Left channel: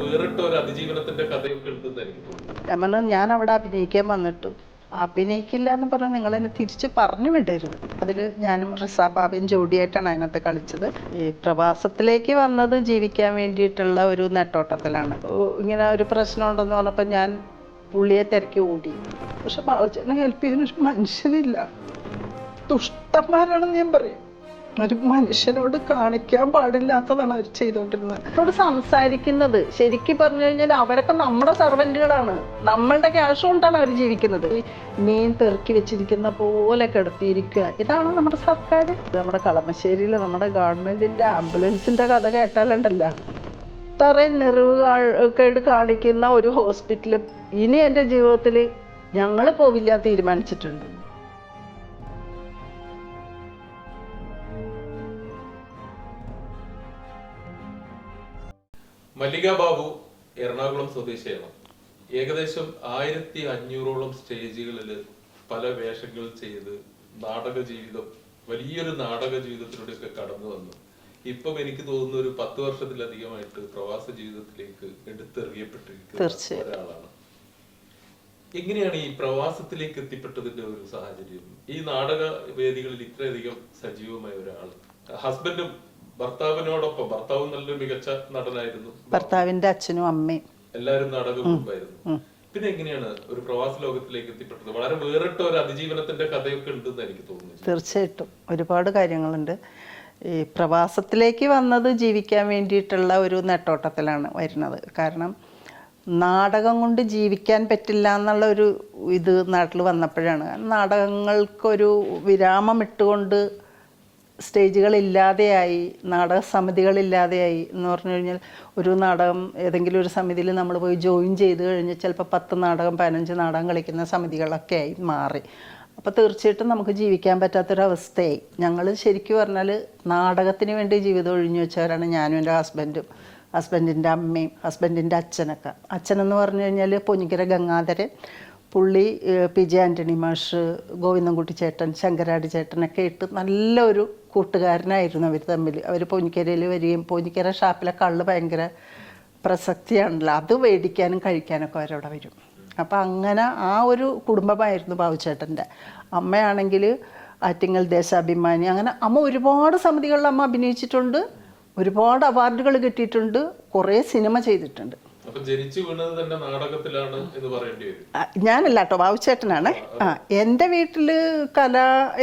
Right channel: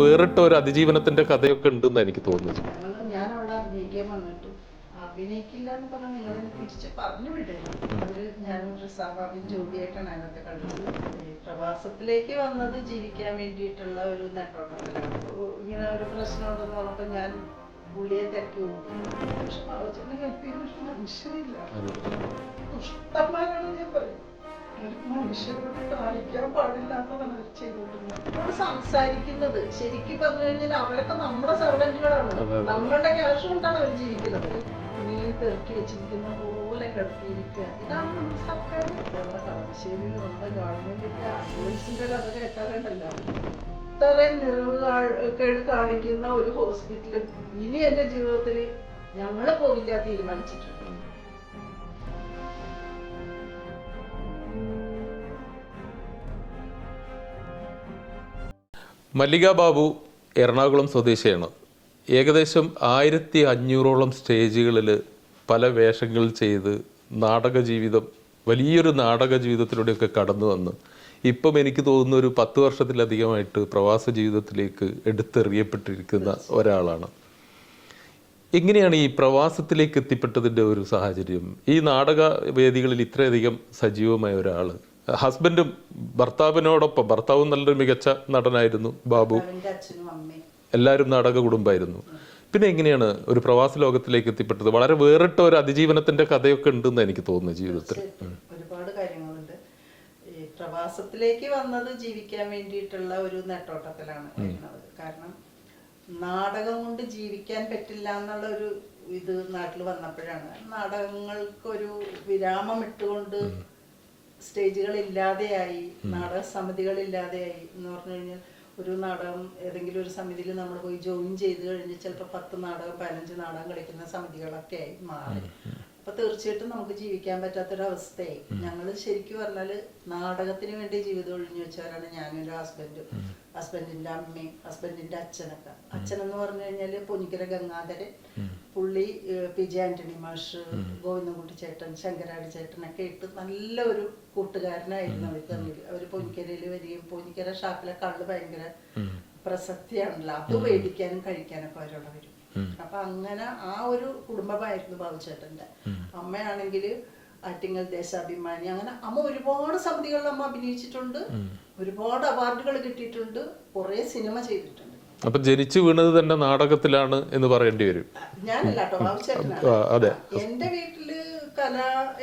വേറിട്ട ഒരു അതിജീവനത്തിന്റെ കഥയൊക്കെ ഉണ്ടെന്ന് എനിക്ക് തോന്നുന്നു. ഞാൻ അവിടെ അഭിനയിക്കാൻ വന്നിട്ടു അഭിനയിക്കില്ല എന്ന് പറഞ്ഞാൽ നിങ്ങൾ എന്നെ തിരിച്ച് പറഞ്ഞു വിടരുത്. അതിൽ ഞാനും റിസാബാബയും ജോഡിയായിട്ടാണ് അതിനകത്ത് കളിച്ചത്. ഈ പ്രവാസത്തിലേക്ക് വന്നത് ജീവിക്കാൻ വേണ്ടിയിട്ടുള്ള ഒരു നെട്ടോട്ടത്തിലാണ്. ഇങ്ങനെ ഒരു പ്രശ്നം ഉണ്ടെന്ന് പറഞ്ഞപ്പോൾ ഞാൻ പുള്ളിയെ തിരക്കി ഓടി. പക്ഷെ ബാബുച്ചേട്ടനെ ഹെൽപ്പ് ചെയ്യുന്ന മനുഷ്യനില്ല. ദുഷ്ടന്മാരാണെന്ന് ഞാൻ പറയും. ഒരു മനുഷ്യനോട് കാണിക്കാൻ പാടില്ലാത്തതാണ് അവർ ചെയ്തുകൊണ്ടിരുന്നത്. അവരോട് സംസാരിക്കുന്നത് ശരിക്കും പറഞ്ഞു കഴിഞ്ഞാൽ അവരൊക്കെ നമ്മുടെ സർവന്റുകളാണ്. നമ്മളുടെ ക്യാഷ് കൊണ്ടാണ് അവർ ജീവിക്കുന്നത്. മീൻ തെറുക്കി വെച്ചിരിക്കുന്ന പോലെ കിടത്തിയിരിക്കുക. ഇതാണ് നമ്മുടെ സർക്കാർ. നമ്മുടെ കളമശ്ശേരിയിൽ നമ്മുടെ ഗവൺമെന്റിന്റെ ആംബുലൻസിന്റെ കഥ കേട്ടാലുണ്ടല്ല, ഇത്രയും കേട് കാണിക്കുന്ന ഒരു ഹോസ്പിറ്റലും ഇനി എൻ്റെ ജീവിതത്തിൽ ഞങ്ങൾ പോവില്ല തീരുമാനിച്ചിട്ടുണ്ട്. മല്ലിക ബാബു എറണാകുളം സ്വദേശിയാണ്. ഏകദേശം 1500ഓളം സ്റ്റേജുകളിൽ പല വേഷങ്ങൾ ചെയ്ത് നാടക ജീവിതം, വലിയൊരു നാടക ജീവിതത്തിലൂടെയൊക്കെ കടന്നു വന്ന് ഇപ്പം എനിക്ക് തോന്നുന്ന ഒരു 10 വർഷത്തിലധികമായിട്ട് പ്രവാസ ജീവിതത്തിലേക്ക് എടുത്തെറിയപ്പെട്ടിരിക്കുന്ന ഒരാളാണ്. എങ്ങനെയാണ് ഈ പ്രവാസത്തിലേക്ക് എത്തിപ്പെട്ടതിൻ്റെ ഒരു സാഹചര്യം? ഈ നാടക വേദികളിൽ ഇത്രയധികം സജീവമായ ഒരാൾ, ഹസ്ബൻഡും ഭർത്താവിനോടൊപ്പം, ഭർത്താവും നല്ലൊരു മികച്ച നടനായിരുന്നു, ഭർത്താവിന്റെ അച്ഛനും അമ്മയും എല്ലാവരും നാടക കുടുംബമായിരുന്നു. പിന്നെ എങ്ങനെയാണ് ഒരു പ്രവാസ ലോകത്തിലേക്ക് എത്തിപ്പെട്ടത്? വളരെ വേറിട്ട ഒരു അതിജീവനത്തിന്റെ കഥയൊക്കെ ഉണ്ടെന്ന് എനിക്ക് തോന്നുന്നു. തീർച്ചയായിട്ടും ഒരുപാട് കാര്യങ്ങളുണ്ട്. ഈ പ്രവാസത്തിലേക്ക് വന്നത് ജീവിക്കാൻ വേണ്ടിയിട്ടുള്ള ഒരു നെട്ടോട്ടത്തിലാണ് വരുന്നത്. കാരണം നാടകം കൊണ്ട് ജീവിക്കാൻ പറ്റില്ല എന്നുള്ള ഒരു ഇത് നാട്ടിൽ വന്നപ്പോഴാണ്. നാടകങ്ങൾക്കൊരു വിരാമം ഇട്ടുകൊണ്ട് സ്റ്റേജുകളില്ലാതെയായി, നാടക സമിതികളില്ലാതെയായി. എന്ന് പറഞ്ഞു കഴിഞ്ഞാൽ ഒരു നാടകം ഏതെങ്കിലും ഒരു സമിതിയിൽ നമ്മൾ പോയി ജോയിൻ ചെയ്ത് കഴിഞ്ഞാൽ ചിലപ്പോൾ 10 നാടകം 15 നാടകം കളിക്കുന്ന സമിതികളൊക്കെ ആയി മാറി. അപ്പോൾ തീർച്ചയായിട്ടും നമുക്ക് ജീവിക്കാൻ പറ്റാത്തൊരവസ്ഥയായി. ഞങ്ങൾ ശരിക്കും പറഞ്ഞാൽ നാടകത്തിന് വേണ്ടി ജീവിതം ഒഴിഞ്ഞു വെച്ചവരാണ് ഞാനും എൻ്റെ ഹസ്ബൻഡും, ഹസ്ബൻഡിൻ്റെ അമ്മയും ഹസ്ബൻഡിൻ്റെ അച്ഛനൊക്കെ. അച്ഛനെന്ന് പറഞ്ഞു കഴിഞ്ഞാൽ പൊന്നിക്കര ഗംഗാധരൻ, പുള്ളി PJ ആൻ്റണി മാഷ്, ഗോവിന്ദൻകുട്ടി ചേട്ടൻ, ശങ്കരാടി ചേട്ടനൊക്കെ ഇട്ട് നല്ലൊരു കൂട്ടുകാരനായിരുന്നു അവർ തമ്മിൽ. അവർ പൊന്നിക്കരയിൽ വരികയും, പൊന്നിക്കര ഷാപ്പിലെ കള്ള് ഭയങ്കര പ്രസക്തിയാണല്ലോ, അത് മേടിക്കാനും കഴിക്കാനൊക്കെ അവരവിടെ വരും. അപ്പം അങ്ങനെ ആ ഒരു കുടുംബമായിരുന്നു ബാബുച്ചേട്ടൻ്റെ. അമ്മയാണെങ്കിൽ ആറ്റിങ്ങൽ ദേശാഭിമാനി, അങ്ങനെ അമ്മ ഒരുപാട് സമിതികളിൽ അമ്മ അഭിനയിച്ചിട്ടുണ്ട്, ഒരുപാട് അവാർഡുകൾ കിട്ടിയിട്ടുണ്ട്, കുറേ സിനിമ ചെയ്തിട്ടുണ്ട്. അപ്പൊ ജനിച്ചു വീണത് തന്നെ നാടകത്തിലാണ് എന്ന് പറയേണ്ടി വരും. ഞാനല്ല കേട്ടോ, ബാബുച്ചേട്ടനാണ്. എൻ്റെ വീട്ടില് കല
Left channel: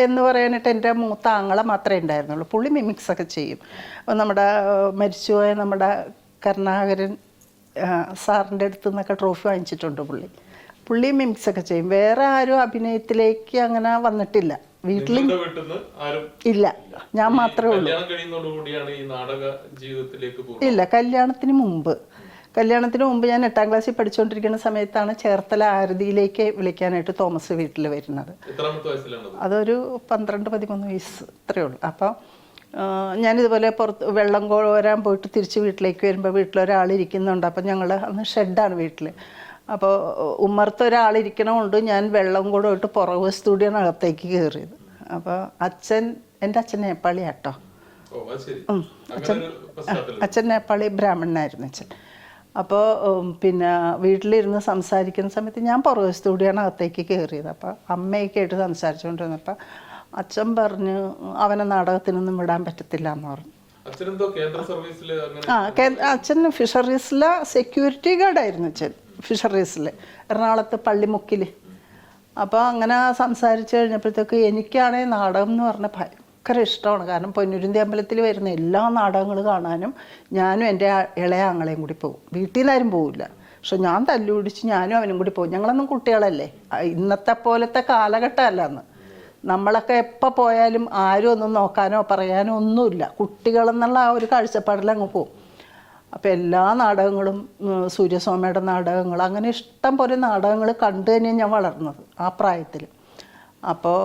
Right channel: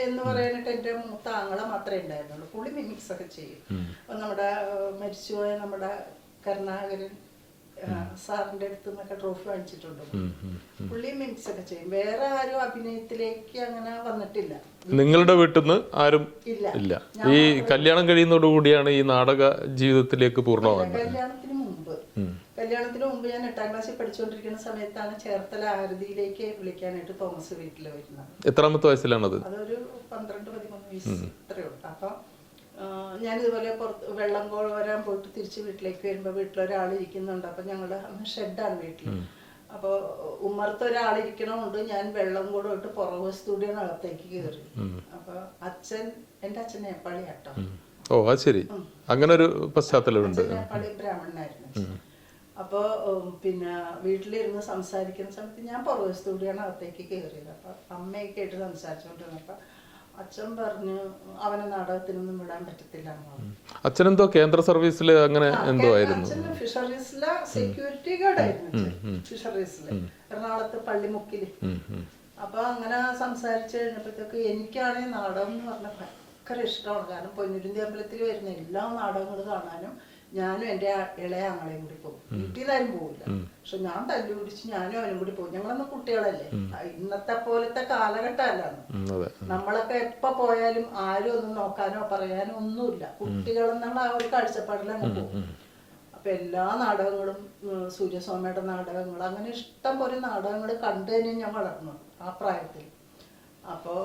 എന്ന് പറയാനായിട്ട് എൻ്റെ മൂത്ത ആങ്ങളെ മാത്രമേ ഉണ്ടായിരുന്നുള്ളൂ. പുള്ളി മിമിക്സ് ഒക്കെ ചെയ്യും. നമ്മുടെ മരിച്ചുപോയ നമ്മുടെ കരുണാകരൻ സാറിൻ്റെ അടുത്ത് നിന്നൊക്കെ ട്രോഫി വാങ്ങിച്ചിട്ടുണ്ട് പുള്ളി മിമിക്സ് ഒക്കെ ചെയ്യും. വേറെ ആരും അഭിനയത്തിലേക്ക് അങ്ങനെ വന്നിട്ടില്ല. നിങ്ങളുടെ വീട്ടിൽ നിന്ന് ആരും ഇല്ല, ഞാൻ മാത്രമേ. കല്യാണം കഴിയുന്നതോടുകൂടിയാണ് ഈ നാടക ജീവിതത്തിലേക്ക് പൂർണ്ണ? ഇല്ല, കല്യാണത്തിന് മുമ്പ് ഞാൻ 8ാം ക്ലാസ്സിൽ പഠിച്ചുകൊണ്ടിരിക്കുന്ന സമയത്താണ് ചേർത്തല ആരതിയിലേക്ക് വിളിക്കാനായിട്ട് തോമസ് വീട്ടിൽ വരുന്നത്. എത്രാമത്തെ വയസ്സിലാണത്? അതൊരു 12-13 വയസ്സ് ഇത്രയേ ഉള്ളൂ. അപ്പം ഞാനിതുപോലെ പുറത്ത് വെള്ളം കോരാൻ പോയിട്ട് തിരിച്ച് വീട്ടിലേക്ക് വരുമ്പോൾ വീട്ടിലൊരാളിരിക്കുന്നുണ്ട്. അപ്പം ഞങ്ങൾ അന്ന് ഷെഡാണ് വീട്ടിൽ. അപ്പോൾ ഉമ്മർത്ത് ഒരാളിരിക്കണമുണ്ട്. ഞാൻ വെള്ളം കൂടെ ഇട്ട് പുറകുവശത്തൂടിയാണ് അകത്തേക്ക് കയറിയത്. അപ്പോൾ എൻ്റെ അച്ഛൻ നേപ്പാളിയാട്ടോ. അച്ഛൻ നേപ്പാളി ബ്രാഹ്മണനായിരുന്നു അച്ഛൻ. അപ്പോൾ പിന്നെ വീട്ടിലിരുന്ന് സംസാരിക്കുന്ന സമയത്ത് ഞാൻ പുറകുവശത്തൂടിയാണ് അകത്തേക്ക് കയറിയത്. അപ്പോൾ അമ്മയൊക്കെ ആയിട്ട് സംസാരിച്ചുകൊണ്ടിരുന്നപ്പോൾ അച്ഛൻ പറഞ്ഞു അവനെ നാടകത്തിനൊന്നും വിടാൻ പറ്റത്തില്ല എന്ന് പറഞ്ഞു. അച്ഛനെന്തോ കേന്ദ്ര സർവീസിൽ അങ്ങനെ? അച്ഛൻ ഫിഷറീസിലെ സെക്യൂരിറ്റി ഗാർഡായിരുന്നു അച്ഛൻ, ഫിഷറീസിൽ എറണാകുളത്ത് പള്ളിമുക്കില്. അപ്പൊ അങ്ങനെ സംസാരിച്ചു കഴിഞ്ഞപ്പോഴത്തേക്ക് എനിക്കാണെങ്കിൽ നാടകം എന്ന് പറഞ്ഞ ഭയങ്കര ഇഷ്ടമാണ്. കാരണം പൊന്നുരുന്തി അമ്പലത്തിൽ വരുന്ന എല്ലാ നാടകങ്ങളും കാണാനും ഞാനും എൻ്റെ ഇളയ ആങ്ങളെയും കൂടി പോകും. വീട്ടിൽ നിന്ന് ആരും പോവില്ല, പക്ഷെ ഞാൻ തല്ലുപിടിച്ച് ഞാനും അവനും കൂടി പോകും. ഞങ്ങളൊന്നും കുട്ടികളല്ലേ, ഇന്നത്തെ പോലത്തെ കാലഘട്ടമല്ല അന്ന്. നമ്മളൊക്കെ എപ്പോൾ പോയാലും ആരും ഒന്നും നോക്കാനോ പറയാനോ ഒന്നുമില്ല. കുട്ടികളെന്നുള്ള ആ ഒരു കാഴ്ചപ്പാടിൽ അങ്ങ് പോകും. അപ്പം എല്ലാ നാടകങ്ങളും, സൂര്യസ്വാമിയുടെ നാടകങ്ങൾ, അങ്ങനെ ഇഷ്ടം പോലെ നാടകങ്ങൾ കണ്ടു തന്നെയാണ് ഞാൻ വളർന്നത് ആ പ്രായത്തിൽ. അപ്പോൾ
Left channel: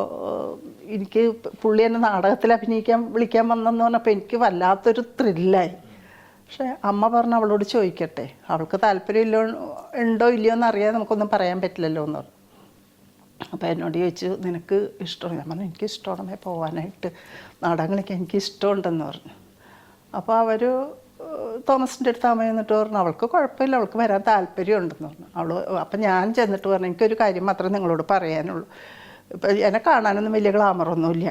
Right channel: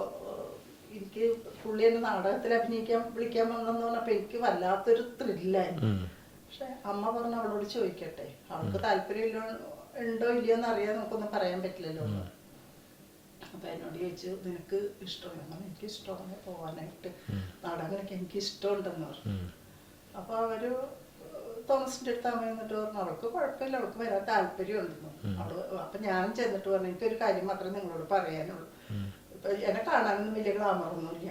എനിക്ക് പുള്ളി എന്നെ നാടകത്തിൽ വിളിക്കാൻ വന്നെന്ന് പറഞ്ഞപ്പോൾ എനിക്ക് വല്ലാത്തൊരു ത്രില്ലായി. പക്ഷെ അമ്മ പറഞ്ഞു അവളോട് ചോദിക്കട്ടെ, അവൾക്ക് താല്പര്യം ഉണ്ടോ ഇല്ലയോ എന്ന് അറിയാതെ നമുക്കൊന്നും പറയാൻ പറ്റില്ലല്ലോ എന്ന് പറഞ്ഞു. അപ്പോൾ എന്നോട് ചോദിച്ചു നിനക്ക് ഇഷ്ടമാണ്? ഞാൻ പറഞ്ഞു എനിക്ക് ഇഷ്ടമാണ് പോകാനായിട്ട്, നാടകങ്ങളൊക്കെ എനിക്ക് ഇഷ്ടമുണ്ടെന്ന് പറഞ്ഞു. അപ്പോൾ അവർ തോമസിൻ്റെ അടുത്ത് അമ്മ എന്നിട്ട് പറഞ്ഞു അവൾക്ക് കുഴപ്പമില്ല, അവൾക്ക് വരാൻ താല്പര്യം ഉണ്ടെന്ന് പറഞ്ഞു. അപ്പം ഞാൻ ചെന്നിട്ട് പറഞ്ഞു എനിക്കൊരു കാര്യം മാത്രമേ നിങ്ങളോട് പറയാനുള്ളൂ, ഇപ്പം എന്നെ കാണാനൊന്നും വലിയ ഗ്ലാമറൊന്നുമില്ല.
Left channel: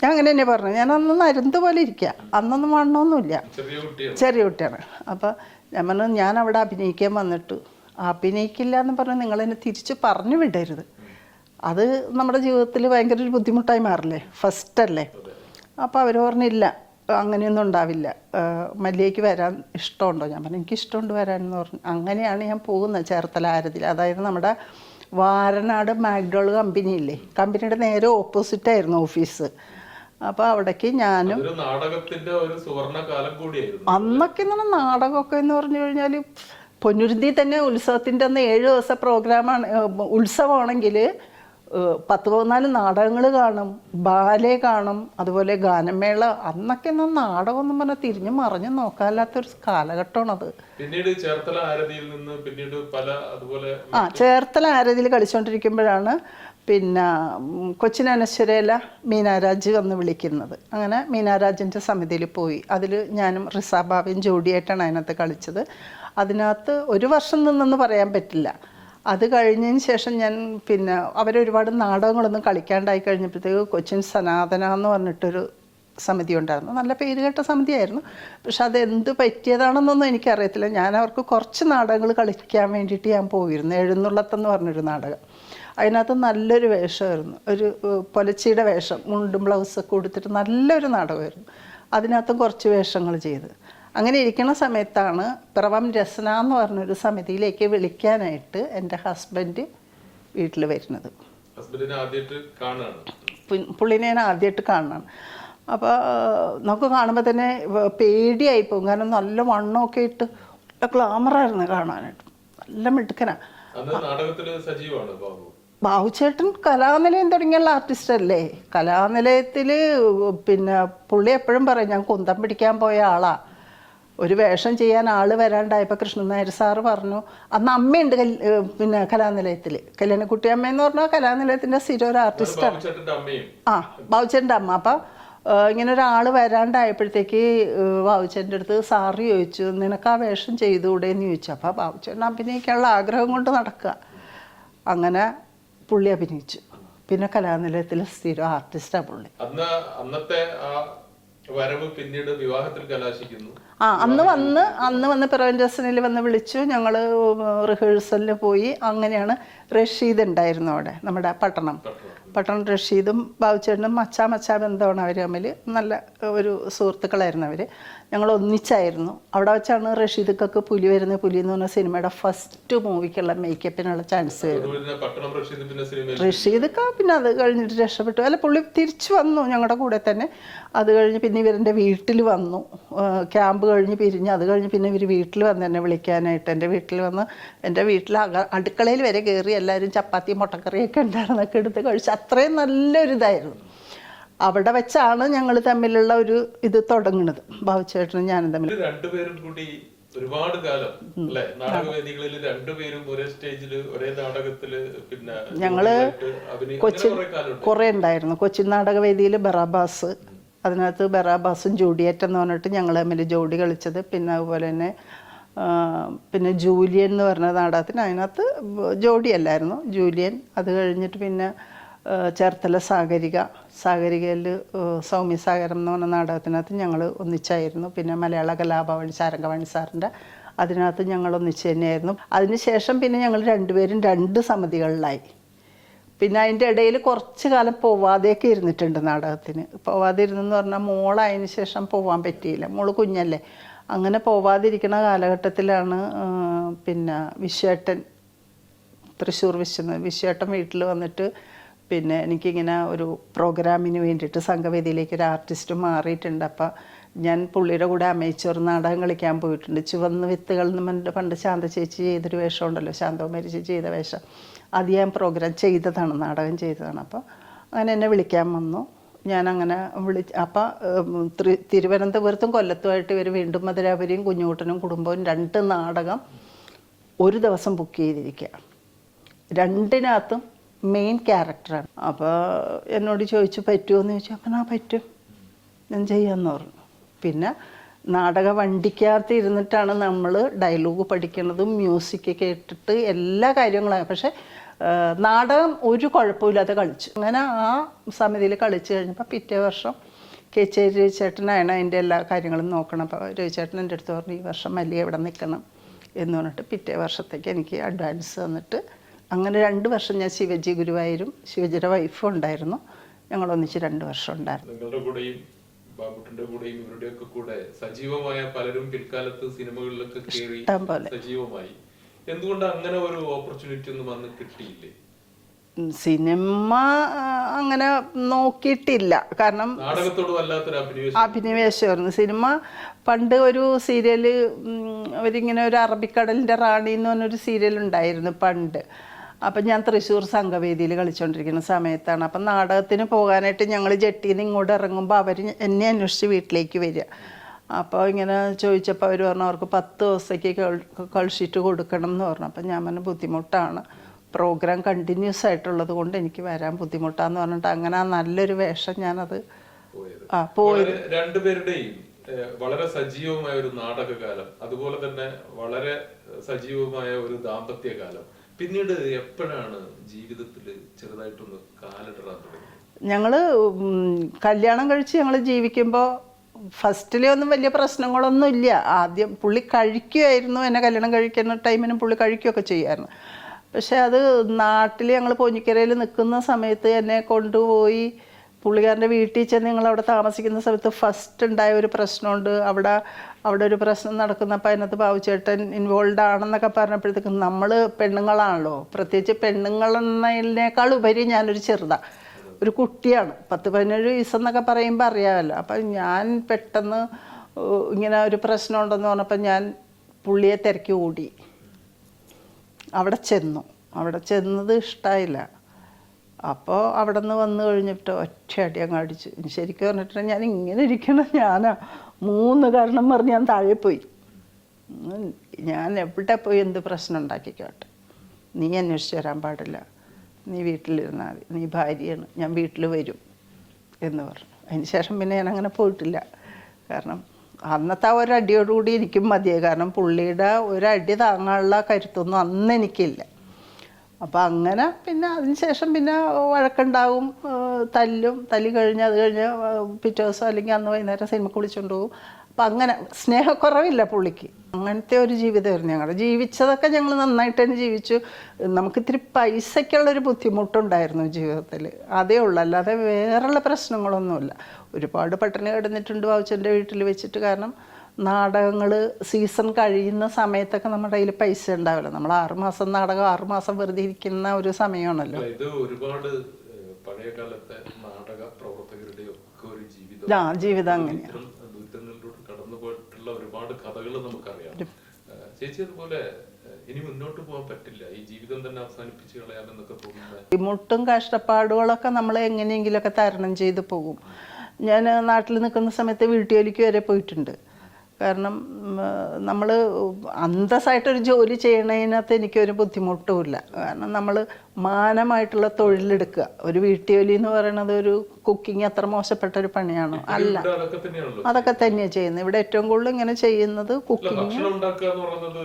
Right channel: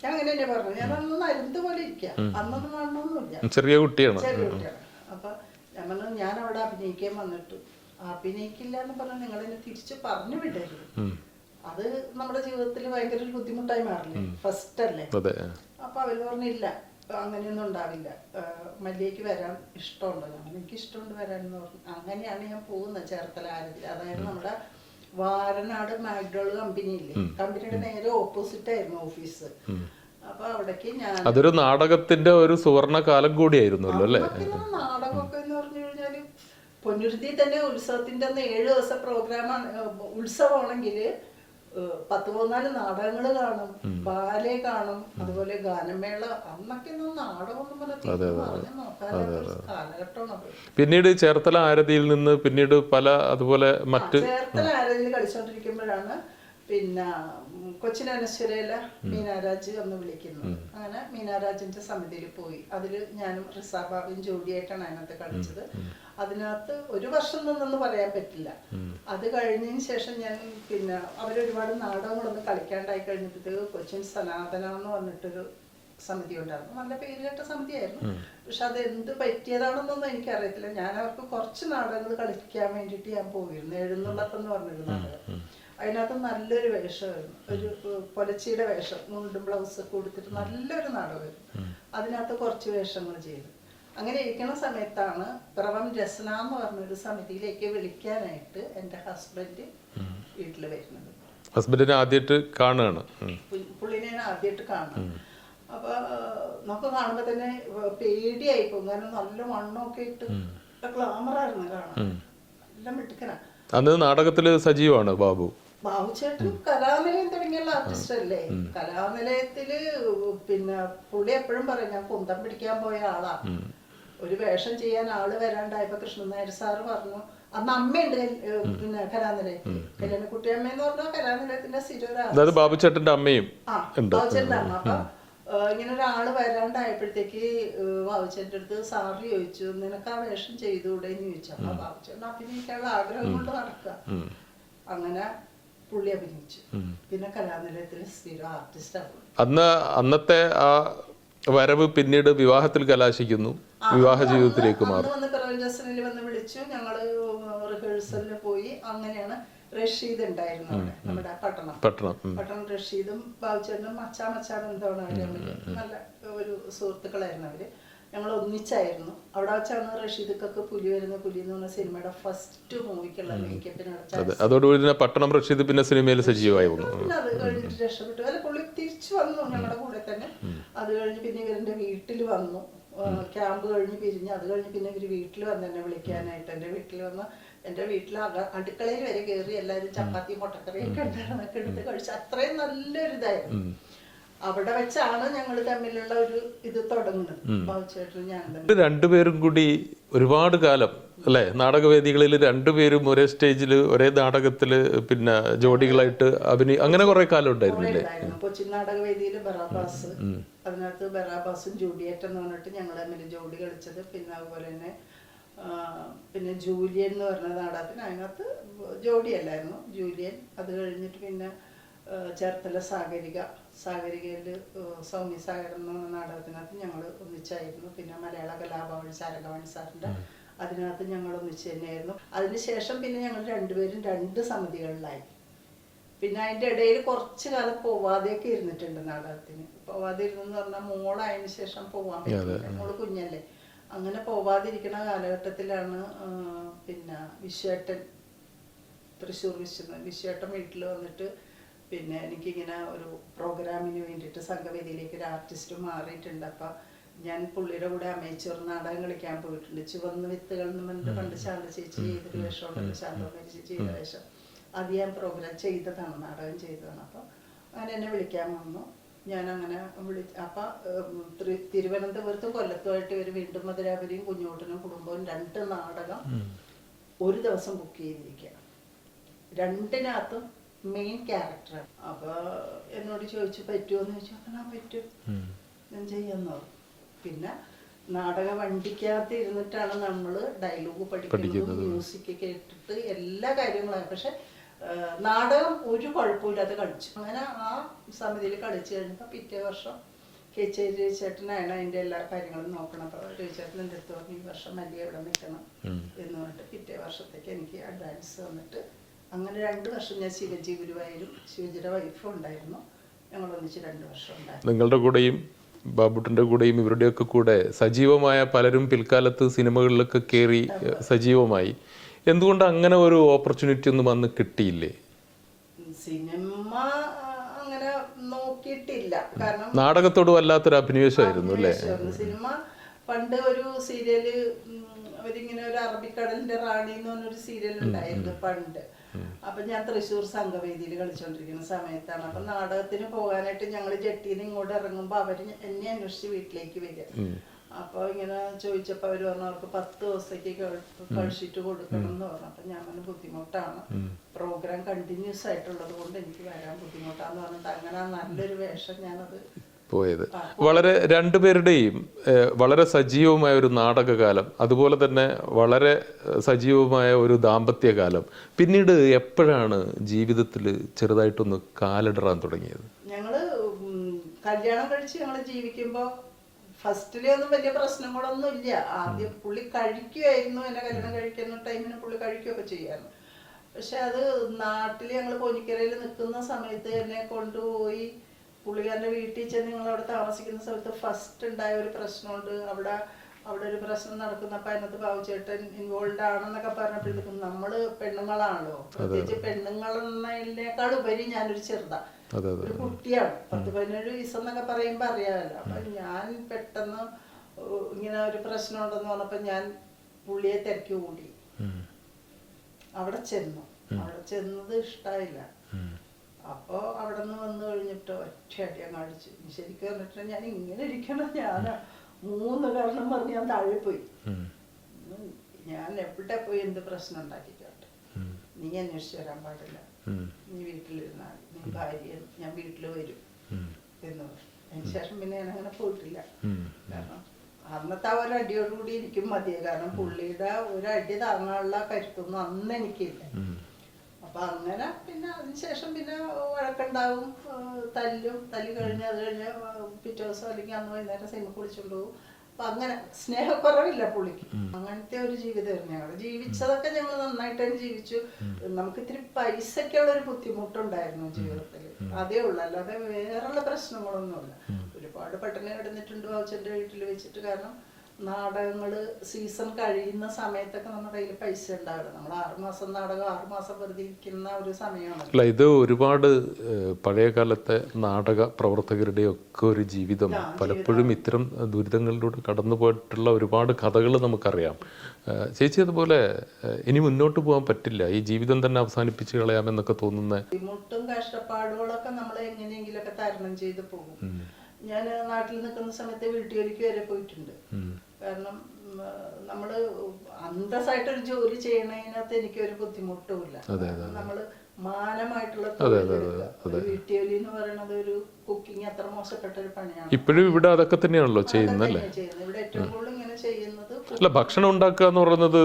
ഞാൻ അങ്ങനെ തന്നെ പറഞ്ഞു. ഞാൻ അന്ന് നരുന്ത് പോലെ ഇരിക്കുക, അന്നൊന്നും വണ്ണമൊന്നുമില്ല, ചെറിയ കുട്ടിയാണ്. അപ്പം ഞാൻ പറഞ്ഞു ഞാൻ അവിടെ അഭിനയിക്കാൻ വന്നിട്ട് അഭിനയിക്കില്ല എന്ന് പറഞ്ഞ് നിങ്ങൾ എന്നെ തിരിച്ച് പറഞ്ഞു വിടരുത്, അത് നമ്മുടെ ജീവിതത്തിൽ ഭയങ്കര ഒരു ബുദ്ധിമുട്ടായി മാറില്ലേ, ഫസ്റ്റ് അല്ലേ. അപ്പം അവർ പറഞ്ഞില്ല അങ്ങനെയൊന്നും ഉണ്ടാവില്ല, മല്ലികയ്ക്ക് വരാൻ ഇഷ്ടമുണ്ടോ? ഞാൻ പറഞ്ഞു എനിക്ക് ഇഷ്ടമുണ്ട് വരാനെന്ന് പറഞ്ഞു. അങ്ങനെയാണ് ഞാൻ പോകുന്നത് ചേർത്തല ആരതിൽ. അതായത് നമ്മുടെ വാരനാട് മാക്ഡോൾ കമ്പനിയില്ലേ, കമ്പനിയുടെ നേരെ ഓപ്പോസിറ്റ് ആയിരുന്നു ഓഫീസ്. അപ്പൊ അവിടേക്ക് ഞാൻ നാടകത്തിന്റെ ഒരു സുവർണ കാലം കൂടിയായിരുന്നു അന്നൊക്കെ. നാടകമൊക്കെ എന്ന് പറഞ്ഞു കഴിഞ്ഞാല് പൊന്നുരുന്തി തന്നെ ഉത്സവത്തിന്റെ അന്ന് 7 ദിവസ പ്രോഗ്രാമാണ്, ഉത്സവമാണെങ്കിൽ 10-14 നാടകങ്ങൾ കാണും, ബാലെ കാണും, അതുപോലെ ഗാനമേള. അന്നൊക്കെ നാടകമൊന്നും പറഞ്ഞാൽ തിരിഞ്ഞു മറിഞ്ഞു നോക്കാല്ലാത്തൊരു കാലഘട്ടമാണത്. പിന്നീട് ചേർത്തല ആരതിയിൽ നിന്ന് പിന്നീട് പല അതുപോലെ ചേർത്തല ആരതിയിൽ കളിച്ചോണ്ടിരിക്കുമ്പോഴാണ് പിന്നെ കൊച്ചിൻ അനശ്വരയില മീനാരാജ് വന്ന് വിളിക്കുന്നത്. അങ്ങനെ മീനാരാജിൻ്റെ സമിതിയിൽ പോയി. അതിൽ ഞാനും റിസാബാബയും ജോഡിയായിട്ടാണ് അതിനകത്ത് കളിച്ചത്. അതിനകത്ത് 1 വർഷം നിന്നെന്ന് പറയാൻ പറ്റില്ല. അത് കഴിഞ്ഞതിന് ശേഷം ഞാൻ പിന്നെ അവരൊരുപാട് നാടകങ്ങളൊന്നും കളിക്കാണ്ടായി കഴിഞ്ഞപ്പോഴത്തേക്ക് കൊച്ചിൻ സനാതന എന്ന് പറഞ്ഞിട്ടൊരു സമിതി ഉണ്ടായിരുന്നു. നല്ല പേരുകേട്ട സമിതിയായിരുന്നു. പക്ഷെ അത് എന്ത് പറ്റിയതാണെന്നൊന്നും എനിക്കറിയത്തില്ല. ഞാൻ അവർക്ക് കുറച്ച് നാടകങ്ങൾ കളിക്കാൻ വേണ്ടിയിട്ട് ഞാൻ പോയിരുന്നു. എഴുന്നള്ളത്തെന്ന് പറഞ്ഞൊരു നാടകം. അതിനകത്ത് നല്ലൊരു വേഷമായിരുന്നു, ഒരു പൊലച്ചിയുടെ വേഷം, മുണ്ടും ബ്ലൗസൊക്കെ കൊടുത്തിട്ട് നല്ലൊരു നാടകമായിരുന്നു. അതിനകത്തും കുറച്ച് വേഷങ്ങൾ ചെയ്ത്. അങ്ങനെ ഇരിക്കുന്ന സമയത്താണ് പിറവം രസന എന്ന് പറഞ്ഞൊരു സമിതിയിലേക്ക് വിളിക്കാനായിട്ട് എൻ്റെ ഹസ്ബൻഡ് വീട്ടിൽ വരുന്നത്. ഹസ്ബൻഡിനെ ആദ്യമായിട്ട് കാണുകയാണ്, പുള്ളിനെ ഞാൻ ആദ്യമായിട്ട് കാണണം. അപ്പോൾ നമുക്ക് കാണുമ്പോൾ തന്നെ പേടിയായി പോകും. കാരണം നല്ല വണ്ണമൊക്കെ ഇട്ട് ഗ്ലാമറായിരുന്നു കാണാനായിട്ട്, നല്ല മിടുക്കനാ. അന്ന് നാടകത്തില് സജീവമാണ് ബാബുചേട്ടൻ. കലാനിലയം തുടങ്ങിയുള്ള ആർട്ടിസ്റ്റ് അല്ലേ. കലാനിലയത്തില് പിന്നെ പുള്ളി എപ്പോഴും പറയും ഞാൻ കുന്തം പിടിക്കാൻ പോയ ആളാ. ഒരു വേഷം ചെയ്യാൻ ആള് വരാണ്ടായപ്പോ കൃഷ്ണൻ നായർ സാറ് പറഞ്ഞു, അന്ന് അമ്മയുണ്ട് പിന്നെ കലാനിലയത്തില്, കല്യാണക്കുട്ടി അമ്മ എന്ന് പറഞ്ഞാൽ കലാനിലയത്തിന്റെ സ്ഥിരം ഒരു ആർട്ടിസ്റ്റ്. ബാബുചേട്ടന്റെ അമ്മ. അപ്പൊ ഇങ്ങനെ ഒരാള് വരാണ്ടായപ്പോഴത്തേക്ക് ബാബുച്ചേട്ടൻ്റെ അടുത്ത് സാറ് ചോദിച്ചു നിനക്ക് ആ വേഷം ചെയ്തുകൂടെന്ന് ചോദിച്ചു. അപ്പൊ ബാബുച്ചേട്ടൻ അഭിനയിക്കാനുള്ള ആഗ്രഹം കൊണ്ട് നടക്കുക. അങ്ങനെ പുള്ളി അഭിനയിച്ചു. പിന്നെ കലാനിലയത്തിലെ സ്ഥിരം ആർട്ടിസ്റ്റാ പുള്ളി. അന്നത്തെ ആ വരവ് പിന്നീട് വിവാഹത്തിൽ കലാശിക്കുന്നു. അന്ന് വന്ന് പിറവൻരസനിൽ വന്ന് വിളിച്ചു. ഞങ്ങള് റിഹേഴ്സലിന് പോയി. അങ്ങനെയാണ് റഷീദ് ഉണ്ടായിരുന്നു അവിടെ, നമ്മുടെ പട്ടണം റഷീദും ബാബുച്ചേട്ടനും മച്ചാ ബന്ധമാണ് അവർ തമ്മിൽ. നല്ല ഒരു സുഹൃത്തുക്കളായിരുന്നു അവര്. ഞങ്ങൾ ഒന്നിച്ചായിരുന്നു. അവിടെ വെച്ചാണ് റഷീദൊക്കെ പുലി എന്ന് പറഞ്ഞ സിനിമയുടെ ഫസ്റ്റ് മൂവിക്കുള്ള മേക്കപ്പിനുള്ള ചാൻസ്. റഷീദൊക്കെ പിന്നെ അത് കഴിഞ്ഞിട്ട് രക്ഷപ്പെട്ടു. അല്ല, പുള്ളി തിരിച്ചു വന്നു ഞങ്ങളുടെ കൂടെ തന്നെ. അത് കഴിഞ്ഞ് പിന്നെ ഇവരെൻ്റെ വീട്ടിൽ വന്നു. ക്യാമ്പ് കഴിഞ്ഞ് പിരിഞ്ഞ് അത് കഴിഞ്ഞ് പിന്നെ ഇവർ വീട്ടിൽ വന്ന് എന്നെ വിളിക്കാനായിട്ട്. എൻ്റെ വീട്ടിൽ വന്ന് എൻ്റെ വീട്ടിൽ അടുക്കളയിൽ വരെ കയറി എല്ലാവരും ചപ്പാത്തിയും മുട്ടക്കറിയൊക്കെ ഉണ്ടായിരുന്നൊക്കെ എടുത്ത് കഴിച്ചു. അത്രയും നല്ലൊരിതായിരുന്നു. അവിടെ വെച്ചാണ് ഞങ്ങൾ തമ്മിലുള്ള ഒരു ഇത് തുടങ്ങുന്നത്, ബാബുച്ചേട്ടനും ഞാനും തമ്മിൽ. രണ്ടുപേരും കൂടി ഒരുപാട് കാലം അല്ലെ നാടകവേദികളിൽ രണ്ടുപേരും ഒരേ സ്റ്റേജില് ഒരേ നാടകത്തില് പിന്നെ ജോഡികളായിട്ട് അഭിനയം അങ്ങനെ കുറെ ഉണ്ടായിരുന്നു. കൊച്ചിൻ നാടകവേദിയിൽ ബറാബാസ്, അതിനകത്ത് ബറാബാസും ജൂഡിയറ്റ് എന്ന് പറഞ്ഞിട്ട് ഞങ്ങൾ തമ്മിൽ ജോഡി കളിച്ചത്. പിന്നെ അതുപോലെ തന്നെ പിന്നെ ജൂലിയൻ എന്ന് പറഞ്ഞ നാടകത്തിന് അതിനകത്ത് ജോഡിയല്ലായിരുന്നു, ജൂലിയൻ. അത് കഴിഞ്ഞിട്ട് പിന്നെ ചേർത്തല സാഗരികയിൽ സൗമ്യസാഗരം എന്ന് പറഞ്ഞ നാടകത്തിനകത്ത് ഞങ്ങൾ ഒന്നിച്ചായിരുന്നു. പിന്നെ മലയാള കലാഭവൻ ശാരംഗവാണി സാറിൻ്റെ അതിനകത്ത് ഞങ്ങൾ ഒന്നിച്ച് തന്നെയായിരുന്നു. അതിനുശേഷം പിന്നെ ഞങ്ങൾ രണ്ടുപേരും 2 സമിതികളിലായി. പിന്നെ അതിൻ്റെ ഇടയിൽ കുറച്ച് കാലം പോവാതെയൊക്കെ ഇരുന്നിട്ടുണ്ട് നാടകത്തിന്. പോവാതെ ഇരുന്നെന്ന് പറഞ്ഞാൽ മോളായതിനു ശേഷം പോവാൻ പറ്റിയില്ല, മോള് കുഞ്ഞല്ലേ. അങ്ങനെ പോവാതിരിക്കുന്ന കാലഘട്ടത്തിലാണ് പിന്നെ വിശ്വേട്ടൻ, തൃശ്ശൂർ വിശ്വേട്ടൻ വീട്ടിൽ വന്നിട്ട് പിന്നെ എനിക്കിങ്ങനെ ഒരു പ്രോഗ്രാമിന് വേണ്ടിയിട്ട് സംഘവേദിയിലേക്ക് ഒരു ആർട്ടിസ്റ്റ് മാറിയിട്ടുണ്ട്. അപ്പം ഞാൻ പുള്ളിയുടെ കൂടെ അമേച്ചർ നാടകം കളിക്കാൻ പോയിട്ടുണ്ട്. ചുവന്ന വിത്തുകൾ എന്ന് പറഞ്ഞിട്ട് പണ്ട് ശാന്ത ചേച്ചി ചെയ്തൊരു വേഷം ഉണ്ടല്ലോ, ശാന്തകുമാരി ചേച്ചി ചെയ്ത വേഷം. അത് ഞാൻ പ്രോഗ്രാം ചെയ്തതാണ്, നാടകം ചെയ്തതാണ്. അപ്പോൾ അങ്ങനെ എന്നെ വിളിക്കാൻ വന്നു. ഞാനങ്ങനെ അപ്പം തിരുവനന്തപുരത്തും കൊല്ലത്തുമായിട്ട് ഇവർ വീണ്ടും മധുരാപുരിയും കുഞ്ഞുകുട്ടനും കുടുംബവും 2 നാടകം ഒരു ദിവസം ബുക്ക് ചെയ്തിരിക്കുക. 2-നകത്തും മെയിൻ ക്യാരക്ടറാണ്. അപ്പോൾ എന്നോട് ചോദിച്ചു പറ്റുമോ എന്ന് ചോദിച്ചു. അപ്പം പറ്റും, ഞാൻ ചെയ്യാമെന്ന് പറഞ്ഞു. പിന്നെ നാടക വണ്ടിക്കകത്ത് ഇരുന്നിട്ടാണ് നമ്മൾ ഡയലോഗ് പഠിക്കുന്നതും മ്യൂസിക് കേട്ടിട്ട് എല്ലാ കാര്യങ്ങളും. പക്ഷെ നാടകം ഒരു കുഴപ്പമില്ലാതെ കളിച്ചു. അങ്ങനെ ആ സമിതിയിൽ കളിച്ചു കഴിഞ്ഞപ്പോൾ പിറ്റേ വർഷം രവിചേട്ടനാണ് അതിൻ്റെ എല്ലാ കാര്യങ്ങളും നോക്കണം. അപ്പോൾ രവിചേട്ടൻ എൻ്റെ അടുത്ത് പറഞ്ഞു ഈ വർഷം മല്ലിക ഇവിടെ നിൽക്കണം എന്ന് പറഞ്ഞിട്ട് പിറ്റേ വർഷത്തേക്ക് എനിക്ക് അഡ്വാൻസ് തന്നിട്ട് അങ്ങനെ 2 വർഷം ഞാൻ ശിവജി ഗുരുവായൂരും ശിവജിയുടെ വൈഫും ഉണ്ടായിരുന്നു. ഞങ്ങൾ ഒന്നിച്ച് 2 വർഷം ഉണ്ടായിരുന്നു. നിങ്ങളുടെ കൂടെയും ബാബുട്ടന്റെ കൂടെയും ഇവരുടെയൊക്കെ കൂടെ സജീവമായ പലരും പിൽക്കാലത്ത് സിനിമകളിലൊക്കെ കയറി സജീവമായി. എന്തുകൊണ്ട് അങ്ങനെ ഒരു ഓപ്പർച്യൂണിറ്റി ഒന്നും വന്ന് കിട്ടിയില്ലേ? സിനിമ അങ്ങനെ നോക്കിയിട്ടില്ല. കാരണം നാടകത്തോട് വല്ലാത്തൊരു അഭിനിവേശമായിരുന്നു. സിനിമ പണ്ട് ഒരു സീരിയല് അവരിങ്ങനെ ഒരു അറബിക്കടലിന്റെ റാണി എന്ന് പറഞ്ഞൊരു സീരിയൽ ഉണ്ടായിരുന്നു പണ്ട്. അപ്പം ഞാൻ തൃശ്ശൂർ സംഘവേദിയിൽ കളിച്ചുകൊണ്ടിരിക്കുന്ന സമയത്താണ്. അപ്പം നാടകത്തിന് പോകാനായിട്ട് ഞങ്ങൾ ജെട്ടിയിൽ നിന്ന് ഇങ്ങോട്ട് ഇറങ്ങുമ്പോൾ അവർ എന്നെ അന്വേഷിച്ച് വീട്ടിലേക്ക് വരിക. അപ്പോൾ ഇങ്ങനെ ചോദിച്ചപ്പോൾ അവർ പറഞ്ഞു അവർക്ക് 10 ദിവസത്തേക്ക് കളിച്ചിട്ട് കൊടുക്കണം എന്ന് പറഞ്ഞു. അപ്പം ഞാൻ പറഞ്ഞു ബുദ്ധിമുട്ടാണ്, പ്രോഗ്രാം കണ്ടിന്യൂസ് ആയിട്ടുള്ളത് കൊണ്ട് എനിക്ക് വരാൻ ബുദ്ധിമുട്ടാന്ന് പറഞ്ഞിട്ട് അങ്ങനെ നല്ലൊരു വേഷം ഞാനത് പോയത്. വളരെ രണ്ടുപേരുടെയും വളരെ സജീവമായ ഒരു നാടകകാലം, അതുപോലെ തന്നെ വളരെ സജീവമായ ഒരു ദാമ്പത്യകാലം പിന്നീട് എപ്പോഴാണ് ജീവിതത്തിൽ ചെറുതായിട്ടൊന്ന് കാലിടറാൻ തുടങ്ങിയത്? ഞങ്ങള് കല്യാണം കഴിച്ച് ഞങ്ങൾ ജീവിക്കുമ്പോൾ ഫസ്റ്റിലെ ഒന്നും വലിയ പ്രശ്നങ്ങളൊന്നും ഇല്ല. ആദ്യം പുള്ളി കഴിക്കുമായിരുന്നു, എന്നെ കല്യാണം കഴിക്കുന്ന ടൈമിനും പുള്ളി കഴിക്കുകയൊക്കെ ചെയ്യുമായിരുന്നു. പക്ഷെ അത് നാട്ടിൽ ഞങ്ങൾ പോഞ്ഞിക്കരയിൽ നിൽക്കുന്ന സമയത്ത് എന്നെ കൊണ്ടുപോയി പുള്ളിക്കാരൻ്റെ വീട്ടിൽ ചെന്ന് ഞങ്ങൾ അവിടെ താമസിക്കുന്ന സമയത്ത് ഫസ്റ്റ് ഉണ്ടായ ഒരു പ്രശ്നമുണ്ട്. അവിടെ ഒരു പ്രശ്നം നടക്കുന്നപ്പോൾ അതിനകത്ത് ബാബുചേട്ടൻ ഇൻവോൾവ് ആണെന്നൊക്കെ പറഞ്ഞപ്പോഴത്തേക്കും നമ്മൾ പെണ്ണുങ്ങളാണല്ലോ, പ്രത്യേകിച്ച് പെണ്ണുങ്ങളെന്നതിനേക്കാൾ ഉപരി ഞാനൊരു ചെറുതാണ്, ഒരു കുട്ടിയാണ്. 10-17 വയസ്സെന്നൊക്കെ പറയുമ്പോൾ അറിയാമല്ലോ. അപ്പം ഞാൻ പെട്ടെന്ന് ഇങ്ങനെ ഒരു പ്രശ്നം ഉണ്ടെന്ന് പറഞ്ഞപ്പോൾ ഞാൻ പുള്ളിയെ തിരക്കി ഓടി. അവിടെ ചെന്നത് ഇഷ്ടമായില്ല. അപ്പോൾ അവിടെ നിന്ന് വന്നു കഴിഞ്ഞിട്ട് ഒറ്റയടി അങ്ങ് അടിച്ചു. ശരിക്കും പറഞ്ഞിട്ട് ഞാൻ ഇങ്ങനെ ഇരിക്കണം, ഞാനാ 3 കാരണം പറഞ്ഞ് ഞാൻ താഴെ പോയി. ഞാൻ എവിടെ പോയി എന്ത് പ്രശ്നം ഉണ്ടാക്കിക്കോട്ടെ, നീ അന്വേഷിച്ച് വരാൻ പാടില്ല, നീ വീട്ടിലിരുന്നാൽ മതി, നീ ഭാര്യയാണ്, ഞാൻ വീട്ടിൽ വരും എന്ന് പറഞ്ഞു. അതിന് ശേഷം പിന്നെ ഞാൻ അങ്ങനെ പോയിട്ടില്ല. കാരണം അന്നത്തെ ആ ഒരടിയോടുകൂടി എനിക്കും മതിയായി. കാരണം പുള്ളിയുടെ ഒരടി താങ്ങാനുള്ള കരുത്തൊന്നും അന്ന് എനിക്കില്ല. അപ്പം അങ്ങനെ പിന്നെ അതിനുശേഷം പിന്നെ വഴക്കുണ്ടാവും, തല്ലി കഴിഞ്ഞ് അത് കഴിഞ്ഞ് പിറ്റേ ദിവസം അല്ലെങ്കിൽ അന്ന് വൈകുന്നേരം സിനിമക്ക് വിളിച്ചുകൊണ്ട് പോകും. അപ്പം അങ്ങനെ സ്നേഹക്കുറവില്ല പുള്ളിക്ക്. അങ്ങനത്തെ ഒരു ജീവിതമായിരുന്നു ഞങ്ങൾ ജീവിച്ചതൊക്കെ. ഞങ്ങൾ നന്നായിട്ട് തന്നെ ജീവിച്ചു. നമുക്കിത്തിരി പൈസയ്ക്കുള്ളൊരു ബുദ്ധിമുട്ടുണ്ടായിരുന്നു ജീവിതത്തിൽ, അതേ ഉള്ളൂ. അല്ലാതെ വേറെയുള്ള പ്രശ്നങ്ങളൊന്നുമില്ല. ഒരുപാട് പട്ടിണി കിടന്നിട്ടുണ്ട് ബാബുച്ചൻ്റെ വീട്ടിൽ വെച്ചിട്ട്. കാരണം നാടകങ്ങൾ സീസൺ കഴിയുന്ന സമയത്തൊക്കെ നമ്മുടെ കയ്യിൽ പൈസ ഉണ്ടാവില്ല. നമ്മൾ 6 മാസം നാടകം 6 മാസം വെറുതെ ഇരിക്കുന്ന ഒരു സമയമാണല്ലോ. ഇത് ഒരുപാട് പഴയ കാലത്തെ നാടക പ്രവർത്തകരുടെ ഒക്കെ ഒരു ജീവിതം. പലപ്പോഴും ഇത്തരം ദുരിതങ്ങളിലൂടെ കടന്നു പോയിട്ടുള്ള ഒരുപാട് കഥകൾ നമുക്കറിയാം. ചേച്ചി അതുപോലെ ഇനി മുന്നോട്ട് പോകാൻ പറ്റില്ല, ഈ ജീവിതം തന്നെ അവസാനിപ്പിച്ച് കളയാമെന്നൊക്കെ തോന്നുന്ന ബുദ്ധിമുട്ടും കഷ്ടപ്പാടുകളൊക്കെ നമ്മൾ എങ്ങനെയെങ്കിലുമൊക്കെ തരണം ചെയ്ത് പോകും. ഞാൻ നാട്ടിൽ നിൽക്കുന്ന സമയത്ത് വീട്ടുജോലിക്ക് വരെ പോയിട്ടുണ്ട്. കാരണം നമ്മൾ അന്തസ്സായിട്ടൊരു ജോലി ചെയ്യണതിനകത്ത് എനിക്കൊരു ബുദ്ധിമുട്ടുമില്ല. കാരണം നമ്മൾ മാനമായിട്ടുള്ള തൊഴിലെടുക്കുക. ഒരു വീട്ടുജോലി എന്ന് പറയുന്നത് ഒരു കുക്കിംഗ് അത്ര മോശപ്പെട്ട ഒരു പണിയാണ്. അതൊക്കെ തന്നെയാണല്ലോ അതൊക്കെ തന്നെയാണ് ചെയ്യുന്നത്. ഇവിടെ ഏറ്റവും കൂടുതൽ ഇങ്ങനെ ചെയ്യുന്നത് ഭക്ഷണം ഉണ്ടാക്കുക എന്ന് പറയുന്നത്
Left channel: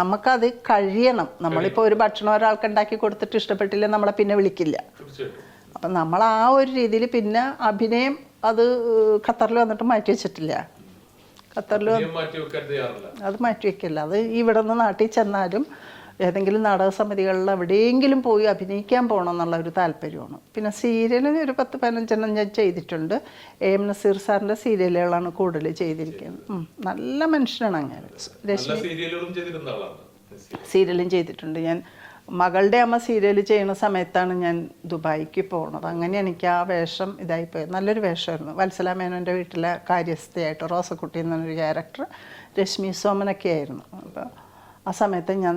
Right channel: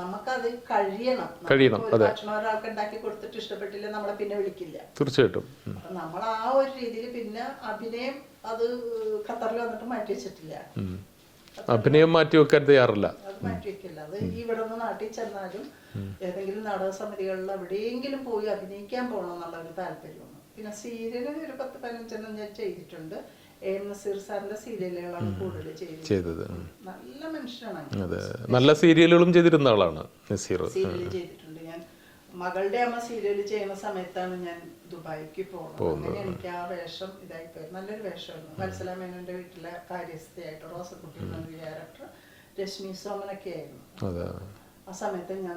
നമുക്കത് കഴിയണം. നമ്മളിപ്പോ ഒരു ഭക്ഷണം ഒരാൾക്ക് ഉണ്ടാക്കി കൊടുത്തിട്ട് ഇഷ്ടപ്പെട്ടില്ല നമ്മളെ പിന്നെ വിളിക്കില്ല. തീർച്ചയായിട്ടും. അപ്പൊ നമ്മൾ ആ ഒരു രീതിയിൽ പിന്നെ അഭിനയം അത് ഖത്തറിൽ വന്നിട്ട് മാറ്റി വെച്ചിട്ടില്ല. അത് മാറ്റിവെക്കില്ല. അത് ഇവിടെ നിന്ന് നാട്ടിൽ ചെന്നാലും ഏതെങ്കിലും നാടക സമിതികളിൽ എവിടെയെങ്കിലും പോയി അഭിനയിക്കാൻ പോകണം എന്നുള്ള ഒരു താല്പര്യമാണ്. പിന്നെ സീരിയൽ ഒരു 10-15 ഞാൻ ചെയ്തിട്ടുണ്ട്. AM നസീർ സാറിന്റെ സീരിയലുകളാണ് കൂടുതൽ ചെയ്തിരിക്കുന്നത്. നല്ല മനുഷ്യനാണ്. അങ്ങനെ നല്ല സീരിയലുകളും ചെയ്തിരുന്ന ആളാണ്. സീരിയലും ചെയ്തിട്ടുണ്ട്. ഞാൻ മകളുടെ അമ്മ സീരിയൽ ചെയ്യുന്ന സമയത്താണ് ഞാൻ ദുബായിക്ക് പോകുന്നത്. അങ്ങനെ എനിക്ക് ആ വേഷം ഇതായിപ്പോയത്. നല്ലൊരു വേഷമായിരുന്നു. വത്സല മേനോൻ്റെ വീട്ടിലെ കാര്യസ്ഥയായിട്ട് റോസക്കുട്ടി എന്ന് പറഞ്ഞൊരു ക്യാരക്ടർ, രശ്മി സോമനൊക്കെ ആയിരുന്നു. ആ സമയത്ത് ഞാൻ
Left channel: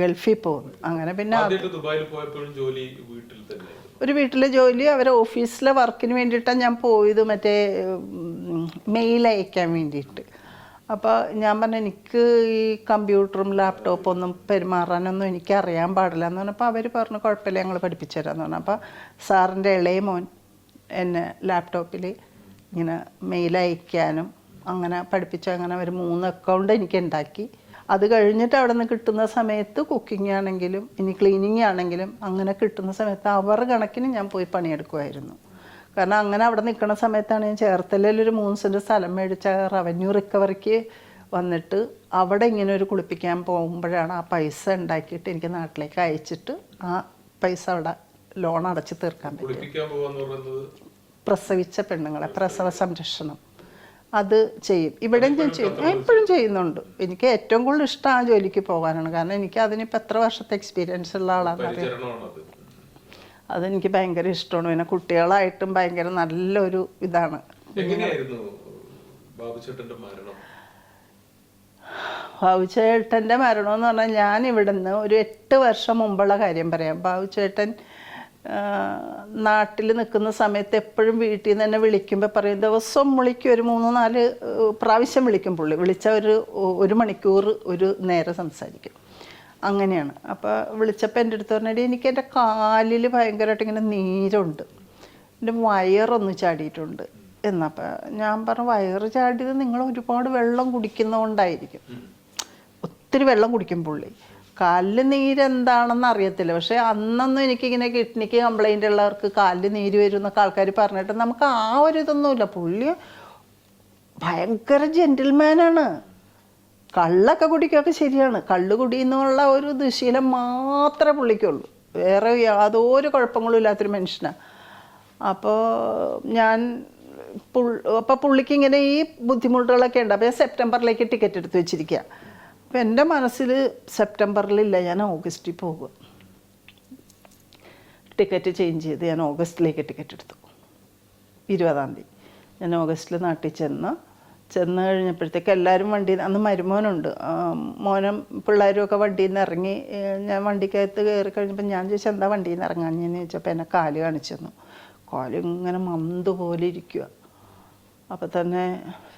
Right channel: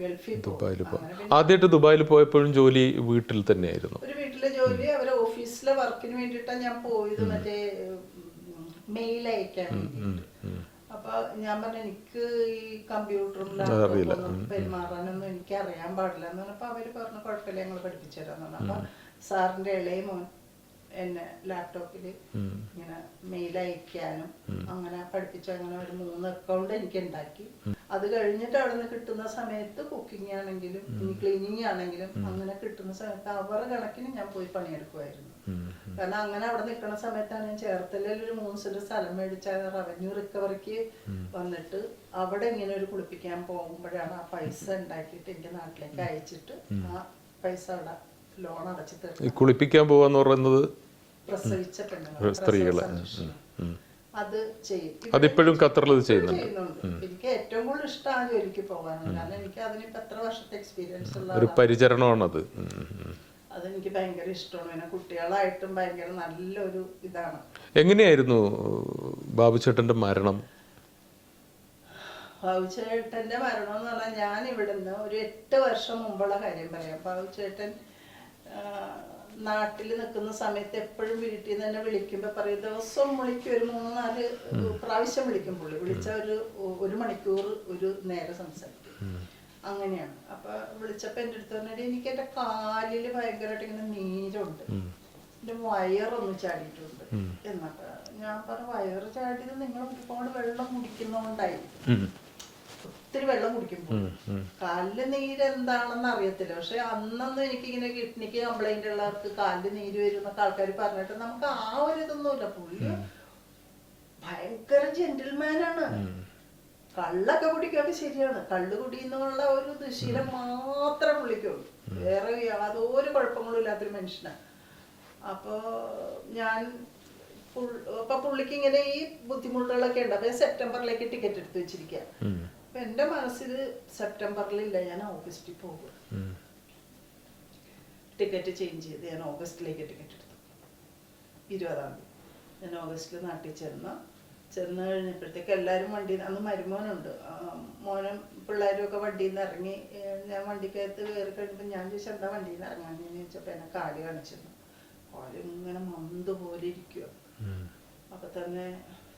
ഗൾഫിൽ പോകും. അങ്ങനെ പിന്നെ ദുബായിൽ പോയപ്പോഴും ജോലി വീട്ടിൽ തന്നെയായിരുന്നു. ഒരു വീട്ടിലെ ജോലി, അവരെ ഓഫീസിലെ വർക്കിന് വേണ്ടിയിട്ടാണ് ഞാൻ പോയത്, മറ്റേ മെയിൽ അയക്കാൻ വേണ്ടിയിട്ട്. അപ്പോൾ ഞാൻ പറഞ്ഞു എനിക്ക് ഈ കമ്പ്യൂട്ടറും ലാപ്ടോപ്പും ഒന്നും പെരുമാറാനൊന്നും എനിക്ക് അറിയാൻ പാടില്ല എന്ന് പറഞ്ഞപ്പോൾ അവർ പറഞ്ഞു കുഴപ്പമില്ല ഞങ്ങൾ പഠിപ്പിച്ചു തരാമെന്ന് പറഞ്ഞു. അപ്പോൾ സാറിൻ്റെ ഇളയ മോൻ എന്നെ ലാപ്ടോപ്പിൽ ഇങ്ങനെ മെയിൽ അയക്കാനും അങ്ങനെ പഠിപ്പിച്ചു. അങ്ങനെ ഒരു 3 അക്കൗണ്ട് എനിക്ക് ഉണ്ടാക്കി. അത് കഴിഞ്ഞിട്ട് അവിടെ നിന്ന് കിട്ടുന്ന സമയത്ത് കുക്കിംഗ് ആണെങ്കിലും ഇനി ക്ലീനിങ് ആണെങ്കിലും അങ്ങനെ കിട്ടുന്ന സമയത്ത് അവർ കണക്കിന് ഞാൻ പോയി പണിയെടുക്കുമായിരുന്നു. കാരണം അങ്ങനെ അവിടെ നിൽക്കുന്ന സമയത്താണ് ഞാൻ ചേർത്തലയിൽ ഒരു 3 സെന്റ് സ്ഥലം മേടിച്ച റവന്യൂ റിക്കവറിക്ക് വന്നിട്ട് അവിടെ ഇങ്ങനെ ഒരു കുളിപ്പിക്കാൻ പോകുമ്പോഴാണ് ആ പൈസ ഉണ്ടാക്കിയിട്ട് എനിക്ക് നാട്ടിലേക്ക് അയച്ചിട്ട് ആ പൈസ അവിടെ ലോൺ അടച്ചു തീർക്കാം. കുളിപ്പിക്കാൻ പോവാന്ന് പറയുന്നത് പ്രസവിച്ച പെണ്ണുങ്ങളെ പ്രസവ സംരക്ഷണം അത് ചെയ്യും. ഇവിടെ ഇപ്പോഴും ചെയ്യുന്നുണ്ട്. എനിക്ക് ഏറ്റവും കൂടുതൽ ഇഷ്ടം ആ ജോലിക്ക് പോകാനാണ്. കാരണം എനിക്ക് അതിനിപ്പോൾ എത്ര വർഷത്തെ എക്സ്പീരിയൻസ് ഉള്ള ആളാണ്. അതെനിക്ക് ഭയങ്കര ഇഷ്ടമാണ്. പിന്നെ കുട്ടികളായിട്ടും ഭയങ്കര നല്ലൊരു ഇതാണ്. എങ്ങനെയായിരുന്നു ബാബുചേട്ടന്റെ മരണം? ബാബുചേട്ടൻ്റെ മരണം എന്ന് പറഞ്ഞാൽ ഞാൻ ഇവിടുന്ന് ഒരു 8 വർഷം മുമ്പുള്ള കാര്യം പറയാം. ബാബുചേട്ടൻ നാട്ടിൽ നിൽക്കുന്ന സമയത്ത് എപ്പോഴും വീട്ടിൽ നിന്ന് തന്നെ വിളിക്കുമ്പോൾ പറയും, ദിവസം വിളിക്കും, ഒരു 3-4 പ്രാവശ്യം വിളിക്കും. പുള്ളി വിളിച്ച ഒരു മണിക്കൂർ ഒരു നേരം സംസാരിക്കും. അങ്ങനെയാണ്. അപ്പോൾ വിളിച്ചപ്പോൾ എൻ്റെ അടുത്ത് പറഞ്ഞാൽ എനിക്ക് എൻ്റെ കാലിൽ ഭയങ്കരമായിട്ട് ഇങ്ങനെ നീരുണ്ട്, എൻ്റെ വയറൊന്ന് ചാടിയിട്ടുണ്ട് എന്നപ്പോൾ ഞാൻ പറഞ്ഞു, വയറ് ചാടിയത് നിങ്ങൾ ഒരുപാട് വെള്ളം കുടിക്കുന്നതുകൊണ്ടായിരിക്കും. ഒത്തിരി വെള്ളം കുടിക്കും പുള്ളി. കാലിൽ നീരെന്താണെന്ന് അറിയത്തില്ല. പക്ഷെ അന്നൊന്നും എനിക്കിങ്ങനെ കിഡ്നിക്ക് കംപ്ലൈൻ്റ് ഉള്ളവർക്ക് കാലിൽ നീര് വരും എന്നൊക്കെ ആൾക്കാർ പറഞ്ഞിട്ട് നമുക്ക് ആ ഒരു ഇതൊന്നുമില്ല. പുള്ളി ഭയങ്കര ജെന്റിൽമാനാണ്. കള്ളൊക്കെ കുടിക്കൊക്കെ ശരിയാണ്, കള്ള് കുടി എന്നുള്ള ഒരു ദുശീലം മാത്രമേ പുള്ളിക്കുള്ളൂ. വേറെ യാതൊരു കുഴപ്പങ്ങളും ഇല്ലാത്തൊരു മനുഷ്യനാണ്. അപ്പോൾ അപ്പോൾ പുള്ളിക്ക് ഇങ്ങനെ ഈ ബുദ്ധിമുട്ടുകളൊക്കെ ഉണ്ട്. അപ്പോൾ ഞാൻ സെപ്റ്റംബറിലേക്ക് ടിക്കറ്റ് എടുത്ത് വെച്ചിരിക്കുക. അപ്പം എൻ്റെ മനസ്സിൽ സെപ്റ്റംബറിലില്ല, ഞാൻ ഓഗസ്റ്റിൽ പോകും. ടിക്കറ്റ് ചേഞ്ച് ചെയ്ത് ഞാൻ ഓഗസ്റ്റിലേക്ക് ടിക്കറ്റ് എടുത്തു. 20-ാം തീയതി ഞാൻ ഓഗസ്റ്റിൽ നാട്ടിൽ ചെന്ന് കഴിഞ്ഞപ്പോഴത്തേക്ക് എല്ലാവരും വണ്ടിയിൽ, അന്ന് മരുമോനുണ്ട്, മോനും പിള്ളേരും ഒക്കെ വണ്ടിയിൽ നിന്ന് ഇറങ്ങി. ഞാൻ വണ്ടിക്കകത്ത് കയറി കഴിഞ്ഞപ്പോൾ ഞാൻ ചോദിച്ചാൽ എന്താ വണ്ടിയിൽ നിന്ന് ഇറങ്ങാഞ്ഞെന്ന് ചോദിച്ചപ്പോൾ എന്നെ കാല് കാണിച്ചു തന്നു. കാല് ഇങ്ങനെ മന്ത് പോലെ ഇരിക്കുക. അപ്പം തന്നെ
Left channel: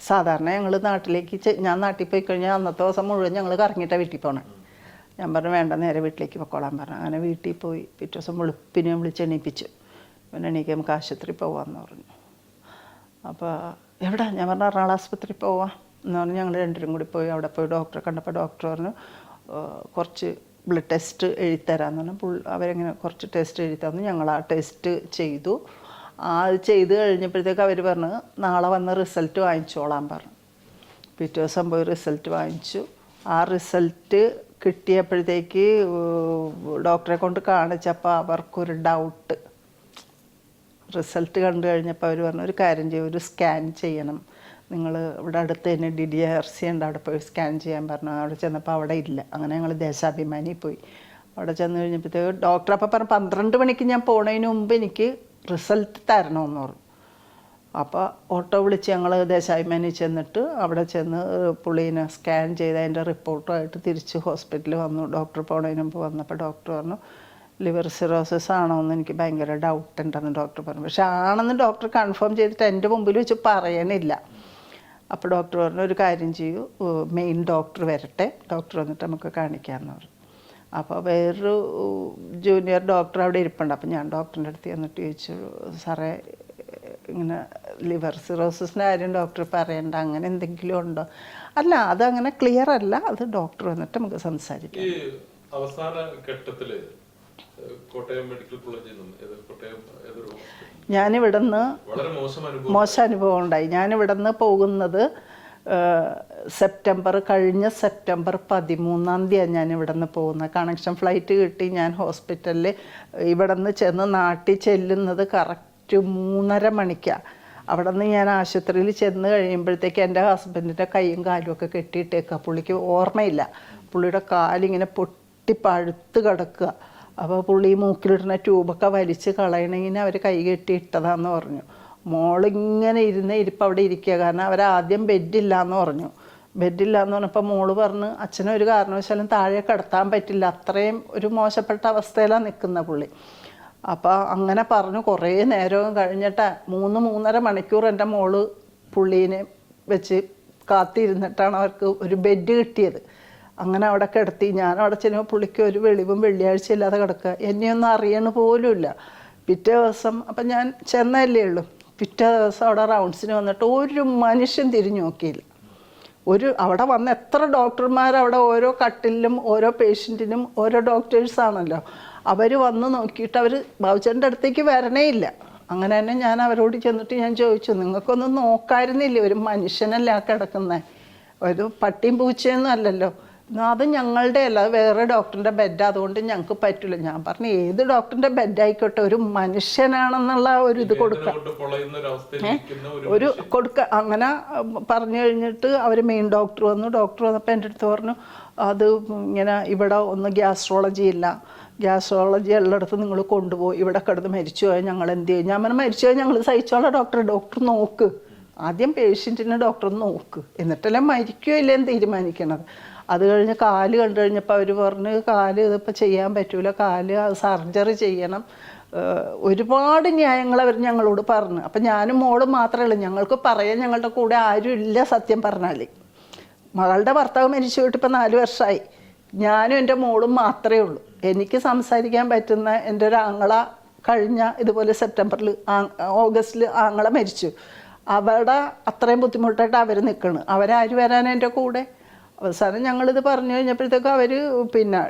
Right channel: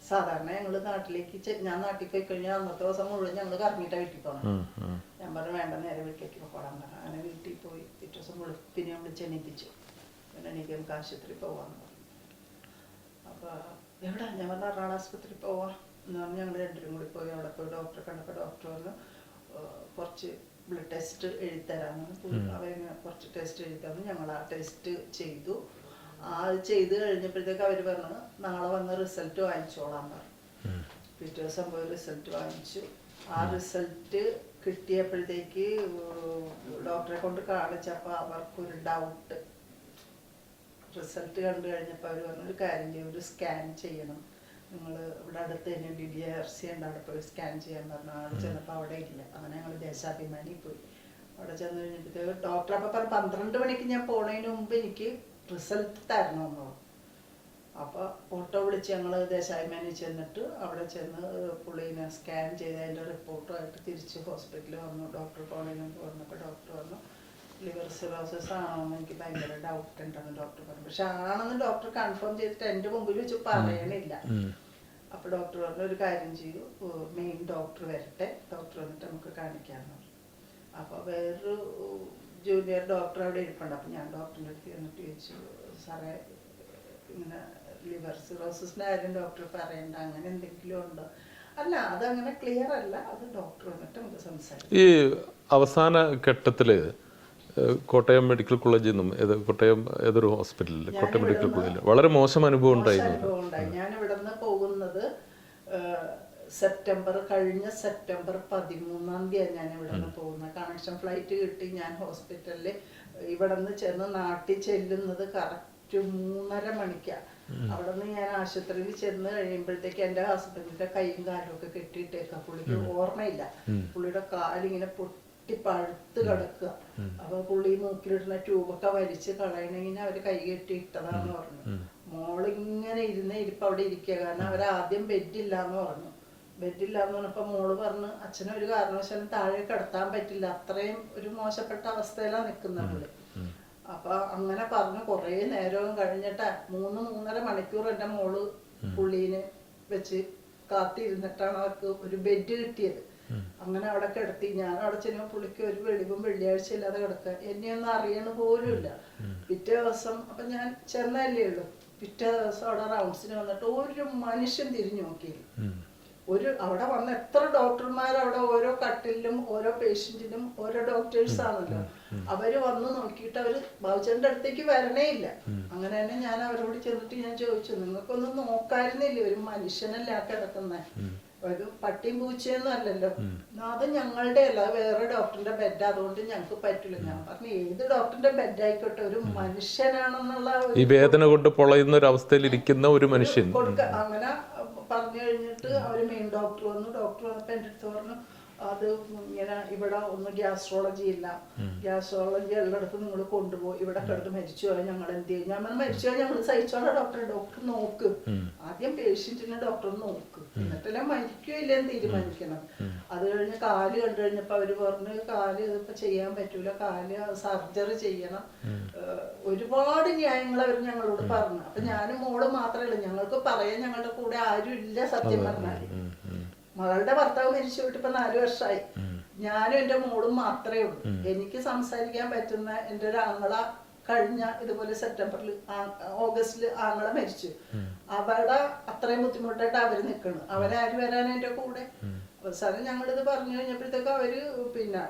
സാധാരണ ഞങ്ങൾ നാട്ടിലേക്ക്, ഞാൻ നാട്ടിൽ പോയി കഴിഞ്ഞാൽ അന്നത്തെ ദിവസം മുഴുവൻ ഞങ്ങൾ കറങ്ങിയിട്ടാണ് വീട്ടിൽ പോകണം. ഞാൻ പറഞ്ഞു വേണ്ട, നേരെ വീട്ടിലേക്ക് പൊക്കോളാൻ പറഞ്ഞു. അങ്ങനെ വീട്ടിൽ പോയി പിറ്റേ ദിവസം വെളുപ്പിനെ വിളിച്ച് എണീപ്പിച്ചു. പിന്നെ എണീക്ക് നമുക്ക് ആശുപത്രി പോവാമെന്ന് പറഞ്ഞു. അപ്പോൾ എവിടെ? ഞാൻ പറഞ്ഞു എറണാകുളം ആശുപത്രി പോവാം എന്ന് പറഞ്ഞ് ഞങ്ങൾ രണ്ടുപേരും കൂടി പോയി. അവിടെ പോയി ഡോക്ടറെ കണ്ടപ്പോൾ ഡോക്ടർ പറഞ്ഞു കുറച്ച് ബ്ലഡ് ടെസ്റ്റ് എഴുതിത്തരാമെന്ന് പറഞ്ഞു. അവരെങ്ങനെ കുറച്ച് ടെസ്റ്റ് എഴുതി തന്നു. ഞങ്ങൾ ആ ടെസ്റ്റ് ചെയ്തു. അത് ചെയ്ത് കഴിഞ്ഞപ്പോഴത്തേക്ക് അവർ പറഞ്ഞു നാളെ വന്ന് റിസൾട്ട് വാങ്ങിച്ചോളാൻ പറഞ്ഞു. പിറ്റേ ദിവസം പോയി റിസൾട്ട് വാങ്ങിച്ചു. ആ റിസൾട്ട് കിട്ടിയപ്പോഴത്തേക്ക് ഡോക്ടറെ കൊണ്ട് കാണിച്ചപ്പോൾ അവർക്കൊരു ഡൗട്ട്. റിസൾട്ട് കണ്ടു കഴിഞ്ഞപ്പോൾ അവർ പറഞ്ഞു ഒരു കാര്യം ചെയ്യും, ഒരു സ്കാൻ ചെയ്യണം, നിങ്ങൾ ഇവിടെ അടുത്ത് തന്നെ DDRC ഉണ്ട്, അവിടെ പോയി സ്കാൻ ചെയ്യാൻ പറഞ്ഞു. അവിടെ ചെന്നപ്പോൾ അവിടെ ഇല്ല. അങ്ങനെ ഞങ്ങൾ ദേശാഭിമാനി പോയി. അവിടെ ചെന്ന് കഴിഞ്ഞപ്പോഴത്തേക്ക് ഡോക്ടർ അപ്പം പറഞ്ഞു 12 മണിക്ക് ഞാൻ പോണതിന് മുമ്പ് എനിക്ക് റിസൾട്ട് തരണമെന്ന് പറഞ്ഞു. അപ്പോൾ ഓട്ടോ വിളിച്ച് ഞങ്ങൾ ദേശാഭിമാനി ചെന്നിട്ട് അവിടെ ചെന്ന് പുള്ളീനെ സ്കാൻ ചെയ്ത് അതിൻ്റെ റിപ്പോർട്ടുമായിട്ട് തിരിച്ച് ഹോസ്പിറ്റലിൽ വന്നു. ഡോക്ടർ പോണതിന് മുമ്പ് വന്നപ്പോൾ ഡോക്ടർ പറഞ്ഞു ലിവർ സിറോസിസ് ആണോ എന്ന് എനിക്ക് ഭയങ്കര ഡൗട്ട് ഉണ്ടെന്ന് ഡോക്ടർ പറഞ്ഞു. പക്ഷെ ആണെന്ന് ഡോക്ടർ കൺഫേം ചെയ്തിട്ട് എൻ്റെ മുമ്പിൽ വെച്ച് പറയണില്ല. അപ്പോൾ ഡോക്ടർ പറഞ്ഞു ഒരു കാര്യം ചെയ്യൂ, മെയിൻ ഡോക്ടർ വരട്ടെ, ഡോക്ടർ വന്നിട്ട് നമുക്ക് കാണിക്കാമെന്ന് പറഞ്ഞു. അപ്പോൾ വേറൊരു ജൂനിയർ ഡോക്ടർ അവിടെ ഇരിപ്പുണ്ട്. അപ്പോൾ ഞാൻ ഡോക്ടറിൻ്റെ അടുത്ത് ചെന്നിട്ട് ചോദിച്ചു, സാറേ ഇങ്ങനെ ലിവർ സിറോസിസിൻ്റെ കാര്യം ഡോക്ടർ പറയണ്ട, അങ്ങനെ എന്തെങ്കിലും ഉണ്ടോ? അല്ല, അതങ്ങനെ ക്ലിയർ അല്ല, അത് ഡോക്ടർ വന്നിട്ട് നമുക്ക് സംസാരിക്കാം. ഈ അവസാന ഘട്ടത്തിൽ കോട്ടയം മെഡിക്കൽ കോളേജിൽ നിന്നും കോട്ടയം ഏതൊരു ഹോസ്പിറ്റലിൽ ഞാനിവിടുന്ന് വളരെ മോശം അനുഭവം ഉണ്ടായി. ഞാനിവിടുന്ന് പോകുന്നത് കഴിഞ്ഞ സെപ്റ്റംബർ 13-ാം തീയതി ഞാൻ ഇവിടുന്ന് പോകുന്നത്. കണക്ഷൻ ഫ്ലൈറ്റ് കിട്ടി. ഞാൻ ഹോസ്പിറ്റലിൽ ഇവിടുന്ന് ചെന്ന് നാട്ടിൽ ചെല്ലുന്നത് കറക്റ്റ് 3:30 മണിക്കാണ്. അവിടെ നിന്ന് ഞാൻ ആശുപത്രിയിൽ ചെന്ന് കഴിയുമ്പോഴത്തേക്ക് എൻ്റെ ഹസ്ബൻഡിൻ്റെ കൈയും കാലും ഒക്കെ കെട്ടിയിട്ടേക്കുക. പുള്ളിക്ക് ഓർമ്മയില്ല. പുള്ളിയുടെ കാലിങ്ങനെ പഴുത്ത് കിടക്കുക. അപ്പോൾ പുള്ളി മൂക്കിലിടുന്ന ട്യൂബൊക്കെ വലിച്ച് കളയണമെങ്കിൽ അവർ കൈ കെട്ടിയിട്ടതാന്ന് പറഞ്ഞു. മോളിങ്ങനെ ഇരിപ്പ് അവിടെ ഇരിക്കുക. കാരണം അവരാദ്യം ബെഡില്ലാന്ന് പറഞ്ഞു. ബെഡില്ലാന്ന് പറഞ്ഞപ്പോൾ മോള് പറഞ്ഞ് അച്ഛനെ ഒരു കാരണവശാലും താഴെ കിടത്താൻ പറ്റില്ല, അത്രയും ഒരു മോശപ്പെട്ട അവസ്ഥയിലാണ് നിൽക്കുന്ന പുള്ളി. അപ്പോൾ അങ്ങനെ പറഞ്ഞു. കുറേ നേരവും കഴിഞ്ഞിട്ട് 3-3.5 മണിക്കൂർ എൻ്റെ മോള് പുള്ളീനെ വെച്ച് കാത്തിരുന്നിട്ടാണ് അവർക്ക് ഒരു ബെഡ് കിട്ടിയത്. അങ്ങനെ അവിടെ കിടത്തി. ഞാൻ അവിടെ ചെല്ലുമ്പോൾ പുള്ളിക്ക് ഒരു വെളിവും വെള്ളിയാഴ്ച ഇല്ലാതെ കിടക്കുക. എന്നെയൊന്നും അറിയണ പോലും ഇല്ല. പിറ്റേ ദിവസം അപ്പം ഞാൻ ചെന്നല്ലേ ഉള്ളൂ. പിറ്റേ ദിവസം അവിടെ റൗണ്ട്സിന് വന്നിട്ട് ഒരു മനുഷ്യൻ തിരിഞ്ഞു നോക്കിയില്ല. അവിടെ വന്ന എത്ര ഡോക്ടർമാർ, അവിടെ ഓരോ കട്ടിലും ഓരോ പേഷ്യൻറ്റിനും ഓരോ ഡോക്ടേഴ്സാണല്ലോ, അവർ വന്ന് നോക്കിയിട്ട് അവർ ബാബുച്ചേട്ടൻ്റെ അടുത്തേക്ക് വരണേ ഇല്ല. അങ്ങനെ തന്നെ ഞാൻ അവരോട് ചെന്നിട്ട് ഞാൻ ചോദിച്ചു, നിങ്ങൾക്കൊന്നും നോക്കായിരുന്നില്ലേ, ഒരു മനുഷ്യനല്ലേ ആ കിടക്കുന്നത്, ഒരു പട്ടിയും പൂച്ചയൊന്നും അല്ലല്ലോ, അത് ഞങ്ങളുടെ അല്ല, അത് വേറെ ഡോക്ടറിന്റെ ബെഡ്, അതുകൊണ്ട് ഞങ്ങൾക്ക് പറ്റില്ല. ഞാൻ പറഞ്ഞു ഏത് ഡോക്ടറിന്റെ ബെഡ് ആയിക്കോട്ടെ, ഒരു മനുഷ്യനാണെന്നുള്ള ഒരു കൊടുക്ക. അങ്ങനെ പറഞ്ഞു കഴിഞ്ഞിട്ട് അവർ മെയിൻ ഡോക്ടർ വന്നു. ഡോക്ടർ വന്നപ്പോൾ എൻ്റെ അടുത്ത് പറഞ്ഞു, അത് ഇങ്ങനെ ഇവിടെ ഒന്ന് ഗ്യാസ്ട്രോളജി ഇല്ല, ഗ്യാസ്ട്രോളജി എല്ലായിടത്തും നിങ്ങൾ കൊണ്ടുപോയി, ഇവിടെ കിടന്ന് മരിച്ചു പോയാൽ ഞങ്ങൾ എന്ത് ചെയ്യും? ഞാൻ പറഞ്ഞു മരിച്ചു പോയാൽ ഞങ്ങൾ സഹിച്ചോളാം ഡോക്ടർ നോക്ക്, ആദ്യം പേഷ്യൻറ്റിനെ ഡോക്ടർ നോക്ക്, എന്നിട്ടെല്ലാം മരിക്കുകയോ ഇല്ലെന്ന് തീരുമാനിക്കണത്. അത് കഴിഞ്ഞ് കാല് കണ്ടു കഴിഞ്ഞപ്പോൾ അവർ പറഞ്ഞു കാല് ഇതിപ്പോൾ ചെയ്യാൻ പറ്റൂല, കാല് സർജറി ചെയ്യണം, ഒരുപാട് ന്യായങ്ങൾ അവർ ഞങ്ങളോട് പറഞ്ഞു. അപ്പം ഞാനും മോളും മാത്രമേ ഉള്ളൂ, ഞങ്ങൾക്ക് പറയാൻ ഞങ്ങളുടെ കൂടെ ആരും ഇല്ല. സത്യം പറഞ്ഞാൽ മകളുടെ ഭർത്താവ് മരിച്ചു പോയിട്ട് ഇപ്പം 4 വർഷമായി. ഞാനും എൻ്റെ മോളും മാത്രമേ ഉള്ളൂ. എനിക്ക് സംസാരിക്കാൻ പറ്റുന്ന എൻ്റെ ഒരു ആങ്ങള കഴിഞ്ഞ ഇതുപോലെ സെപ്റ്റംബറിൽ ഓഗസ്റ്റിൽ ആങ്ങള മരിച്ചു. അവിടെ അത്രയും ബുദ്ധിമുട്ടായിട്ട് അവർ നിൽക്കണം, അവരാര് വരാൻ എൻ്റെ കൂടെ. അവസാനം ഞങ്ങളിത് പറഞ്ഞു കഴിഞ്ഞപ്പോഴത്തേക്കും അവർ പിന്നെ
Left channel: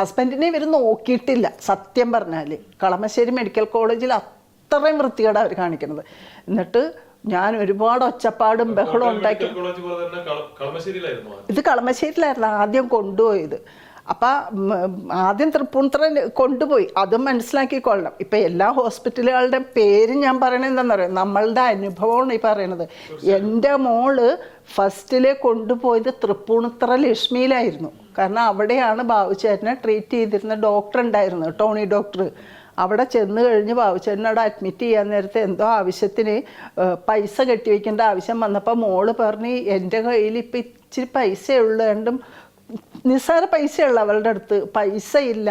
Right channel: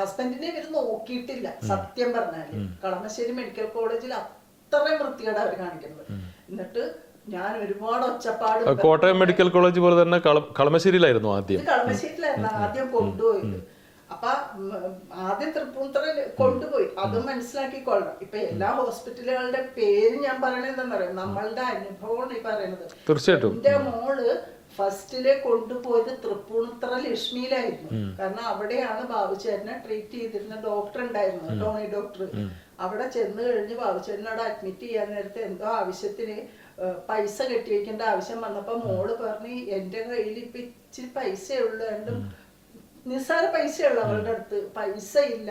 ഹസ്ബൻഡിനെ ഇവർ നോക്കിയിട്ടില്ല. സത്യം പറഞ്ഞാൽ കളമശ്ശേരി മെഡിക്കൽ കോളേജിൽ അത്രയും വൃത്തികേടാണ് അവർ കാണിക്കുന്നത്. എന്നിട്ട് ഞാൻ ഒരുപാട് ഒച്ചപ്പാടും മെഡിക്കൽ കോളേജ് പോലെ തന്നെ കളമശ്ശേരിയിലായിരുന്നു ഇത് കളമശ്ശേരിയിലായിരുന്നു ആദ്യം കൊണ്ടുപോയത്. അപ്പൊ ആദ്യം തൃപ്പൂണിത്തുറ കൊണ്ടുപോയി, അതും മനസ്സിലാക്കിക്കൊള്ളണം. ഇപ്പൊ എല്ലാ ഹോസ്പിറ്റലുകളുടെ പേര് ഞാൻ പറയണത് എന്താണെന്നറിയാം, നമ്മളുടെ അനുഭവമാണ് ഈ പറയണത്. എൻ്റെ മോള് ഫസ്റ്റിലെ കൊണ്ടുപോയത് തൃപ്പൂണിത്തുറ ലക്ഷ്മിയിലായിരുന്നു. കാരണം അവിടെയാണ് ബാബുച്ചേട്ടനെ ട്രീറ്റ് ചെയ്തിരുന്ന ഡോക്ടർ ഉണ്ടായിരുന്നത്, ടോണി ഡോക്ടർ. അവിടെ ചെന്ന് കഴിഞ്ഞ് ബാബുച്ചേട്ടനോട് അഡ്മിറ്റ് ചെയ്യാൻ നേരത്തെ എന്തോ ആവശ്യത്തിന് പൈസ കെട്ടിവെക്കേണ്ട ആവശ്യം വന്നപ്പോൾ മോള് പറഞ്ഞ് എൻ്റെ കയ്യിൽ ഇപ്പം ഇച്ചിരി പൈസ ഉള്ളതുകൊണ്ടും, നിസ്സാര പൈസയുള്ള അവളുടെ അടുത്ത് പൈസ ഇല്ല,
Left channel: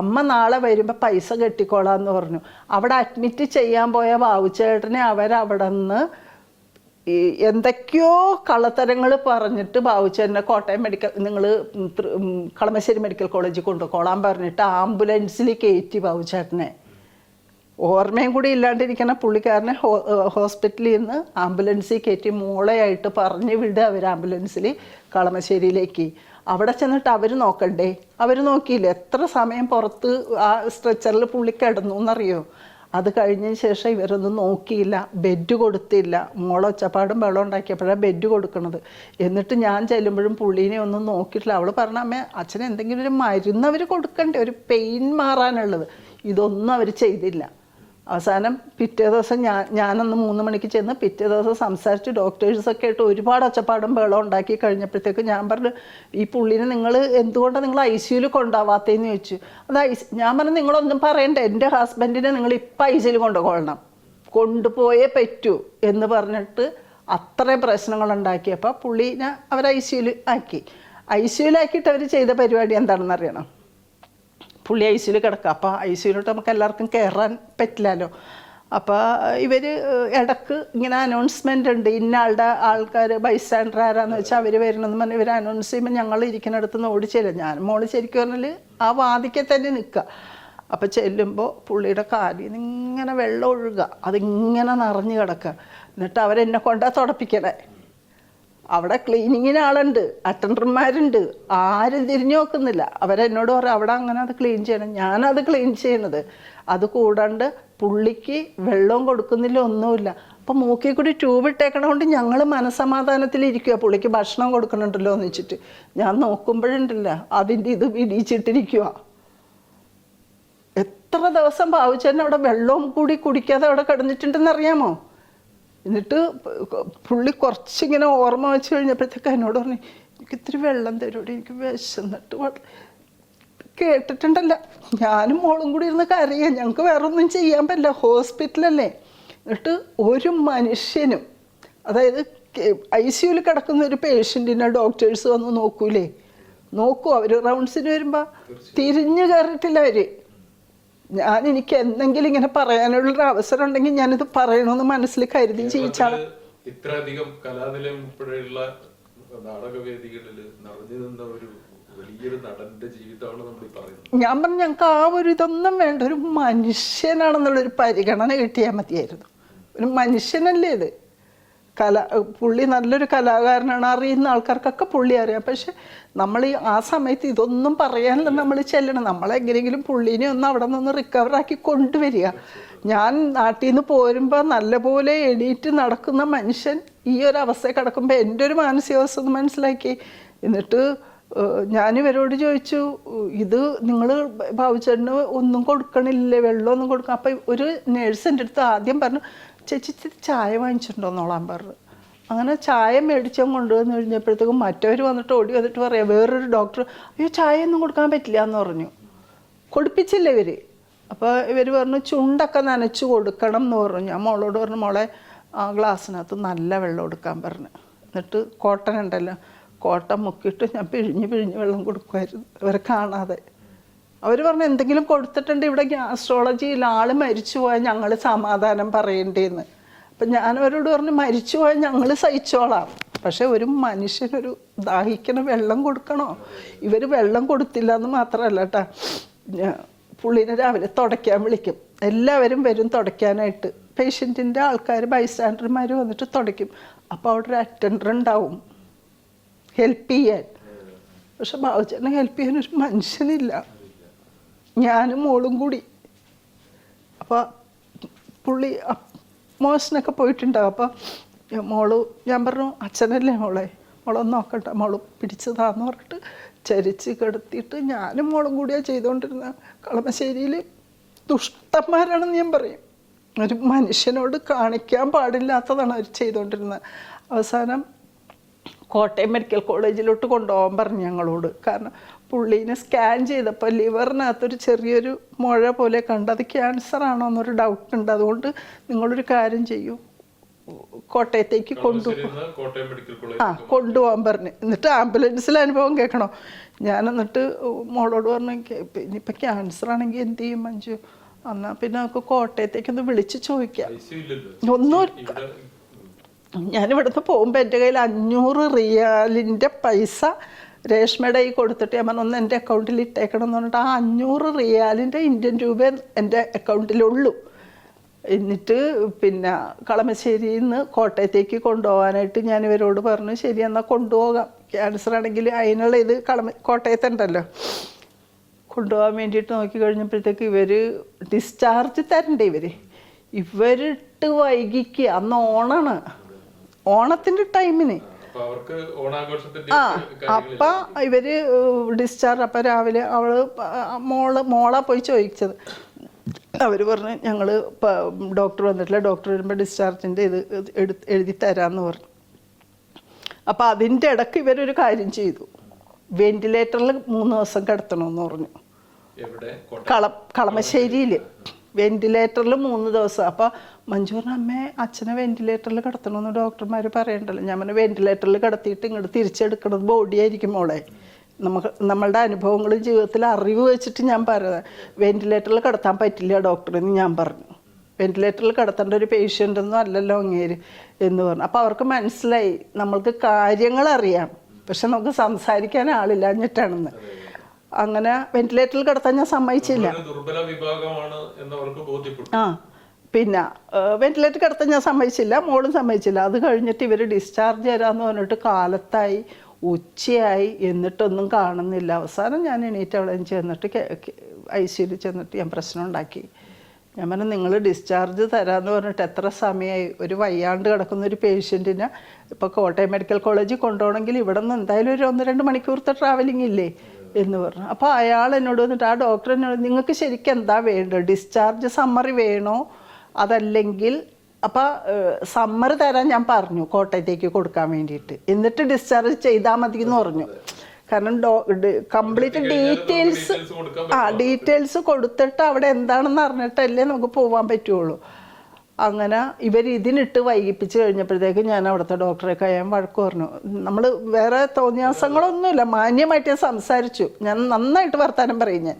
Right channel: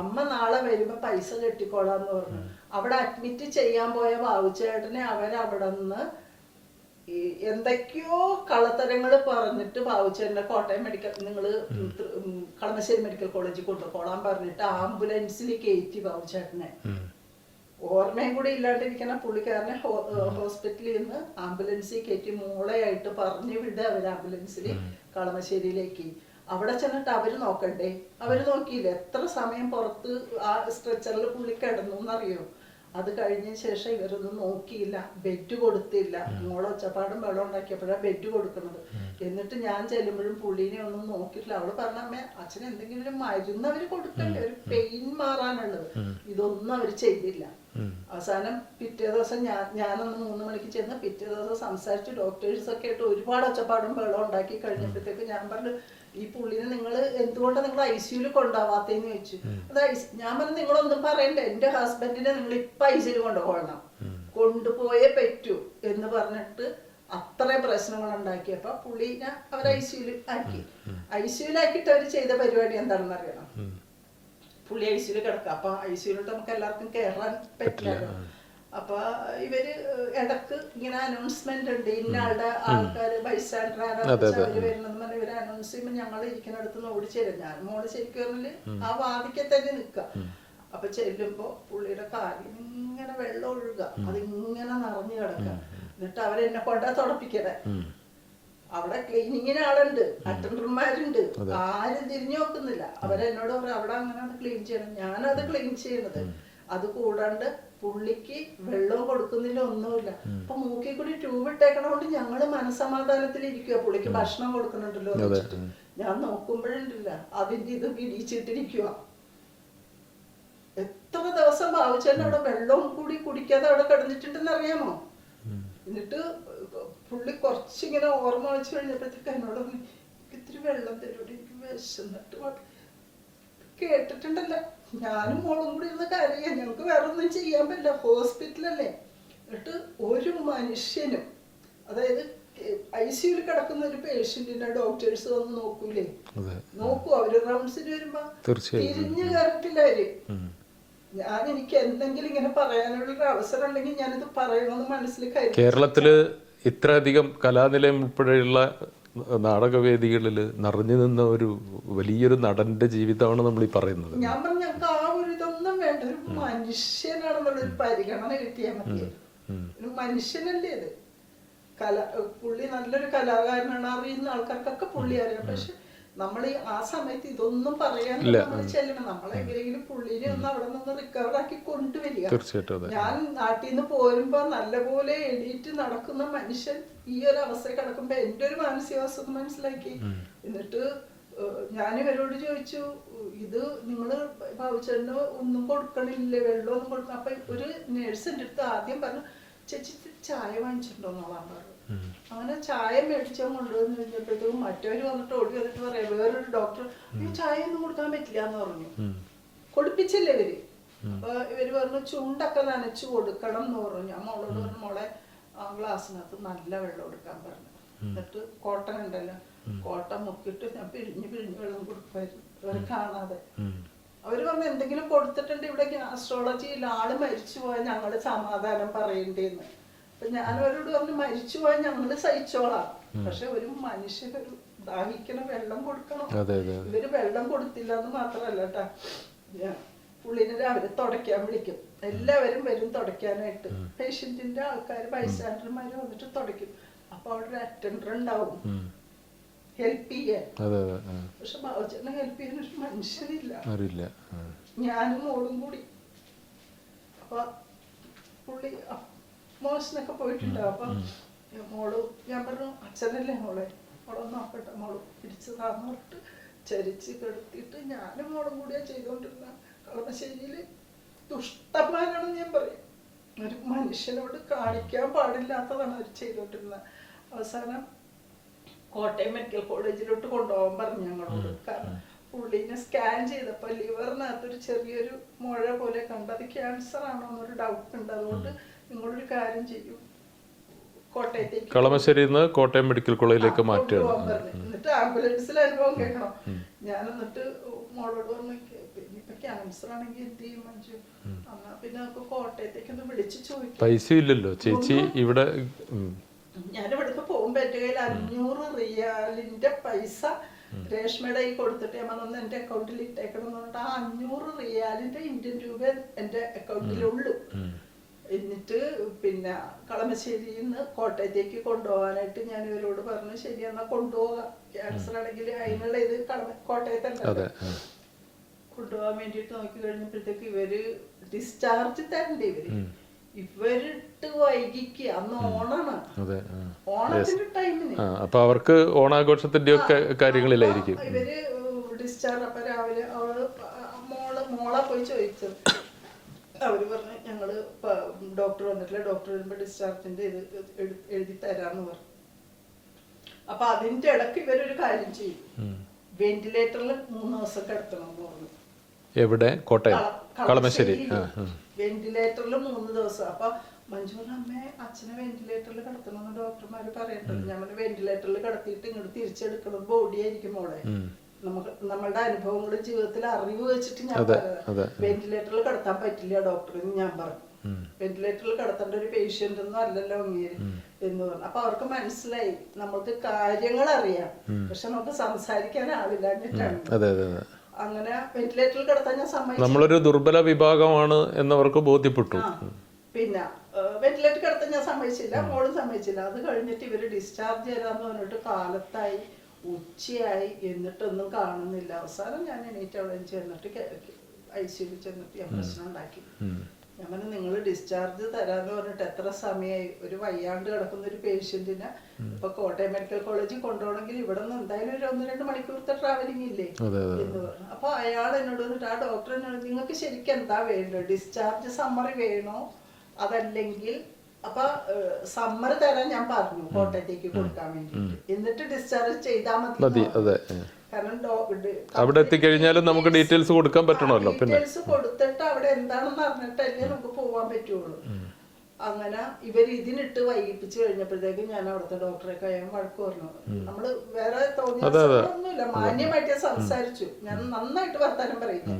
അമ്മ നാളെ വരുമ്പോൾ പൈസ കെട്ടിക്കോളാന്ന് പറഞ്ഞു. അവിടെ അഡ്മിറ്റ് ചെയ്യാൻ പോയ ബാബുച്ചേട്ടനെ അവരവിടെ നിന്ന് എന്തൊക്കെയോ കള്ളത്തരങ്ങൾ പറഞ്ഞിട്ട് ബാബുച്ചേട്ടനെ കോട്ടയം മെഡിക്കൽ, നിങ്ങൾ കളമശ്ശേരി മെഡിക്കൽ കോളേജിൽ കൊണ്ടുപോകാൻ പറഞ്ഞിട്ട് ആംബുലൻസിൽ കയറ്റി ബാബുച്ചേട്ടനെ. ഓർമ്മയും കൂടി ഇല്ലാണ്ടിരിക്കുന്ന പുള്ളിക്കാരനെ ഹോസ്പിറ്റലിൽ നിന്ന് ആംബുലൻസിൽ കയറ്റി മോളെയായിട്ട് പറഞ്ഞു വിടുക അവർ ആംബുലൻസിൽ കളമശ്ശേരിയിലേക്ക്. അവിടെ ചെന്നിട്ട് അവർ നോക്കണ്ടേ, അവർ നോക്കിയില്ല. എത്ര സമയം പുറത്ത് ആ സ്ട്രെച്ചറിൽ പുള്ളി കിടന്നു എന്നറിയോ? അത് കഴിഞ്ഞതിന് ശേഷം ഇവരൊന്നും നോക്കിയില്ല, ബെഡ് കൊടുത്തില്ല. മോളെ ഒച്ചപ്പാടും വെള്ളം ഉണ്ടാക്കിയപ്പോഴാണ് ബെഡ് കൊടുക്കണത്. എന്നിട്ട് ഞാൻ ചെല്ലുമ്പോഴും പുള്ളീനെ ഒന്നും നോക്കിയിട്ടില്ല. അവൾ പറഞ്ഞ അമ്മ അച്ഛന് എന്തെങ്കിലും ഒരു മരുന്ന് അവർ കൊടുക്കണ്ടേ, ഒരു പെയിൻ മാറാനുള്ളത്, ഇതൊന്നും അവർ ചെയ്തില്ല. അവസാനം പിറ്റേ ദിവസം ഞാനന്ന് 3 മണിക്ക് ചെന്ന് പിറ്റേ ദിവസം സംസാരിച്ച് ഡോക്ടേഴ്സൊക്കെ ആയിട്ട് ഒരുപാട് ഒച്ചപ്പാടും വെള്ളം ഉണ്ടാക്കി കഴിഞ്ഞപ്പോഴത്തേക്ക് ഞാൻ പറഞ്ഞു, ഈ പുള്ളിനെ നിങ്ങൾ എന്തുകൊണ്ടാണ് നിങ്ങൾ ICUയിൽ കൊണ്ടുപോവാത്തേന്ന് ചോദിച്ചു. അത് ഞാൻ പറഞ്ഞു നിങ്ങളൊന്നും പറയണ്ട, എൻ്റെ ഹസ്ബൻഡിനെ നിങ്ങൾ ഇപ്പം ICUയിൽ കൊണ്ടുപോകണം, കൊണ്ടുപോയേ പറ്റൂ എന്ന് പറഞ്ഞിട്ട് അത്രയും പ്രശ്നങ്ങൾ ഉണ്ടാക്കിയപ്പോൾ പുള്ളീനെ അവർ ICUയിൽ ആക്കി. ICUയിലാക്കിയിട്ട് അവർ ചെയ്ത പരിപാടി എന്താണെന്ന് അറിയണം? പുള്ളി ICUയിൽ കിടക്കുക. അപ്പോൾ ICUയിലോട്ട് നമുക്ക് എല്ലാവർക്കും കയറാൻ പറ്റില്ലല്ലോ. അപ്പോൾ ഇവർ ഇടക്ക് ഇങ്ങനെ അനൗൺസ്മെൻ്റ് ഉണ്ട്, ഇന്ന ആളുടെ ആൾക്കാർ ബൈസ്റ്റാൻഡർ ആരാന്ന് വെച്ചാൽ അവർ വരണമെന്ന് പറഞ്ഞ് ഇവർ അനൗൺസ് ചെയ്യുമ്പോൾ ഞങ്ങൾ ഇരിക്കുന്നിടത്ത് നിന്ന് ഓടിച്ചേരും. ഞാൻ മോള് ശരിക്കും പറഞ്ഞാൽ ആ വാതിക്കെ തന്നെ നിൽക്കുക. അപ്പം ചെല്ലുമ്പോൾ പുള്ളിയുടെ കാലിൽ നിന്ന് ഇങ്ങനെ വെള്ളം ഒഴുകുക, അതിങ്ങനെ നിറഞ്ഞു കിടക്കുക. എന്നിട്ട് അവരെന്നെ കൊണ്ടാ തുടപ്പിക്കണേ. അവിടെ ക്ലീനിങ്ങിന് ആളുണ്ട്, അറ്റൻഡർമാരുണ്ട്, ആരും തിരിഞ്ഞു നോക്കുന്നില്ല. അവരെന്നോട് പറയും അവിടെ അങ്ങനെ അത് ക്ലീൻ ചെയ്യണം. ഞാനത് ക്ലീൻ ചെയ്യണത്. അത് കൂടാണ്ട് പുള്ളിക്ക് വെള്ളവും കൊടുക്കുന്നില്ല, ഒന്നുമില്ല. അപ്പം മൂക്കിൽ കൂടി ട്യൂബ് ഇട്ടേക്കണോണ്ട് ഞങ്ങൾ മനസ്സമാധാനത്തിലിരിക്കുക, പുള്ളിക്ക് ഭക്ഷണം കൊടുക്കണുണ്ടല്ലോ എന്ന് വെച്ചിട്ട്. ഞാൻ നോക്കുമ്പോഴുണ്ടല്ല അതിൻ്റെ ഇത് ഇടിച്ചിട്ടിരിക്കുക. എത്ര ദിവസം ബാബുച്ചേട്ടൻ അവിടെ വെള്ളവും കൂടി കുടിക്കാതെ അവിടെ കിടന്നിട്ടുണ്ടെന്ന് അറിയാമോ? എന്നിട്ട് പുള്ളി കുറച്ചിങ്ങനെ ഓർമ്മ വെച്ച് കഴിഞ്ഞപ്പോഴത്തേക്ക് എന്നോട് പറഞ്ഞു, എനിക്ക് ഇത്തിരി വെള്ളം തരൂടെ, എനിക്ക് വിശന്നിട്ട്. കേട്ടിട്ടുണ്ടല്ല, ഞാനും മോളും കൂടി ഇരുന്ന് കരയാം, ഞങ്ങൾക്ക് വേറെ ഒന്നും ചെയ്യാൻ പറ്റില്ല, ഹോസ്പിറ്റലല്ലേ. എന്നിട്ട് ഒരു മനുഷ്യനും, അതായത് ICUയിൽ കിടക്കുന്ന ഒരു പേഷ്യൻറ്റിനെ ഡോക്ടേഴ്സ് വന്ന് നോക്കൂലേ, നോക്കൂ. അവർ റൗണ്ട്സിന് വരുമ്പോൾ തിരിഞ്ഞു കയറിയിട്ടില്ല അവർ. എനിക്ക് എന്തെങ്കിലും ഇങ്ങനെ പറയാനുള്ളൊരു അവസരം ഉണ്ടെങ്കിൽ ഞാനിത് പറയണമെന്ന് മനസ്സിൽ കരുതി. കേരളത്തില് ഇത്രയധികം കലാനിലയം ഉൾപ്പെടെയുള്ള നാടകവേദികളിൽ നിറഞ്ഞു നിന്ന ഒരു വലിയൊരു നടന്റെ ജീവിതമാണ് നമ്മൾ ഈ പറയുന്നത്. ഞാൻ പറഞ്ഞു ഞങ്ങൾക്ക് ആ ഒരു ഇതൊന്നും വേണ്ട, ഒരു മനുഷ്യനാണെന്നുള്ളൊരു പരിഗണന കിട്ടിയാൽ മതിയായിരുന്നു. ഒരു മനുഷ്യനല്ലേ ഇത്. പുള്ളി നല്ലൊരു കലാകാരനാണ്, അറിയുന്ന ആൾക്കാർക്കൊക്കെ പുള്ളി അറിയാം. പക്ഷെ നമ്മൾ ആ സമയത്ത് ഇതൊന്നും പറയാനല്ല നമ്മൾ ചെല്ലണം. നമ്മളെങ്ങനെയെങ്കിലും പുള്ളീനെ ഒന്ന് അവിടെ നിന്ന് റിക്കവർ ആക്കി കൊണ്ടുവരിക. ഞാൻ നാട്ടിൽ നിന്ന് പോരുമ്പോൾ നല്ലപോലെ എണീറ്റ് നടക്കുന്ന മനുഷ്യൻ ഈ ഒരു അവസ്ഥ കിടക്കുമ്പോൾ എൻ്റെ ഒരു മാനസികാവസ്ഥ ഒന്ന് മനസ്സിലാക്കി. എന്നിട്ട് ഞാൻ ഇവരോട് ചോദിച്ചു, ഇത് നിങ്ങൾ ബാബുച്ചേട്ടന് ഒന്നും കൊടുക്കണില്ലേ, വെള്ളമൊന്നും കൊടുക്കണം? അപ്പം ഒരു നേഴ്സ് എൻ്റെ അടുത്ത് ആദ്യം പറഞ്ഞു, ചേച്ചി ചായ വാങ്ങിച്ചിട്ടുണ്ടോന്നോളാൻ പറഞ്ഞു. അങ്ങനെ ചായ മേടിച്ചാൽ കൊണ്ടുവന്ന് കഴിഞ്ഞപ്പോഴത്തേക്കും മറ്റവർ വന്നിട്ട് ഓടി വന്നിട്ട് പറയാം, വേറൊരു ഡോക്ടർ, അയ്യോ ചായ ഒന്നും കൊടുക്കാൻ പറ്റില്ല എന്ന് പറഞ്ഞു. കൊടുപ്പിച്ചില്ല ഇവര്. അപ്പോൾ ഇവർ പറഞ്ഞു ചുണ്ടൊക്കെ നനച്ചു കൊടുക്കണം എന്ന് പറഞ്ഞു. ഞാൻ മോളോട് പറഞ്ഞു, മോളെ ആ ഗ്ലാസ്സിനകത്ത് നല്ല വെള്ളം എടുക്കാൻ പറഞ്ഞു. എന്നിട്ട് കോട്ടൺ ഉണ്ടല്ലോ, കോട്ടൺ മുക്കിയിട്ട് ഞാൻ പിഴിഞ്ഞ് വെള്ളം കൊടുക്കുമായിരുന്നു ഇവരെ കാണാതെ. അവർ പറഞ്ഞു എന്തെങ്കിലും കൊടുത്തിട്ടുണ്ട് ഇവിടെ ഗ്യാസ്ട്രോളജിയിൽ ആള് മരിച്ചു പോയാൽ ഞങ്ങൾ സമാധാനം പറയേണ്ടതെന്ന്. അപ്പം ഞാനവരോട് പറഞ്ഞു മരിച്ചു പോയാൽ ഞങ്ങൾ സഹിച്ചോളാം, പക്ഷെ ഒരു മനുഷ്യനൊരു ദാഹിക്കണ വെള്ളം കൊടുക്കണോ? ഇവർ വെള്ളം കൊടുത്തില്ല എന്ന് മാത്രമല്ല കേട്ടാ, പുള്ളിനെ രാവിലെ തുടയ്ക്കാൻ വിളിക്കും. എല്ലാവരും വരും തുടയ്ക്കാനായിട്ട്. പേഷ്യൻറ്റിൻ്റെ ആൾക്കാർ ബൈസ്റ്റാൻഡർമാർ വന്നിട്ട് തുടയ്ക്കും. അപ്പോൾ അവിടെ ഒരു അറ്റൻഡർ ഉണ്ടാവും ഹെൽപ്പ് ചെയ്യാൻ. പക്ഷെ ബാബുച്ചേട്ടനെ ഹെൽപ്പ് ചെയ്യാൻ ഒരു മനുഷ്യനില്ല, ഞാനും മോളും കൂടി. അപ്പോൾ പുള്ളി മോശനൊക്കെ പോയിട്ടുണ്ടാവും. അപ്പം മോള് ഞാൻ പറഞ്ഞു അച്ഛനല്ലേ മോളൊന്ന് നോക്കട്ടെ, മോള് പിടിച്ചതാന്ന് പറഞ്ഞിട്ട് ചരിച്ച് കിടത്തിയിട്ട് ഞാനും മോളും കൂടിയാണ് ചെയ്തുകൊണ്ടിരുന്നത്. കളമശ്ശേരിയിൽ ദുഷ്ടന്മാരാണെന്ന് ഞാൻ പറയും. ഒരു മനുഷ്യനോട് കാണിക്കാൻ പാടില്ലാത്തതാണ് അവർ ചെയ്തുകൊണ്ടിരുന്നത്. അവസാനം കോട്ടയം മെഡിക്കൽ കോളേജിലോട്ട് കൊണ്ടുപോകാൻ പറഞ്ഞു ഞങ്ങളോട്. കാരണം പുള്ളീനെ സ്കാൻ ചെയ്തപ്പോൾ ലിവറിനകത്തൊരു ചെറിയൊരു മുഴ പോലെ കണ്ട്, അത് ക്യാൻസർ ആണോ എന്നൊരു ഡൗട്ട് ഉണ്ട്. അതുകൊണ്ട് നിങ്ങളൊരു കാര്യം ചെയ്യൂ, കോട്ടയത്തേക്ക് കോട്ടയം മെഡിക്കൽ കോളേജിലേക്ക് കൊണ്ടുപോകാൻ പറഞ്ഞു. എന്നിട്ട് ആംബുലൻസിൽ അനുഭവം കേൾക്കണോ? ഞാൻ എന്നിട്ട് മോളോട് പറഞ്ഞു, ഇനിയിപ്പോൾ ക്യാൻസർ ആണെങ്കിൽ എന്ത് ചെയ്യും മഞ്ജു? എന്നാ പിന്നെ നമുക്ക് കോട്ടയത്തേക്ക് ഒന്ന് വിളിച്ച് ചോദിക്കാം. ഞാനിവിടുന്ന് പോകുമ്പോൾ എൻ്റെ കയ്യിൽ 500 റിയാലിൻ്റെ പൈസ രേഷ്മയുടെ കൈ കൊടുത്തിട്ട് ഞാൻ പറഞ്ഞു ഒന്ന് എൻ്റെ അക്കൗണ്ടിൽ ഇട്ടേക്കണം എന്ന് പറഞ്ഞിട്ട് ആ 500 റിയാലിൻ്റെ ഇന്ത്യൻ രൂപ എൻ്റെ അക്കൗണ്ടിലുള്ളൂ. എന്നിട്ട് പിന്നെ കളമശ്ശേരിയിൽ നിന്ന് കോട്ടയത്തേക്ക് കൊണ്ടുപോകാനായിട്ട് ഞാൻ ഇവരോട് പറഞ്ഞു, ശരി എന്നാൽ കൊണ്ടുപോകാം, ക്യാൻസർ ആണെങ്കിൽ അതിനുള്ള ഇത് കോട്ടയത്തുണ്ടല്ലോ. കൊണ്ടുപോകാൻ വേണ്ടിയിട്ട് നോക്കി കഴിഞ്ഞപ്പോഴത്തേക്ക് ഇവർ ഡിസ്ചാർജ് തരണ്ടേ. ഇവരിട്ട് വൈകിക്കുക. അന്ന് ഓണാണ്, ഓണത്തിന്റെ ടൈമിന് ഇവര് ഡിസ്ചാർജ്. അപ്പം രാവിലെ മോളാ പോയി ചോദിച്ചത്. അവർ പറഞ്ഞു ഞങ്ങൾ ഡോക്ടർ വന്നിട്ടില്ല, ഡോക്ടർ വരുമ്പോൾ ഡിസ്ചാർജിൻ്റെ ഇത് എഴുതി തരാമെന്ന് പറഞ്ഞു. അപ്പം അതിൻ്റെ ഇടയ്ക്ക് ഇവരൊരു കാര്യം ചെയ്തു, വെന്റിലേറ്ററിൽ 3 ദിവസം കിടത്തണമെന്ന് പറഞ്ഞു. കളമശ്ശേരിയിൽ വെന്റിലേറ്ററിൽ 3 ദിവസം. അപ്പൊ മഞ്ജു പറഞ്ഞ അമ്മേ അച്ഛനെ വെന്റിലേറ്ററിൽ കിടത്തണമെന്ന് ഡോക്ടർമാർ പറയണ്ടല്ലോ. ഞാൻ പറഞ്ഞു വെന്റിലേറ്ററിൽ കിടത്തിയിട്ട് ഇങ്ങോട്ട് തിരിച്ചെടുക്കണത് ബോഡി ആയിരിക്കും മോളെ. നമ്മളുടെ അനുഭവങ്ങളും ജീവിതത്തിൽ അറിവ് വെച്ചിട്ട് ഞാൻ പറയുന്നത്, വെന്റിലേറ്ററിൽ കിടത്താൻ പറ്റില്ല ഡോക്ടർ എന്ന് ഞാൻ പറഞ്ഞു. വെന്റിലേറ്ററിൽ കിടത്തേണ്ട ഒരു പേഷ്യൻ്റ് ഒന്നും അല്ലല്ലോ അങ്ങേര് എന്ന് പറഞ്ഞു. അപ്പൊ അവർക്ക് മനസ്സിലായി നമ്മൾക്ക് കാര്യങ്ങൾ അറിയാം, പക്ഷെ നമുക്ക് സംസാരിക്കാൻ ആളില്ലാഞ്ഞിട്ടാണെന്ന്. അങ്ങനെ വെന്റിലേറ്ററിൽ കിടത്താൻ ഞാൻ സമ്മതിച്ചില്ല, ദുർബല വിഭാഗമാണ് എന്നവർക്ക് ബോധ്യപ്പെട്ടു. പിന്നെ വെന്റിലേറ്റർ കിടത്താൻ ഞാൻ സമ്മതിച്ചില്ല, മോളും സമ്മതിച്ചില്ല. അത് കഴിഞ്ഞിട്ട് ഇവർ ഡിസ്ചാർജ് തരാമെന്ന് പറഞ്ഞിട്ട് കാലത്തായി, ഉച്ചയായി, എന്നിട്ടൊന്നും കാണുന്നില്ല. അവസാനം ഞാൻ എണീറ്റ് അവിടെ ചെന്നിട്ട് ICUയിൽ ചെന്നിട്ട് ഞാൻ പ്രശ്നം ഉണ്ടാക്കി. ഞാൻ പറഞ്ഞു നിങ്ങൾ ഡിസ്ചാർജ് തരാമെന്ന് പറഞ്ഞിട്ട് എത്ര സമയമായി? ഒരു വയ്യാണ്ട് കിടക്കുന്ന ഒരു പേഷ്യൻറ്റിനെ ഇപ്പോൾ കോട്ടയം മെഡിക്കൽ കോളേജിൽ കൊണ്ടുപോകണമെങ്കിൽ ഇവിടെ നിന്ന് എന്തായാലും ഒരു 1-2 മണിക്കൂറത്തെ ട്രാവലിംഗ് ഇല്ലേ എന്ന് പറഞ്ഞു. അപ്പോൾ അയാൾ എന്നോട് വന്നിട്ട്, ആ ഡോക്ടർ എന്നോട്, നിങ്ങൾക്ക് ശരിക്കും എന്താ വേണ്ടത്, ഡിസ്ചാർജ് സമ്മറി വേണോ അതല്ലെങ്കിൽ? അപ്പം സമ്മറി തരാൻ ഞാൻ പറഞ്ഞു കോട്ടയത്തേക്ക് കൊടുക്കാൻ വേണ്ടിയിട്ട്, എന്നിട്ട് ഡിസ്ചാർജ് ചെയ്താൽ മതി എന്ന് പറഞ്ഞു. കാരണം ഡീറ്റെയിൽസ് കൊടുത്തിട്ട് അവിടെ എന്താണെന്ന് അറിഞ്ഞിട്ടല്ലേ നമുക്ക് പോകാൻ പറ്റുള്ളൂ. അങ്ങനെ ഇവർ ഇതിനിട്ട് വൈകിപ്പിച്ച് കഴിഞ്ഞപ്പോഴത്തേക്ക് ഞാൻ അവിടുത്തെ ഡോക്ടറെ കഴിയാൻ വഴക്ക് പറഞ്ഞു. നമ്മൾ വേറെ തോന്നിയാസങ്ങളൊന്നുമില്ല, മാന്യമായിട്ട് സംസാരിച്ചു. ഞാൻ നന്നായിട്ട് വർത്താനം പറയും ഞാൻ.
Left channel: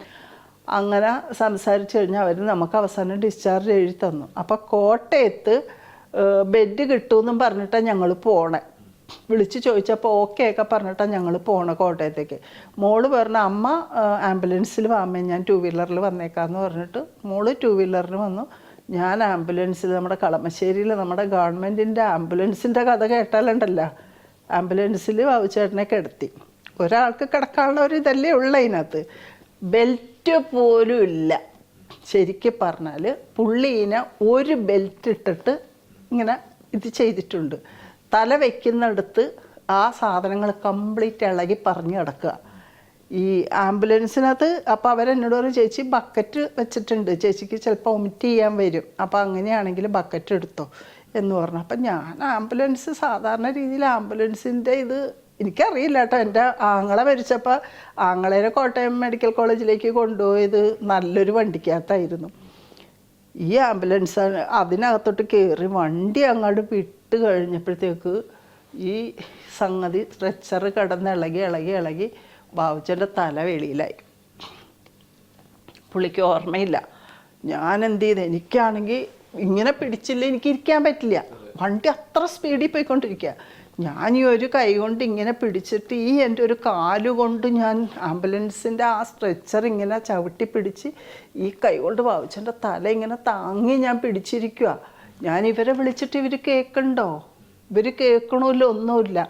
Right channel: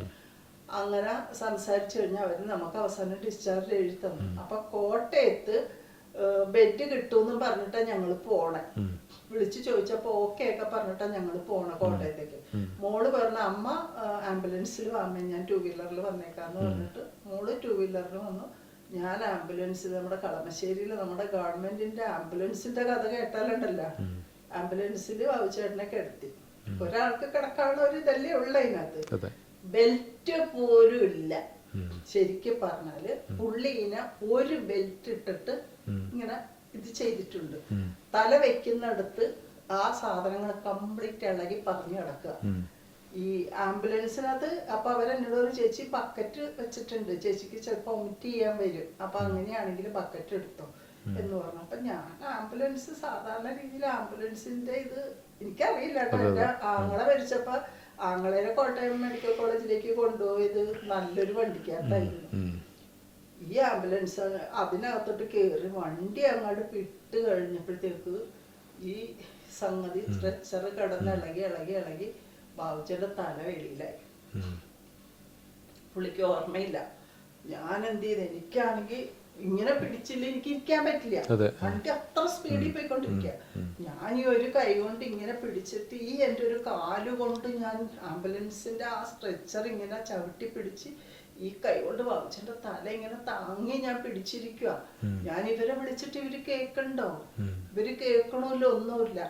അങ്ങനെ സംസാരിച്ചു കഴിഞ്ഞാൽ അവർ നമുക്ക് അവസാനം ഡിസ്ചാർജ് എഴുതി തന്നു. അപ്പം കോട്ടയത്ത് ബെഡ് കിട്ടുമെന്നും പറഞ്ഞിട്ടാണ് ഞങ്ങൾ പോണേ. വിളിച്ച് ചോദിച്ചപ്പോൾ ഓക്കെ ഒക്കെ പറഞ്ഞിട്ടാണ് ഞങ്ങൾ പോണേ കോട്ടയത്തേക്ക്. മോള് പറഞ്ഞ അമ്മ ആംബുലൻസിൽ വാമേ, ഞാൻ 2 വീലറിൽ വന്നേക്കാന്ന് പറഞ്ഞിട്ട് മോള് 2 വീലറിൽ വന്നു. ഞാൻ ആംബുലൻസിൽ, നമ്മുടെ കളമശ്ശേരിയിൽ നമ്മുടെ ഗവൺമെൻറ്റിൻ്റെ ആംബുലൻസിൻ്റെ കഥ കേട്ടാലുണ്ടല്ലോ, ആംബുലൻസിൽ ബാബുച്ചേട്ടനെ കിടത്തി. ഒരാൾക്ക് കിടക്കാനുള്ള ഒരു ഇതല്ലേ ഉള്ള അതിനകത്ത്. ബെൽറ്റ് പോലും ഇല്ല. ശരിക്കും പറഞ്ഞാൽ പുള്ളീനെ ഒരു ബെൽറ്റ് ഇട്ടിട്ട് ഇങ്ങനെ ഇത് ചെയ്തിട്ടുണ്ട്. തല വെക്കുന്നിടത്ത് ആ സാധനങ്ങൾ കംപ്ലീറ്റ് ഇളകി പറഞ്ഞു കിടക്കുക ഈ ആംബുലൻസിനകത്ത്. അപ്പം അവരെന്നോട് പറയും, ചേച്ചി ബക്കറ്റ് വെച്ചിട്ടുണ്ട്, ചേച്ചിക്ക് ചിലപ്പോൾ വൊമിറ്റ് ചെയ്യാൻ വരും, അപ്പം അങ്ങനെയാണെങ്കിൽ ബക്കറ്റ് എടുത്തോ എന്ന് പറഞ്ഞു. അപ്പം ഞാൻ ആംബുലൻസ് സാധാരണ രീതിയിൽ ആംബുലൻസിൻ്റെ ഇത് എനിക്കറിയില്ല കേട്ടോ. എൻ്റെ ആങ്ങളെ മരിച്ചപ്പോൾ ആങ്ങളേനെ കോട്ടയം മെഡിക്കൽ കോളേജിലേക്ക് കൊണ്ടുപോയത് നല്ലൊരു വണ്ടിക്കകത്തായിരുന്നു. ഈ ആംബുലൻസ് അതിനകത്തോട്ട് കയറി വണ്ടി അങ്ങോട്ട് വിട്ട് കഴിഞ്ഞപ്പോഴത്തേക്ക് ഈ സംഗതി സ്ട്രെച്ചർ കിടന്ന് ഇളകി ബാബുച്ചൻ്റെ തല വെളിയിലായി. പുള്ളിക്ക് ഓർമ്മയില്ല. ഞാൻ എന്ത് ചെയ്ത്, എനിക്കാണെങ്കിൽ ഇങ്ങനെ പിടിച്ചില്ല, എനിക്ക് ഇരിക്കാൻ പറ്റില്ല. വണ്ടി അത്ര സ്പീഡിൽ പോയിക്കൊണ്ടിരിക്കുക. ഞാൻ ഈ ഒരു കൈ കൊണ്ട് ഇങ്ങനെ പിടിച്ചിട്ട് ഈ എൻ്റെ ഒരു കാലുകൊണ്ട് ഞാൻ ആംബുലൻസിൻ്റെ ആ സ്ട്രെച്ചർ ഇങ്ങനെ ചവിട്ടി പിടിച്ച് ഈ കൈ കൊണ്ട് ബാബുച്ചൻ്റെ തല ഇങ്ങനെ താങ്ങി ഞാൻ പിടിച്ചിരിക്കുക. ഞാൻ ഇവരെ വിളിച്ചിട്ട് ഇവർ കേൾക്കണ്ടോ? ഇവർ കേൾക്കണമില്ല, ഒന്നുമില്ല.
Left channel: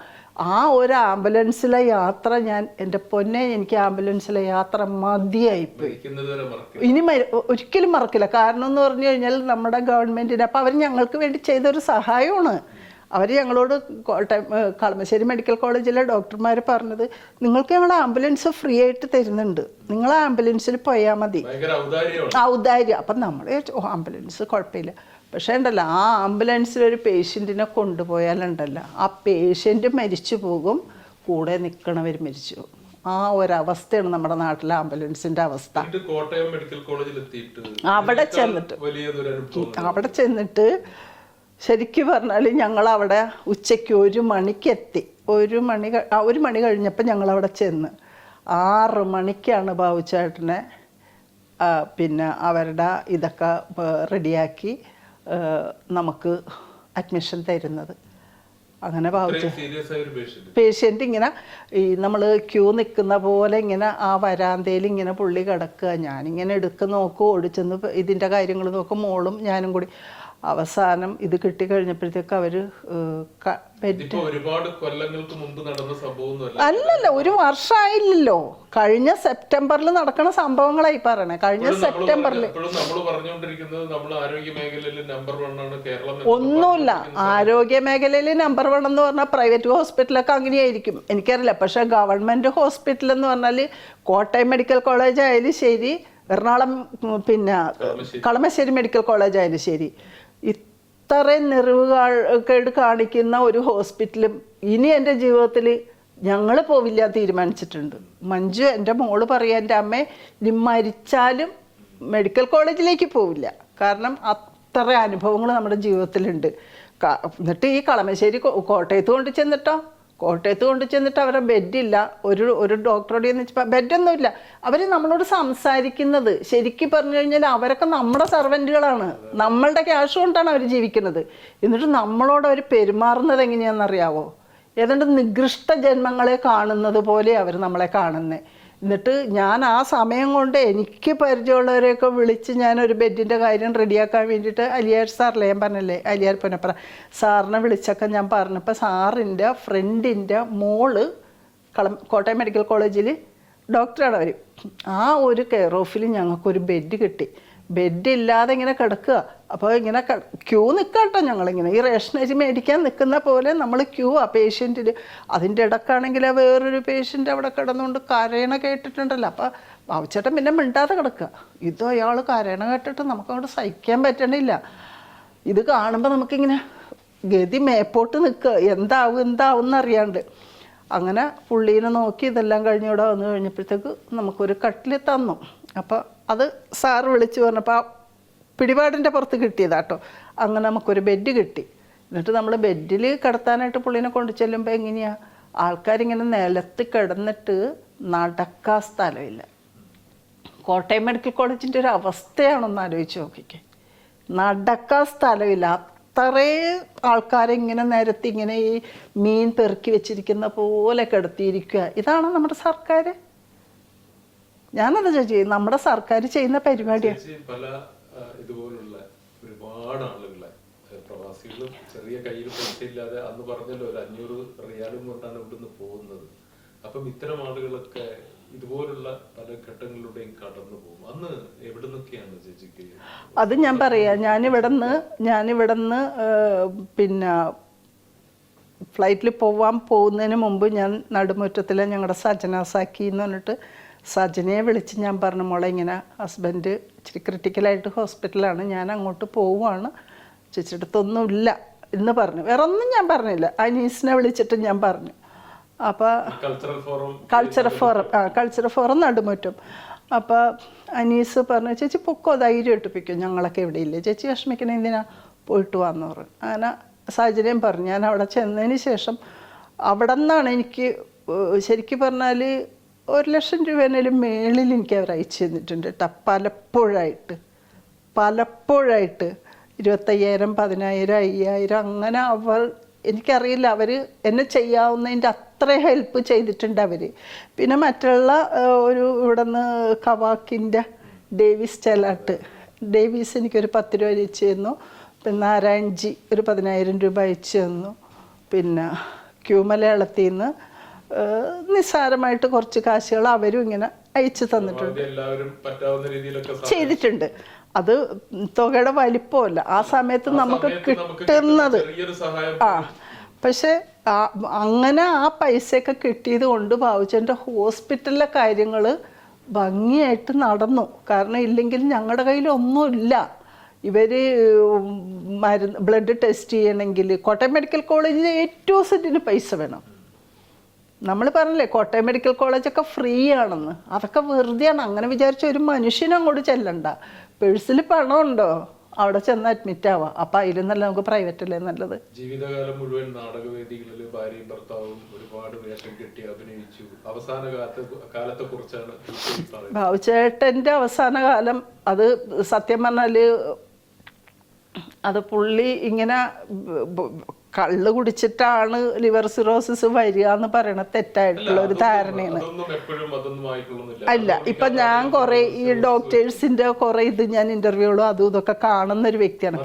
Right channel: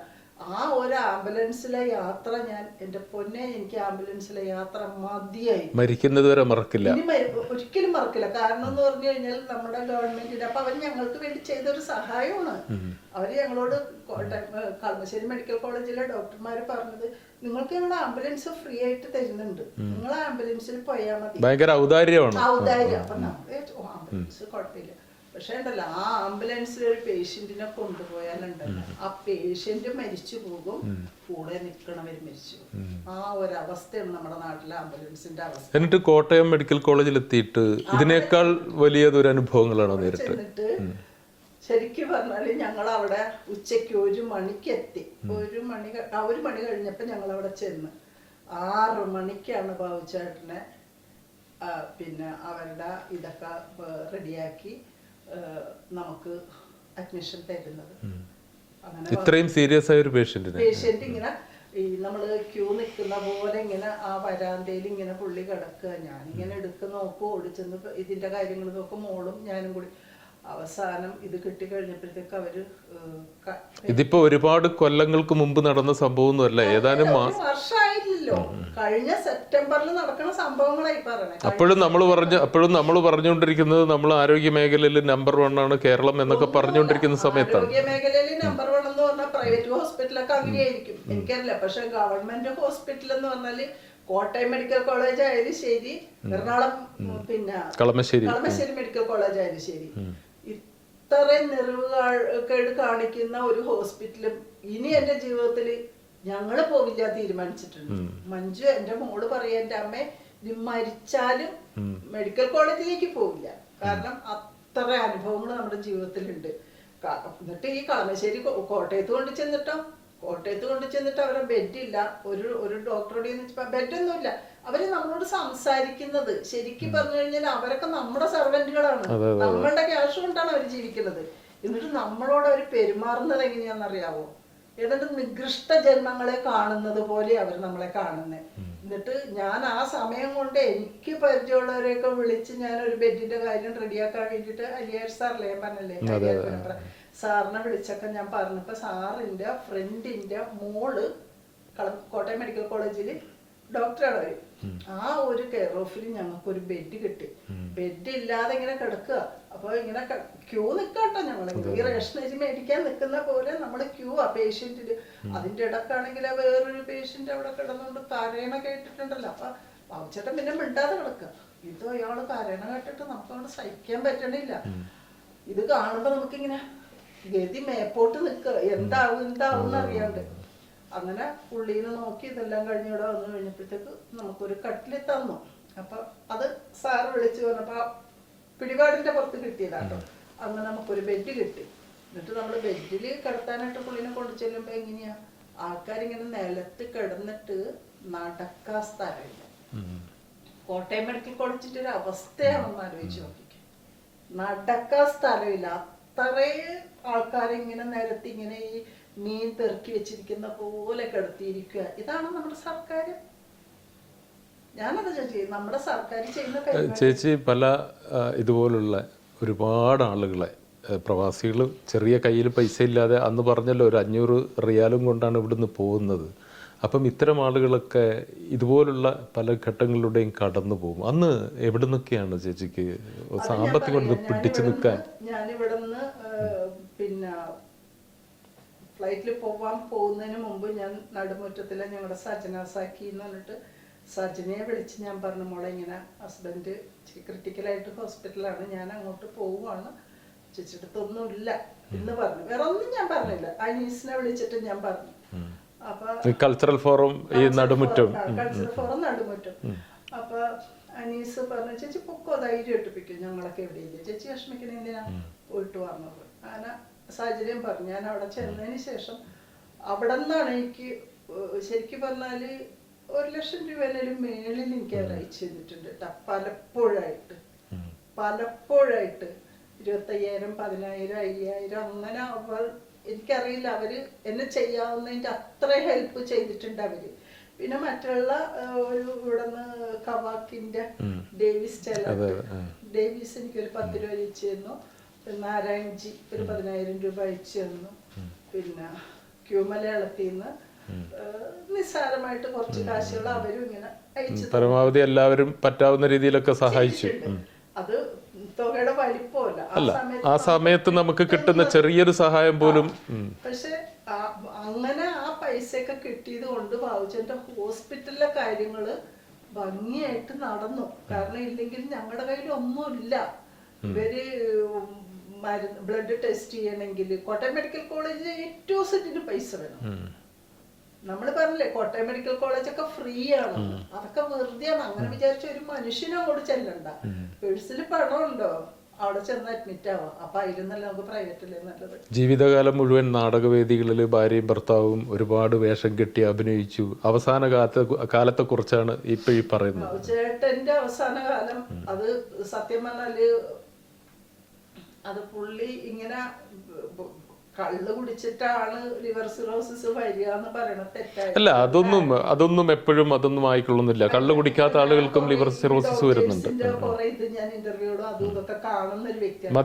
ആ ഒരു ആംബുലൻസിലെ യാത്ര ഞാൻ, എൻ്റെ പൊന്നെ, എനിക്ക് ആംബുലൻസിലെ യാത്ര മതിയായി. മരിക്കുന്നത് വരെ മറക്കില്ല, ഇനി ഒരിക്കലും മറക്കില്ല. കാരണം എന്ന് പറഞ്ഞു കഴിഞ്ഞാൽ നമ്മുടെ ഗവൺമെന്റിന് അപ്പം അവർ ഞങ്ങൾക്ക് വേണ്ടി ചെയ്തൊരു സഹായമാണ്. അവർ ഞങ്ങളോട് കളമശ്ശേരി മെഡിക്കൽ കോളേജിലെ ഡോക്ടർമാർ പറഞ്ഞത്, നിങ്ങൾക്ക് ഞങ്ങൾ ആംബുലൻസ് ഫ്രീ ആയിട്ട് തരുന്നുണ്ട്, നിങ്ങൾ ആംബുലൻസിൽ പോയാൽ മതി. ഔദാര്യം. അപ്പം നമ്മൾ ആംബുലൻസ് കുഴപ്പമില്ല. പക്ഷേ ഉണ്ടല്ലോ, ആ ആംബുലൻസിൽ ഒരു പേഷ്യൻറ്റിനെ കൊണ്ടുപോയാലുണ്ടല്ലോ, ആ പേഷ്യൻ്റ് മരിച്ചു പോകും, കൂടെ നിൽക്കണവർ മരിച്ചു പോകും. ആ ഒരവസ്ഥയാണ് നമ്മുടെ നാട്ടിലെ ആംബുലൻസിന്റെ അവസ്ഥ. എന്നിട്ട് കോട്ടയം മെഡിക്കൽ കോളേജിൽ എത്തിയിട്ട് ഇതിനേക്കാൾ വലിയൊരു അനുഭവങ്ങൾ അവിടെ ചെന്നിട്ട് ശരിക്കും പറഞ്ഞാൽ ഞങ്ങൾ അവിടെ ഉച്ചയ്ക്ക് 1 മണിക്ക് എത്തി. 1 മണി കഴിഞ്ഞപ്പോൾ ഞങ്ങൾ അവിടെ ചെന്ന് 6 മണിക്കാണ് ബാബുച്ചേട്ടനെ പിന്നെ അവരുടെ ഇതൊക്കെ റെഡിയാക്കി നമുക്ക് അഡ്മിഷൻ തരുന്നത്. അങ്ങനെ പേഷ്യൻ്റ് ഇങ്ങനെ ഈ നമ്മൾ ക്യൂ നിൽക്കുന്ന പോലെ ഇങ്ങനെ ആ വരാന്തയിൽ ഇങ്ങനെ പുള്ളി കിടക്കുക. ഞാനിങ്ങനെ എടുത്ത് നോക്കും, ഓടിച്ചെന്ന് ഇതിൻ്റെ കാര്യങ്ങൾ നോക്കും, മോളും ഞാനും കൂടി. അവസാനം ഇത് കിട്ടിക്കഴിഞ്ഞപ്പോഴത്തേക്ക് അവര് ഇതിപ്പോ ഒരുപാട് കൊല്ലങ്ങൾക്ക് മുമ്പ് നടന്ന സംഭവം 1 വർഷമായില്ലല്ലോ. കഴിഞ്ഞ സെപ്റ്റംബറിൽ നടക്കുന്ന സംഭവങ്ങളായി പറയണേ. അപ്പോഴും നമ്മൾ പറഞ്ഞുകൊണ്ടിരിക്കുന്നത് നമ്മൾ ആരോഗ്യ മേഖലയിൽ നമ്പർ 1 ആണ് കേരളം എന്നൊക്കെ പറഞ്ഞുകൊണ്ടിരിക്കുന്ന സമയത്ത്, ആരോഗ്യ മേഖലയിൽ നമ്പർ 1 എന്ന് പറഞ്ഞാൽ പ്രൈവറ്റ് ഹോസ്പിറ്റലൊക്കെ അങ്ങനെയായിരിക്കും എനിക്കറിയില്ല. പക്ഷെ ഗവൺമെന്റ് ഹോസ്പിറ്റൽ എന്ന് പറഞ്ഞാൽ കോട്ടയം മെഡിക്കൽ കോളേജ് ആയാലും ശരി, എറണാകുളം പിന്നെ കളമശ്ശേരി മെഡിക്കൽ കോളേജ് ആയാലും ശരി, ഇത്രയും നെറിവുകേട് കാണിക്കുന്ന ഒരു ഹോസ്പിറ്റലും ഇനി എൻ്റെ ജീവിതത്തിൽ ഞങ്ങൾ പോവില്ല തീരുമാനിച്ചിട്ടുണ്ട്. മഞ്ജു എൻ്റെ മോള് പറയാ, എൻ്റെ അമ്മേ ഇനി മരിച്ചാലും മെഡിക്കൽ കോളേജിലേക്ക് പോവില്ല. കാരണം അത്ര അനുഭവങ്ങൾ നമ്മുടെ ജീവിതത്തിലുണ്ട്. എന്നിട്ട് ഈ കളമശ്ശേരി കോട്ടയത്ത് കൊണ്ട് ചെന്നിട്ട് അവരെ ബെഡില്ല. ഒരു ഡോക്ടറോട് വെച്ചപ്പോൾ ബെഡൊന്നുമില്ല. അവർ നമ്മളോട് സംസാരിക്കുന്നത് ശരിക്കും പറഞ്ഞു കഴിഞ്ഞാൽ അവരൊക്കെ നമ്മുടെ സർവൻറ്റുകളാണ്, നമ്മളുടെ ക്യാഷ് കൊണ്ടാണ് അവർ ജീവിക്കുന്നത്. എന്നിട്ട് നമ്മളോട് അവർ പെരുമാറുന്നത് എങ്ങനെയാണെന്നറിയാവോ? ഏതാണ്ട് നികൃഷ്ട ജന്മങ്ങളെ കാണുന്നത് പോലെ അവർ നമ്മളെ കാണുന്നത്. എന്നിട്ട് ഞാൻ ആ സമയം കൊണ്ട് എനിക്ക് പരിചയമുള്ളവരെയൊക്കെ വിളിച്ച് ഞാനൊരു ബെഡിൻ്റെ കാര്യം റെഡിയാക്കാൻ വേണ്ടിയിട്ട് അലിയാർ സാറിലെ ഞാൻ പറഞ്ഞല്ലേ, അലിയാർ പുനപ്ര സാറിനെ വിളിച്ചൊക്കെ ഞാൻ പറഞ്ഞപ്പോൾ സാറിൻ്റെ ഫ്രണ്ടിൻ്റെ മോള് കോട്ടയം മെഡിക്കൽ കോളേജിൽ ഡോക്ടറാണ് അവർ. ആ ഒരു കെയർ ഓഫിൽ ഞങ്ങൾക്കൊരു ബെഡ് കിട്ടി. ബെഡ് ഇല്ലാതെ ഇങ്ങനെ കിടക്കുക. അപ്പോൾ ഇങ്ങനെ ക്യൂ നിൽക്കാട്ടോ, ഞങ്ങളിങ്ങനെ ഈ റേഷനേജ് മേടിക്കാൻ നിൽക്കുന്ന പോലെ നമ്മൾ ക്യൂ ആ പേഷ്യൻറ്റിൽ. അതിൻ്റെ ഇടക്കാണെങ്കിൽ വേറൊരു പേഷ്യൻ്റ് അവിടെ കിടന്നുകൊണ്ട് കരയണ കേട്ടിട്ടുണ്ടല്ലോ. അപ്പോൾ ബാബുച്ചേട്ടൻ പിന്നെ മിണ്ടാതെ കിടക്കുക. ഇത് അയാൾ കരയണ കേട്ടിട്ട് നമുക്കവിടെ സഹിക്കാൻ പറ്റണില്ല. ഇത് കാണുമ്പോൾ നമുക്കിങ്ങനെ ഗതി മേപ്പോട്ട് നിൽക്കുക, എന്താവും എന്നറിയാണ്ട്. അങ്ങനെ പുള്ളീനെ നോക്കി ഇതെല്ലാം കഴിഞ്ഞ് ഇവിടെ വന്നു കഴിഞ്ഞപ്പോഴത്തേക്ക് നമുക്കൊരു കട്ടിൽ തന്നു. അപ്പോൾ അത് സാറ് വിളിച്ച് പറഞ്ഞപ്പോൾ പിടിപാടിൻ്റെ പുറത്ത് കിട്ടിയതാട്ടോ. അങ്ങനെ നമുക്കൊരു ബെഡ് കിട്ടി. എന്നിട്ട് നമ്മൾ ബെഡിൽ കിടത്താനായിട്ട് പുള്ളീനെ കൊണ്ടു ചെല്ലുമ്പോൾ എങ്ങനെയാണ്, ആൾക്കാരിങ്ങനെ നിലത്ത് കിടന്നിട്ട് നടക്കാൻ സ്ഥലമില്ല. കോട്ടയം മെഡിക്കൽ കോളേജിൻ്റെ ഒരു അവസ്ഥയാണെന്ന് ആലോചിച്ച് നോക്കിക്കേ. നടക്കാൻ സ്ഥലമില്ല, അത്രയും ആൾക്കാരെ ഇങ്ങനെ നിരത്തി ഇങ്ങനെ ഈ മീൻ പെറുക്കി വെച്ചിരിക്കുന്ന പോലെ കിടത്തിയിരിക്കുക. ഇതാണ് നമ്മുടെ സർക്കാർ. ഞാനത് ചേച്ചി നമ്മുടെ സർക്കാർ ചെയ്യുന്ന പരിപാടി. ചേച്ചി പല ഇതുപോലുള്ള ഒരുപാട് ആളുകളെ പ്രവാസികളും ചെറിയ കയ്യിൽ പൈസ ഇല്ലാതെ അന്ന് പറഞ്ഞല്ലോ ഒരു 500 റിയാലും കൊണ്ടാണ് ഇവിടുന്ന് പോകുന്നത്. അപ്പം ഇത്തരം ആളുകളൊക്കെ ഇതുപോലുള്ള പല ഘട്ടങ്ങളിലൂടെയും കടന്നു പോകും. അന്ന് എവിടെ നിന്നൊക്കെയാണ് ചേച്ചിക്ക്? അത് ഞാൻ പറയാം. ഞാനിവിടുന്ന് പിന്നെ ഫ്ലൈറ്റിൽ പോകുന്നതിന് മുമ്പ് ഞാൻ നടുമുറ്റത്തിലെ ഞങ്ങളുടെ സജന സാക്കി എന്ന് പറഞ്ഞിട്ട് സജനയെ വിളിച്ച് ഞാൻ പറഞ്ഞു, മോളെ ഇങ്ങനെ ഹസ്ബൻഡ് ഇച്ചിരി ക്രിട്ടിക്കലായിട്ട് ഹോസ്പിറ്റലാണ്, ഞാൻ അങ്ങോട്ട് പോവുകയാണ്, ചേച്ചിടത്തൊന്നുമില്ല എന്ന് പറഞ്ഞു. വേറെ ഒന്നും ഞാൻ പറഞ്ഞില്ല. അനീസിനെ വിളിച്ചിട്ട് ഞാൻ പറഞ്ഞു. അപ്പൊ കൾച്ചറൽ ഫോറം നടുമുറ്റം. അപ്പൊ അനീസ് പറഞ്ഞു, ചേച്ചി പൊക്കോ, ധൈര്യം ഇട്ടിപ്പിക്കും, ഞങ്ങളൊക്കെ എവിടെ ഇല്ലേ, ചേച്ചി വിഷമിക്കണ എന്തിനാ, പോയിട്ട് വന്നു പറഞ്ഞു. അങ്ങനെ സാഹചര്യം പറഞ്ഞു. ഞാൻ അവിടെ ചെന്നതിന് ശേഷം അവിടെ നിന്നാണ് എനിക്ക് ശരിക്കും പറഞ്ഞാൽ 1,00,000 രൂപേനേലും മേളിൽ എനിക്ക് അവർ അയച്ചു തന്നിട്ടുണ്ട് കേട്ടോ. പലപ്പോഴായിട്ട് 25,000, 10,000, 5,000 അങ്ങനെ. എനിക്കറിയില്ല, അവർ എന്നെ ചെയ്യാവുന്നതിൻ്റെ അത്ര ഹെൽപ്പ് ചെയ്തിട്ടുണ്ട് അവർ. പിന്നെ മറ്റുള്ള ഇവിടെ നിന്ന് കവാക്കിൻ്റെ ഡേവിസ് ചെലാട്ട്, ഡേവിസ് എനിക്കൊരു 10 രൂപ അയച്ചു തന്നു. പിന്നെ നാരായൺജി ഒരു 10,000 രൂപ അയച്ചു തന്നു. പിന്നെ ക്യൂ മലയാളത്തിൽ നിന്ന് നിസ്സാരമായിട്ട് കുറച്ച് കാശുകൾ അവരും ഇങ്ങനെ അയച്ചു തന്നിട്ടുണ്ട്. എല്ലാവരും പറ്റാവുന്ന രീതിയിലൊക്കെ ചെയ്തിട്ടുണ്ട്. അത് തുകയുടെ വലിപ്പമല്ല, ആ സമയത്ത് നമുക്ക് കിട്ടുന്ന ചെറിയൊരു സഹായം പോലും. പക്ഷെ അങ്ങനെ ആ പൈസയൊക്കെ കിട്ടിയത് കൊണ്ട് ബാബുച്ചന്റെ ഹോസ്പിറ്റലിലെ കാര്യങ്ങള് ഭംഗിയായിട്ട് നടന്നു. കാരണം ഇല്ലെങ്കിൽ ഞങ്ങളുടെ കയ്യിൽ ഒന്നുമില്ല. ഇവര് ബ്ലഡ് ടെസ്റ്റ് ചെയ്യണമെങ്കിൽ കോട്ടയം മെഡിക്കൽ കോളേജിൽ ഏറ്റവും സെന്റിന് പൈസ വേണം. നമ്മൾ പറഞ്ഞില്ലേ കോട്ടയം മെഡിക്കൽ കോളേജൊക്കെ ഫ്രീ ആണെന്ന്, അതൊക്കെ വെറുതെയാണ്. അങ്ങനെ വിചാരിച്ച ഒരു മനുഷ്യനും അങ്ങോട്ട് ചെല്ലണ്ട. പേഴ്സിൽ പണമുണ്ടോ, അവിടെ ചെന്ന് അഡ്മിറ്റ് ആവാം. അപ്പൊ അതിലെന്നല്ല നമുക്ക് പ്രൈവറ്റ് അല്ലേ നല്ലത്. ജീവിതകാലം മുഴുവൻ നാടകവേദികളിൽ ഭാര്യയും ഭർത്താവും ഒരുപാട് വേഷം കെട്ടി അഭിനയിച്ചു. അവസാന കാലത്തെ കുറിച്ചാണ് ഇപ്പൊ ഈ പറയുന്നത്. ബാബുചേട്ടന്റെ അവസാന കാലം അത് സത്യം പറഞ്ഞാല് അത് പുള്ളി ഇങ്ങനെ കള്ള് കുടിച്ചിട്ടാണ് ലിവർ സിറോസിസ് വരിക എന്ന് പറയണത് തെറ്റായിട്ടുള്ള ഒരു ധാരണയാണ്. ഇപ്പൊ ഞാൻ കുറെ ഈ ഡോക്ടേഴ്സിന്റെ കുറെ ഇത് ഞാൻ ഇന്റർവ്യൂകളും അതും ഇതൊക്കെ കാണുന്ന ഒരു വ്യക്തിയാണ്.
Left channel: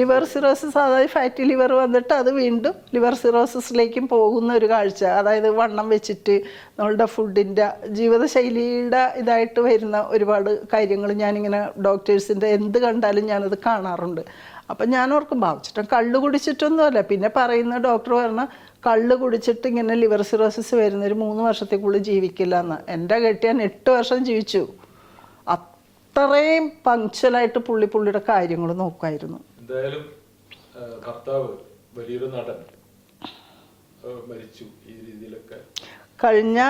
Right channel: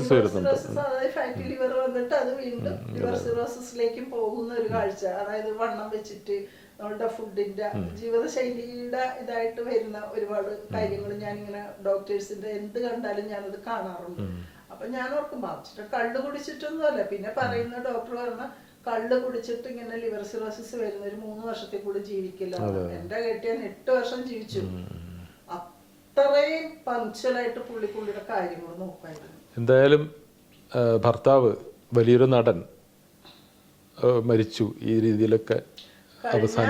ലിവർ സിറോസിസ്, അതായത് ഫാറ്റി ലിവർ വന്നിട്ട് അത് വീണ്ടും ലിവർ സിറോസിസിലേക്കും പോകുന്ന ഒരു കാഴ്ച. അതായത് വണ്ണം വെച്ചിട്ട് നമ്മളുടെ ഫുഡിന്റെ ജീവിതശൈലിയുടെ ഇതായിട്ട് വരുന്ന ഒരുപാട് കാര്യങ്ങൾ ഞാനിങ്ങനെ ഡോക്ടേഴ്സിന്റെ എന്ത് കണ്ടാലും ഞാനത് കാണാറുണ്ട്. അപ്പൊ ഞാൻ ഓർക്കും ബാബുച്ചേട്ടൻ കള്ള് കുടിച്ചിട്ടൊന്നുമല്ല. പിന്നെ പറയുന്ന ഡോക്ടർ പറഞ്ഞ കള്ള് കുടിച്ചിട്ട് ഇങ്ങനെ ലിവർ സിറോസിസ് വരുന്ന ഒരു 3 വർഷത്തേക്കുള്ളിൽ ജീവിക്കില്ല എന്ന്. എൻ്റെ കെട്ടിയാൻ 8 വർഷം ജീവിച്ചു. അത്രയും പങ്ക്ച്വലായിട്ട് പുള്ളിയുടെ കാര്യങ്ങൾ നോക്കുമായിരുന്നു. എന്തായാലും ഭർത്താവ് വലിയൊരു നടൻ മരിച്ചു ഈ രീതിയിലൊക്കെ കഴിഞ്ഞ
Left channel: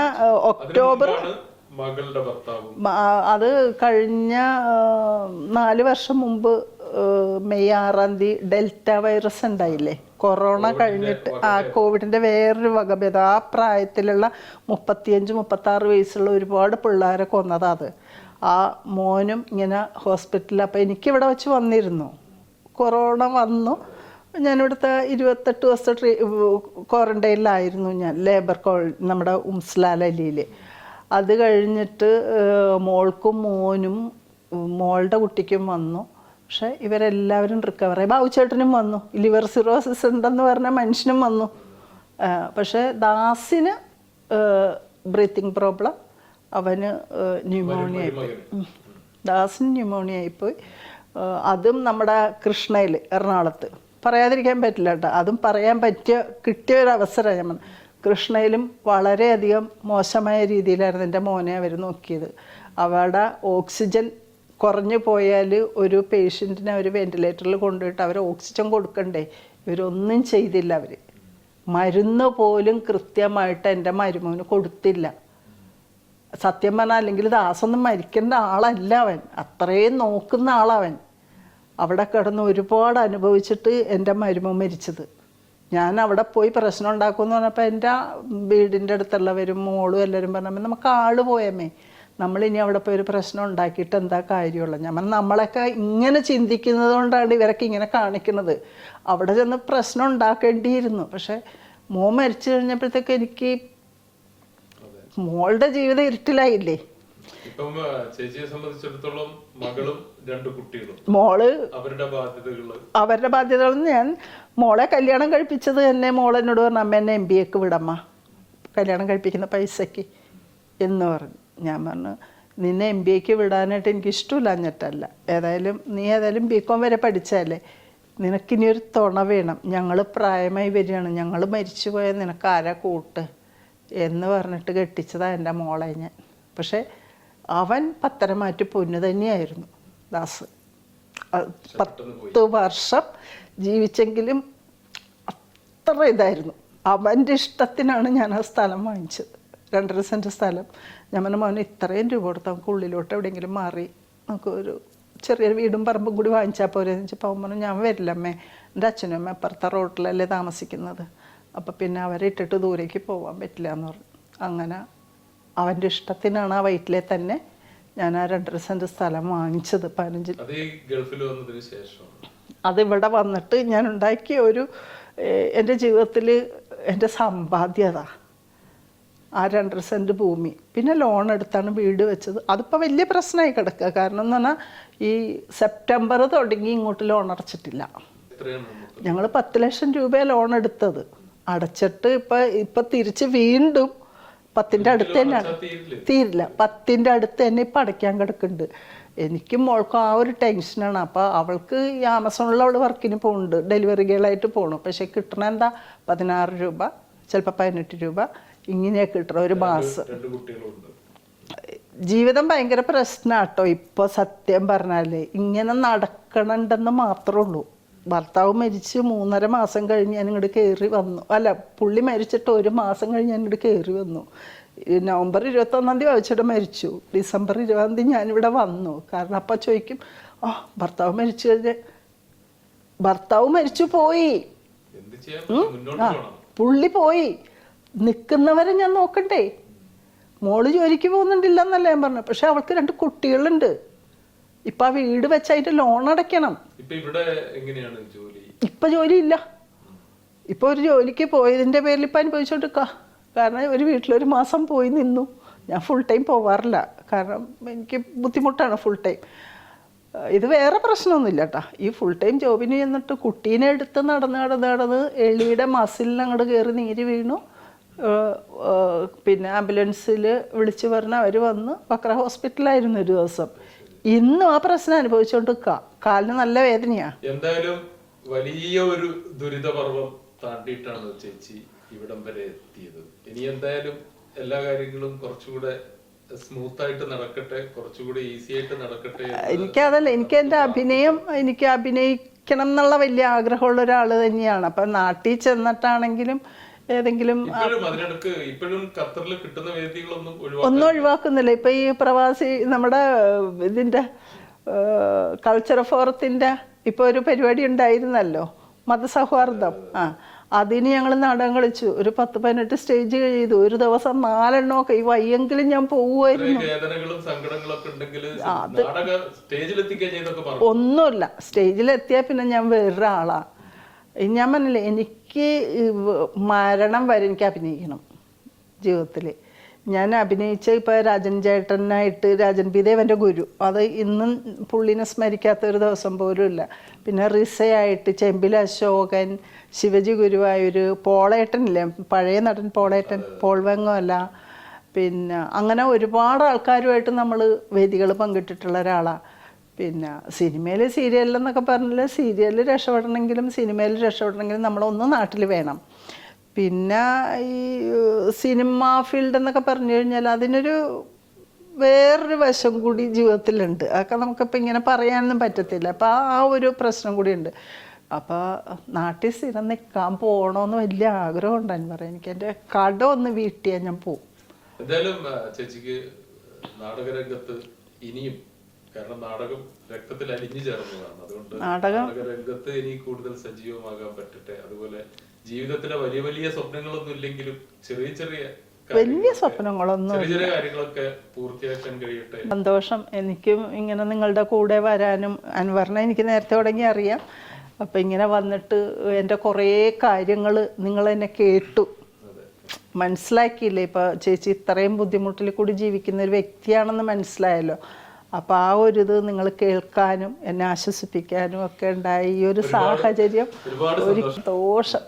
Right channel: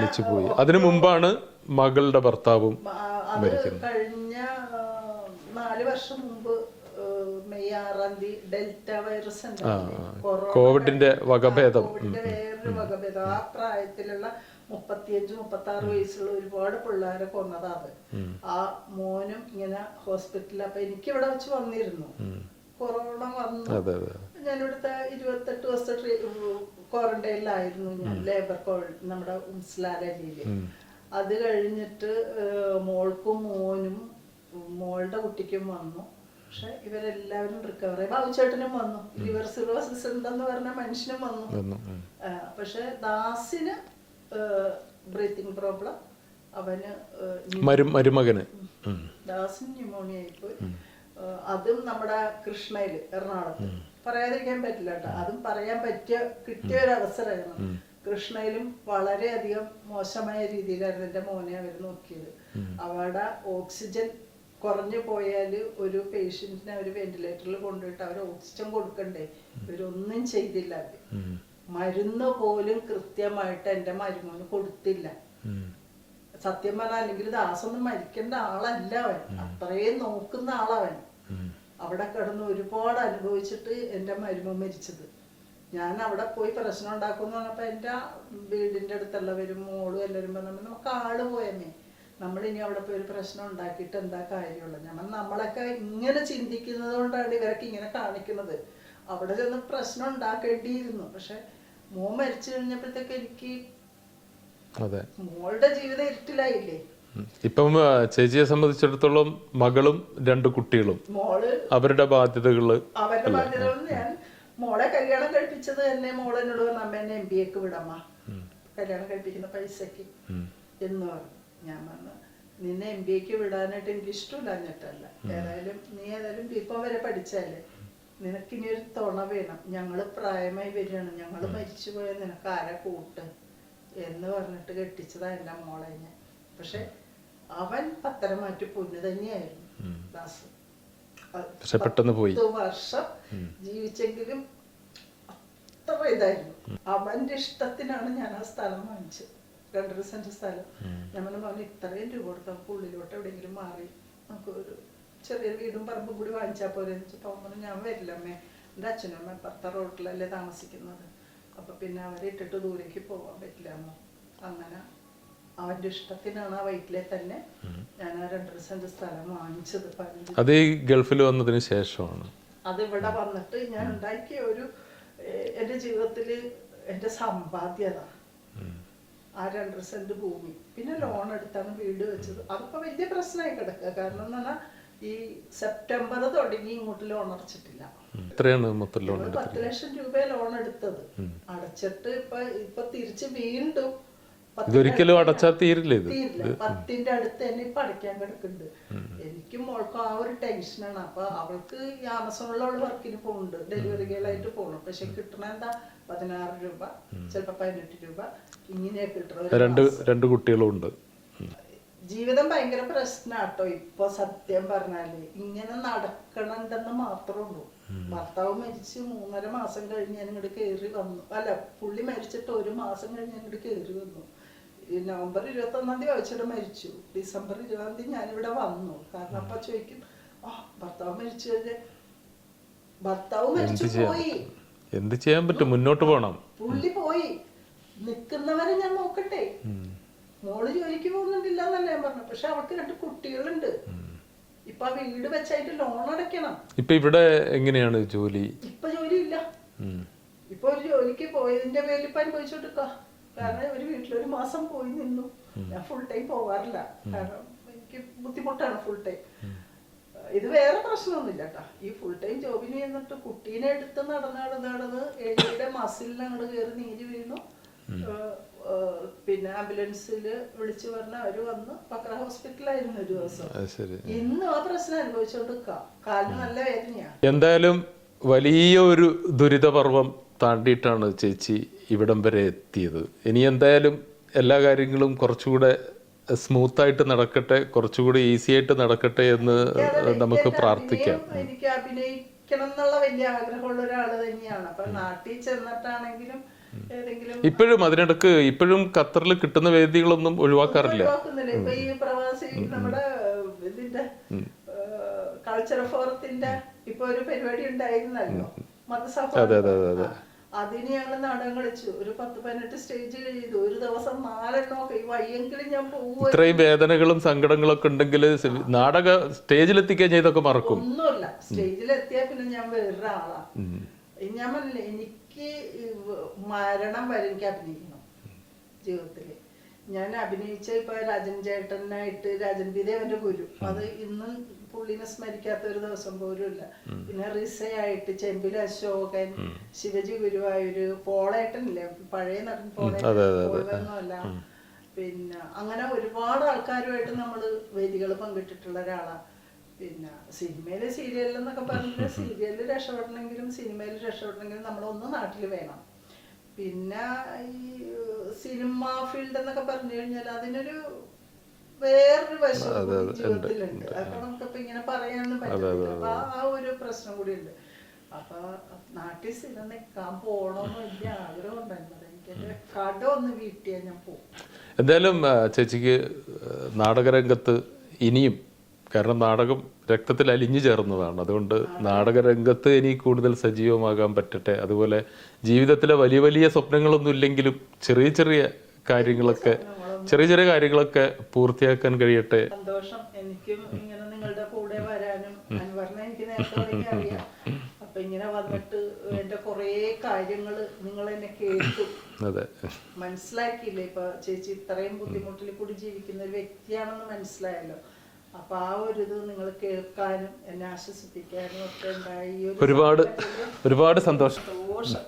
അതിനു മുമ്പാണ് മകളുടെ ഭർത്താവും. അത് കഴിഞ്ഞ 4 വർഷം മുമ്പ് മെയ് 6-ാം തീയതി ഡെൽറ്റ വൈറസ് ഉണ്ടായില്ലേ, കൊറോണ കഴിഞ്ഞിട്ട് കോവിഡിന്റെ വേറൊരു വകഭേദം. ആ പ്രായത്തിലുള്ള 35-36 വയസ്സുള്ള ഒരുപാട് പിള്ളേരെ കൊന്നതാ അത്. ആ മോനും ഇങ്ങനെ ഹോസ്പിറ്റലിൽ. അപ്പൊ എനിക്കിവിടെ വെച്ച് വന്നിരുന്നു, കൊറോണ വന്നു. ഞാനിവിടുത്തെ 28 ദിവസത്തെ ക്വാറന്റൈനിലായിരുന്നു ഞാൻ, ലേബർ നമ്മുടെ ഉംസ്ലാലിയില്. അത് കഴിഞ്ഞിട്ട് മോൾക്കും മോനും മോളുടെ കുട്ടിക്കും വന്നു. പക്ഷെ ഇവരെല്ലാവരും റിക്കവർ ആയി. ബാബുച്ചേട്ടനും വന്നു. ലിവർ സിറോസിസ് ഉണ്ടെന്ന് പറഞ്ഞ മനുഷ്യനും വന്നു. പക്ഷെ ദാസിന് ബ്രീത്തിങ് പ്രോബ്ലം, അവന് ദാസിന് ന്യൂമോണിയ ആയിപ്പോയി. അതും നമ്മുടെ കൃഷ്ണയില് എറണാകുളത്ത്. പറയാതിരിക്കാൻ പറ്റില്ല കേട്ടോ, അതും പറയാൻ കിട്ടിയ ഒരു അവസരം. കൃഷ്ണയിലും വളരെയധികം മോശമായ രീതിയിലായിരുന്നു എൻ്റെ മോനെ അവർ നോക്കിയത്. അവിടെ ഓക്സിജൻ കുറഞ്ഞു പോയാൽ ഒരു പേഷ്യൻറ്റിനെ അവർ വെന്റിലേറ്ററിൽ കൊണ്ടുപോയിട്ട് അവർ ഓക്സിജൻ കൊടുക്കണ്ടേ, ഇവരൊന്നും ചെയ്തില്ല. അവർ മരുന്ന് പോലും കൃത്യമായിട്ട് എൻ്റെ മരുമോന് കൊടുത്തില്ല. സത്യം പറഞ്ഞാൽ അല്ലെങ്കിൽ ദാസൊന്നും മരിക്കേണ്ട ആളല്ല അവൻ, അത്രയും നോക്കുന്ന ആളവൻ. അവിടെ കിടന്ന് ഒരുപാട് അനുഭവിച്ചിട്ട് എൻ്റെ മരുമോൻ മരിച്ചത്. ഞാൻ അവിടെ പോയി പ്രശ്നം ഉണ്ടാക്കുമെന്ന് പറഞ്ഞപ്പോൾ എൻ്റെ വീടിൻ്റെ അടുത്തുള്ളവരും മോളും എല്ലാവരും പറഞ്ഞപ്പോൾ നമുക്ക് ആള് പോയമ്മേ, നമ്മളിനി അവിടെ പോയി ഒരു പ്രശ്നം ഉണ്ടാക്കിയിട്ട് എന്താ കാര്യമുള്ളത്. ഞാൻ നമ്മളൊക്കെ ഇങ്ങനെ ചിന്തിക്കുന്നത് കൊണ്ടാണ് ഇവരൊക്കെ ഇങ്ങനെ കാണിക്കുന്നത്. അവിടെ ചെന്ന് പ്രശ്നം ഉണ്ടാക്കേണ്ടിയിരുന്നു. പക്ഷെ മോൻ മരിച്ചു കഴിഞ്ഞപ്പോഴത്തേക്ക് എനിക്ക് മോളുടെ ജീവിതം ഇരുട്ടിലായില്ലേ. ഇപ്പം ചേച്ചിയെ സംബന്ധിച്ചിടത്തോളം മകളും 2 കുട്ടികളും മോള് അവരുടെ ബാധ്യതകൾ ഞാൻ മോളെ കല്യാണം കഴിപ്പിച്ചത് തന്നെ മോളെന്നോട് പറഞ്ഞു, അമ്മ എന്നെ MBA വിടമ്മ, കല്യാണം കഴിപ്പിക്കുന്ന പൈസക്ക് എന്ന് പറഞ്ഞു. ഞാൻ പറഞ്ഞു, നിന്നെ MBA വിടാനായിട്ട് എനിക്ക് ഇഷ്ടമില്ല എന്നിട്ടല്ല, നീ ഏതായാലും BCom വരെ പഠിച്ചല്ലേ, നിനക്കിനി ഒരു തുണ വേണം, ഞങ്ങൾ പ്രായമായി വരികയാണ്, ഞങ്ങൾ മരിച്ചു പോയാൽ നിനക്ക് ആരാ കൂട്ട് എന്ന് പറഞ്ഞിട്ട് കെട്ടിച്ചതാ എൻ്റെ മോളെ ഞാൻ. പക്ഷെ അവൻ പത്തരമാറ്റ് പൊന്നു തന്നെയായിരുന്നു ദാസ്. 10 വർഷം ജീവിച്ചെങ്കിലും അത്ര ഇതായിരുന്നു. അവൻ്റെ ഇഷ്ടത്തിനാണ് ഞാൻ ആ സ്ഥലം വാങ്ങിച്ചത്, 2.5 സെന്റ് സ്ഥലം. ഞാൻ പറഞ്ഞു, മോനെ ഇത്രയും രൂപ കൊടുത്ത് നമുക്ക് ഉള്ളിലോട്ട് എവിടെയെങ്കിലും മാറി നമുക്ക് ഒരു ചെറിയൊരു വീടും പറമ്പും കൂടി വാങ്ങിച്ചാൽ പോരെ എന്ന് വെച്ചപ്പോൾ അവൻ പറഞ്ഞു, ഞാൻ വരില്ല അമ്മേ, എൻ്റെ അച്ഛനും അമ്മ അപ്പുറത്തെ റോട്ടിലല്ലേ താമസിക്കുന്നത്, അപ്പം പിന്നെ അവരെ ഇട്ടിട്ട് ദൂരേക്ക് പോകാൻ പറ്റില്ല എന്ന് പറഞ്ഞു. അങ്ങനെ അവൻ്റെ ഇഷ്ടത്തിനാണ് ആ വയറ്റിലെ തന്നെ ഞാൻ ആ 2.5 സെന്റ് സ്ഥലം വാങ്ങിച്ചത്. 15 അത് ഗൾഫിൽ വന്നതിന് ശേഷമാണ്. അതിവിടെ വന്നിട്ട് ഞാൻ ഉണ്ടാക്കിയ ഒരു എൻ്റെ ജീവിതത്തിൽ എൻ്റെ സമ്പാദ്യത ആ 2.5 സെന്റ് ഭൂമി. പിന്നെ ലോൺ എടുത്താണ് വീട് വെച്ചത്. അതിപ്പോൾ വലിയ പ്രശ്നമായി കിടക്കുക. കാരണം എന്ന് പറഞ്ഞാൽ ഈ സെപ്റ്റംബർ തുടങ്ങി ഇങ്ങോട്ട് ലോൺ അടച്ചിട്ടില്ല. ഞങ്ങൾ 10 ലക്ഷം രൂപ ലോൺ എടുത്തത്. അടച്ചിട്ട് ഇപ്പൊ തിരിച്ച് വീണ്ടും 10ന്റെ അടുത്ത് തീരില്ല. 10ന്റെ അടുത്ത് തന്നെ ഇപ്പൊ അടയ്ക്കാൻ കിടക്കുന്നുണ്ട്. എനിക്കും മോൾക്കും ആ ഒരു ടെൻഷനാണ്. അപ്പൊ അവൾക്ക് ഈ ആമസോണിൽ അവള് വർക്കിന് പോകുന്നുണ്ട്, ഡെലിവറി ഗേളായിട്ട് പോകണം. പക്ഷെ കിട്ടണ എന്താ 16 രൂപ, ചിലപ്പോ 18 രൂപ ഇങ്ങനെയൊക്കെ കിട്ടണം ഒരു മാസം. 2 കുട്ടികളുണ്ട്. ജീവിതം ഭയങ്കര പ്രശ്നാട്ടോ ഇപ്പൊ. സത്യം പറഞ്ഞാല് ഇങ്ങനെ നടക്കണുണ്ടെന്ന് മാത്രമേ ഉള്ളൂ. ഭർത്താവ് മരിച്ച് 3.5 മാസം കഴിഞ്ഞ് ഞാൻ ഇങ്ങോട്ട് കയറി വന്നു. അല്ല, പുള്ളി മരിച്ചിട്ട് 1 മാസം കഴിഞ്ഞ് ഞാൻ ഇങ്ങോട്ട് കയറി വന്നു. നവംബർ 21 വായിച്ചിട്ട് മരിച്ചു. ഡിസംബർ 20 ഞാനിവിടെ വന്നു. കാരണം അപ്പൊ ചോദിക്കും, ഭർത്താവ് മരിച്ചു കഴിഞ്ഞ് ഭർത്താവ് മരിച്ചു പോയി, എന്ത് ചെയ്യാൻ പറ്റും, മുന്നോട്ട് പോകണം, പുള്ളി പോയി, നിക്കുന്നവരെ ഞാൻ നോക്കണ്ടേ. മോള് ജോലിക്ക് പോകുന്നുണ്ടില്ലെന്നല്ല ഞാൻ പറഞ്ഞു. പക്ഷെ അവൾക്ക് 2 കുട്ടികളുണ്ട്. ഇപ്പൊ ആ വീട് വെച്ചായിട്ട് ലോൺ അടയ്ക്കണം. ഇപ്പൊ ഇവിടെ എങ്ങനെയാണ് ജോലി? ഇപ്പൊ ജോലി ഇല്ല. ഇപ്പൊ ഒരു ജോലിക്ക് പോയതിന്റെ പേരിൽ ഇപ്പൊ അനുഭവിച്ചോണ്ടിരിക്ക. കാരണം ഒരു വീട്ടിലൊരു മാസം പോയി നിന്നു. ഞാൻ ഫുൾ ടൈം പോവാറില്ല, കാരണം എനിക്ക് ബുദ്ധിമുട്ടാണ് ഫുൾ ടൈം. ഇത് വേറെ പ്രശ്നമൊന്നുമില്ല കേട്ടാ. ഈ ഫുൾ ടൈം ജോബിന് ചെന്നിട്ട് കുട്ടീനെ എടുത്ത് നടന്ന് എളിയുടെ മസിലിന് അങ്ങോട്ട് കയറി നീര് വീണു. പിന്നെ ആംബുലൻസിൽ വിളിച്ചു പറഞ്ഞ അവര് വന്ന് ബക്ര ഹോസ്പിറ്റലായിരുന്നു ഒരു ദിവസം. ഇന്നും ആ പ്രശ്നം അനുഭവിച്ചോണ്ട് കാലിന് നല്ല വേദനയാ. എന്തായാലും വലിയ ഒരു ദുരിതപർവം താണ്ടിയിട്ടാണ് ചേച്ചി ഇവിടം വരെ എത്തിയത്. ഇനി എന്തായാലും എല്ലാ കാര്യങ്ങളും കുറച്ചുകൂടെ സ്മൂത്ത് ആയിട്ട് നടക്കട്ടെ, കുറച്ചുകൂടി ഈസി ആയിട്ട് നടക്കട്ടെ എന്ന് എനിക്ക് അഭിനയിക്കണം എന്നുള്ള വലിയ ആഗ്രഹമുള്ള ഒരാള് തന്നെയാണ്. അപ്പൊ നാട്ടിൽ ചെന്നിട്ടാണെങ്കിലും ഏതെങ്കിലും ഇപ്പോഴും അതിനിടക്ക് ഇപ്പോഴും ഖത്തറിൽ കിട്ടുന്ന വേദികളൊന്നും ഒഴിവാക്കുന്നില്ല. ഇപ്പൊ ഈ പ്രവാസി നമ്മുടെ ഇതിന്റെ കൾച്ചർ ഫോറത്തിന്റെ ഇപ്പൊ ഒരു പരിപാടി ഉണ്ടായിരുന്നല്ലോ, മതസൗഹാർദ്ദം. അതിന് ഞങ്ങൾ നാടകം കളിച്ചു. ഒരു 10-18 സ്റ്റേജ് ചെയ്തു. ഒരു ദിവസം 4 എണ്ണമൊക്കെ. ഈ വയ്യെങ്കിലും ഞാൻ പോവുമായിരുന്നു. വേദനകളും സങ്കടങ്ങളൊക്കെ ഉണ്ടെങ്കിൽ നാടക സ്റ്റേജിലെത്തിക്കാൻ ചെയ്തൊക്കെ ഒന്നുമില്ല. സ്റ്റേജിലെത്തിയാ പിന്നെ ഞാൻ വേറൊരാളാ. ഞാൻ പറഞ്ഞില്ലേ, എനിക്ക് മരണം വരെ എനിക്ക് അഭിനയിക്കണം ജീവിതത്തില്. ഞാൻ അഭിനയിച്ച ഇപ്പൊ രാജൻ ചേട്ടനായിട്ട്, രാജൻ പി ദേവന്റെ ഗുരു, അത് ഇന്നും പുള്ളിനെ സ്മരിക്കാത്ത ഒരു ദിവസം പോലും ഇല്ല. പിന്നെ റിസയായിട്ട് ചെമ്പിൽ അശോകൻ, ശിവജി ഗുരുവായൂര്, പോളേട്ടനില്ലേ പഴയ നടൻ പോളേട്ടൻ, പോൾവെങ്ങമല്ല, പിന്നെ അങ്ങനെ ഒരുപാട് ആൾക്കാരുമായിട്ട് നമ്മൾ വേദികൾ പങ്കിട്ടിട്ടുള്ള ഒരാളാ. പിന്നെ സിനിമയിൽ സീരിയലെന്നൊക്കെ പറഞ്ഞാൽ സീരിയലിൽ രക്ഷപ്പെടണമെങ്കിലും സിനിമയിൽ രക്ഷപ്പെടണമെങ്കിലും നമ്മളൊന്ന് നാട്ടിൽ വേണം. പിന്നെ ഈ സിനിമ ഫീൽഡ് എന്നൊക്കെ പറഞ്ഞു കഴിഞ്ഞാൽ അതിനൊരു വേറൊരു വശം കൂടി ജീവിതത്തിലുണ്ട്. അതൊക്കെ നമുക്കിപ്പോൾ ഇങ്ങനെ പറയാനൊന്നും പറ്റത്തില്ല. അപ്പം ആ ഒരു പ്രശ്നം കൂടിയുണ്ട്. അപ്പോൾ നാട്ടിൽ സ്ഥിരം നിൽക്കാൻ പോകണമെന്ന് വലിയ ആഗ്രഹം ഉണ്ടായിരുന്നു. പറയാം, എനിക്ക് എൻ്റെ കട ഒന്ന് വീട്ടിയാൽ ഞാൻ പോകും. എന്തായാലും ചേച്ചിക്ക് നാടകരംഗത്ത് ഇനിയും, കാരണം നാടകം രക്തത്തിൽ അലിഞ്ഞു ചേർന്നതാണ്, അതുകൊണ്ട് നാടകരംഗത്ത് ഇനി കൂടുതൽ സജീവമാകാൻ പറ്റട്ടെ. അതുപോലെ ജീവിതത്തിലെ വലിയ വലിയ സ്വപ്നങ്ങളൊന്നും ഇല്ലെങ്കിലും ചെറിയ ചെറിയ കാര്യങ്ങളൊക്കെ സ്വപ്നങ്ങളൊന്നും ചെറിയ ചെറിയ കാര്യങ്ങളൊക്കെ പൂർത്തിയാക്കാൻ കഴിയട്ടെ. സന്തോഷം. എനിക്കും ഇങ്ങനെ നിങ്ങളുടെ കൂടെ വരാനും, അൻവറിനെ എനിക്ക് നേരത്തെ തുടങ്ങി അറിയാം. അപ്പൊ ഇങ്ങനെ വന്നിട്ട് എൻ്റെ കുറേ കാര്യങ്ങൾ നിങ്ങൾ എന്നെ കേട്ടു, അതെ, മനസ്സിലാക്കിയില്ലേ. ഇപ്പൊ ചേച്ചി ഇത്രയും ബുദ്ധിമുട്ടിൽ കൂടി ജീവിക്കുന്ന ഒരു വ്യക്തിയാണെന്ന് മനസ്സിലായല്ലോ. അപ്പൊ ആ ഒരു ഇത് നിങ്ങൾ കേൾക്കാനും എന്നെ ആശ്വസിപ്പിക്കാനും ഒക്കെ ഉണ്ടായി. ഈ ഒരു സാഹചര്യം ഒരുപാട് സന്തോഷം.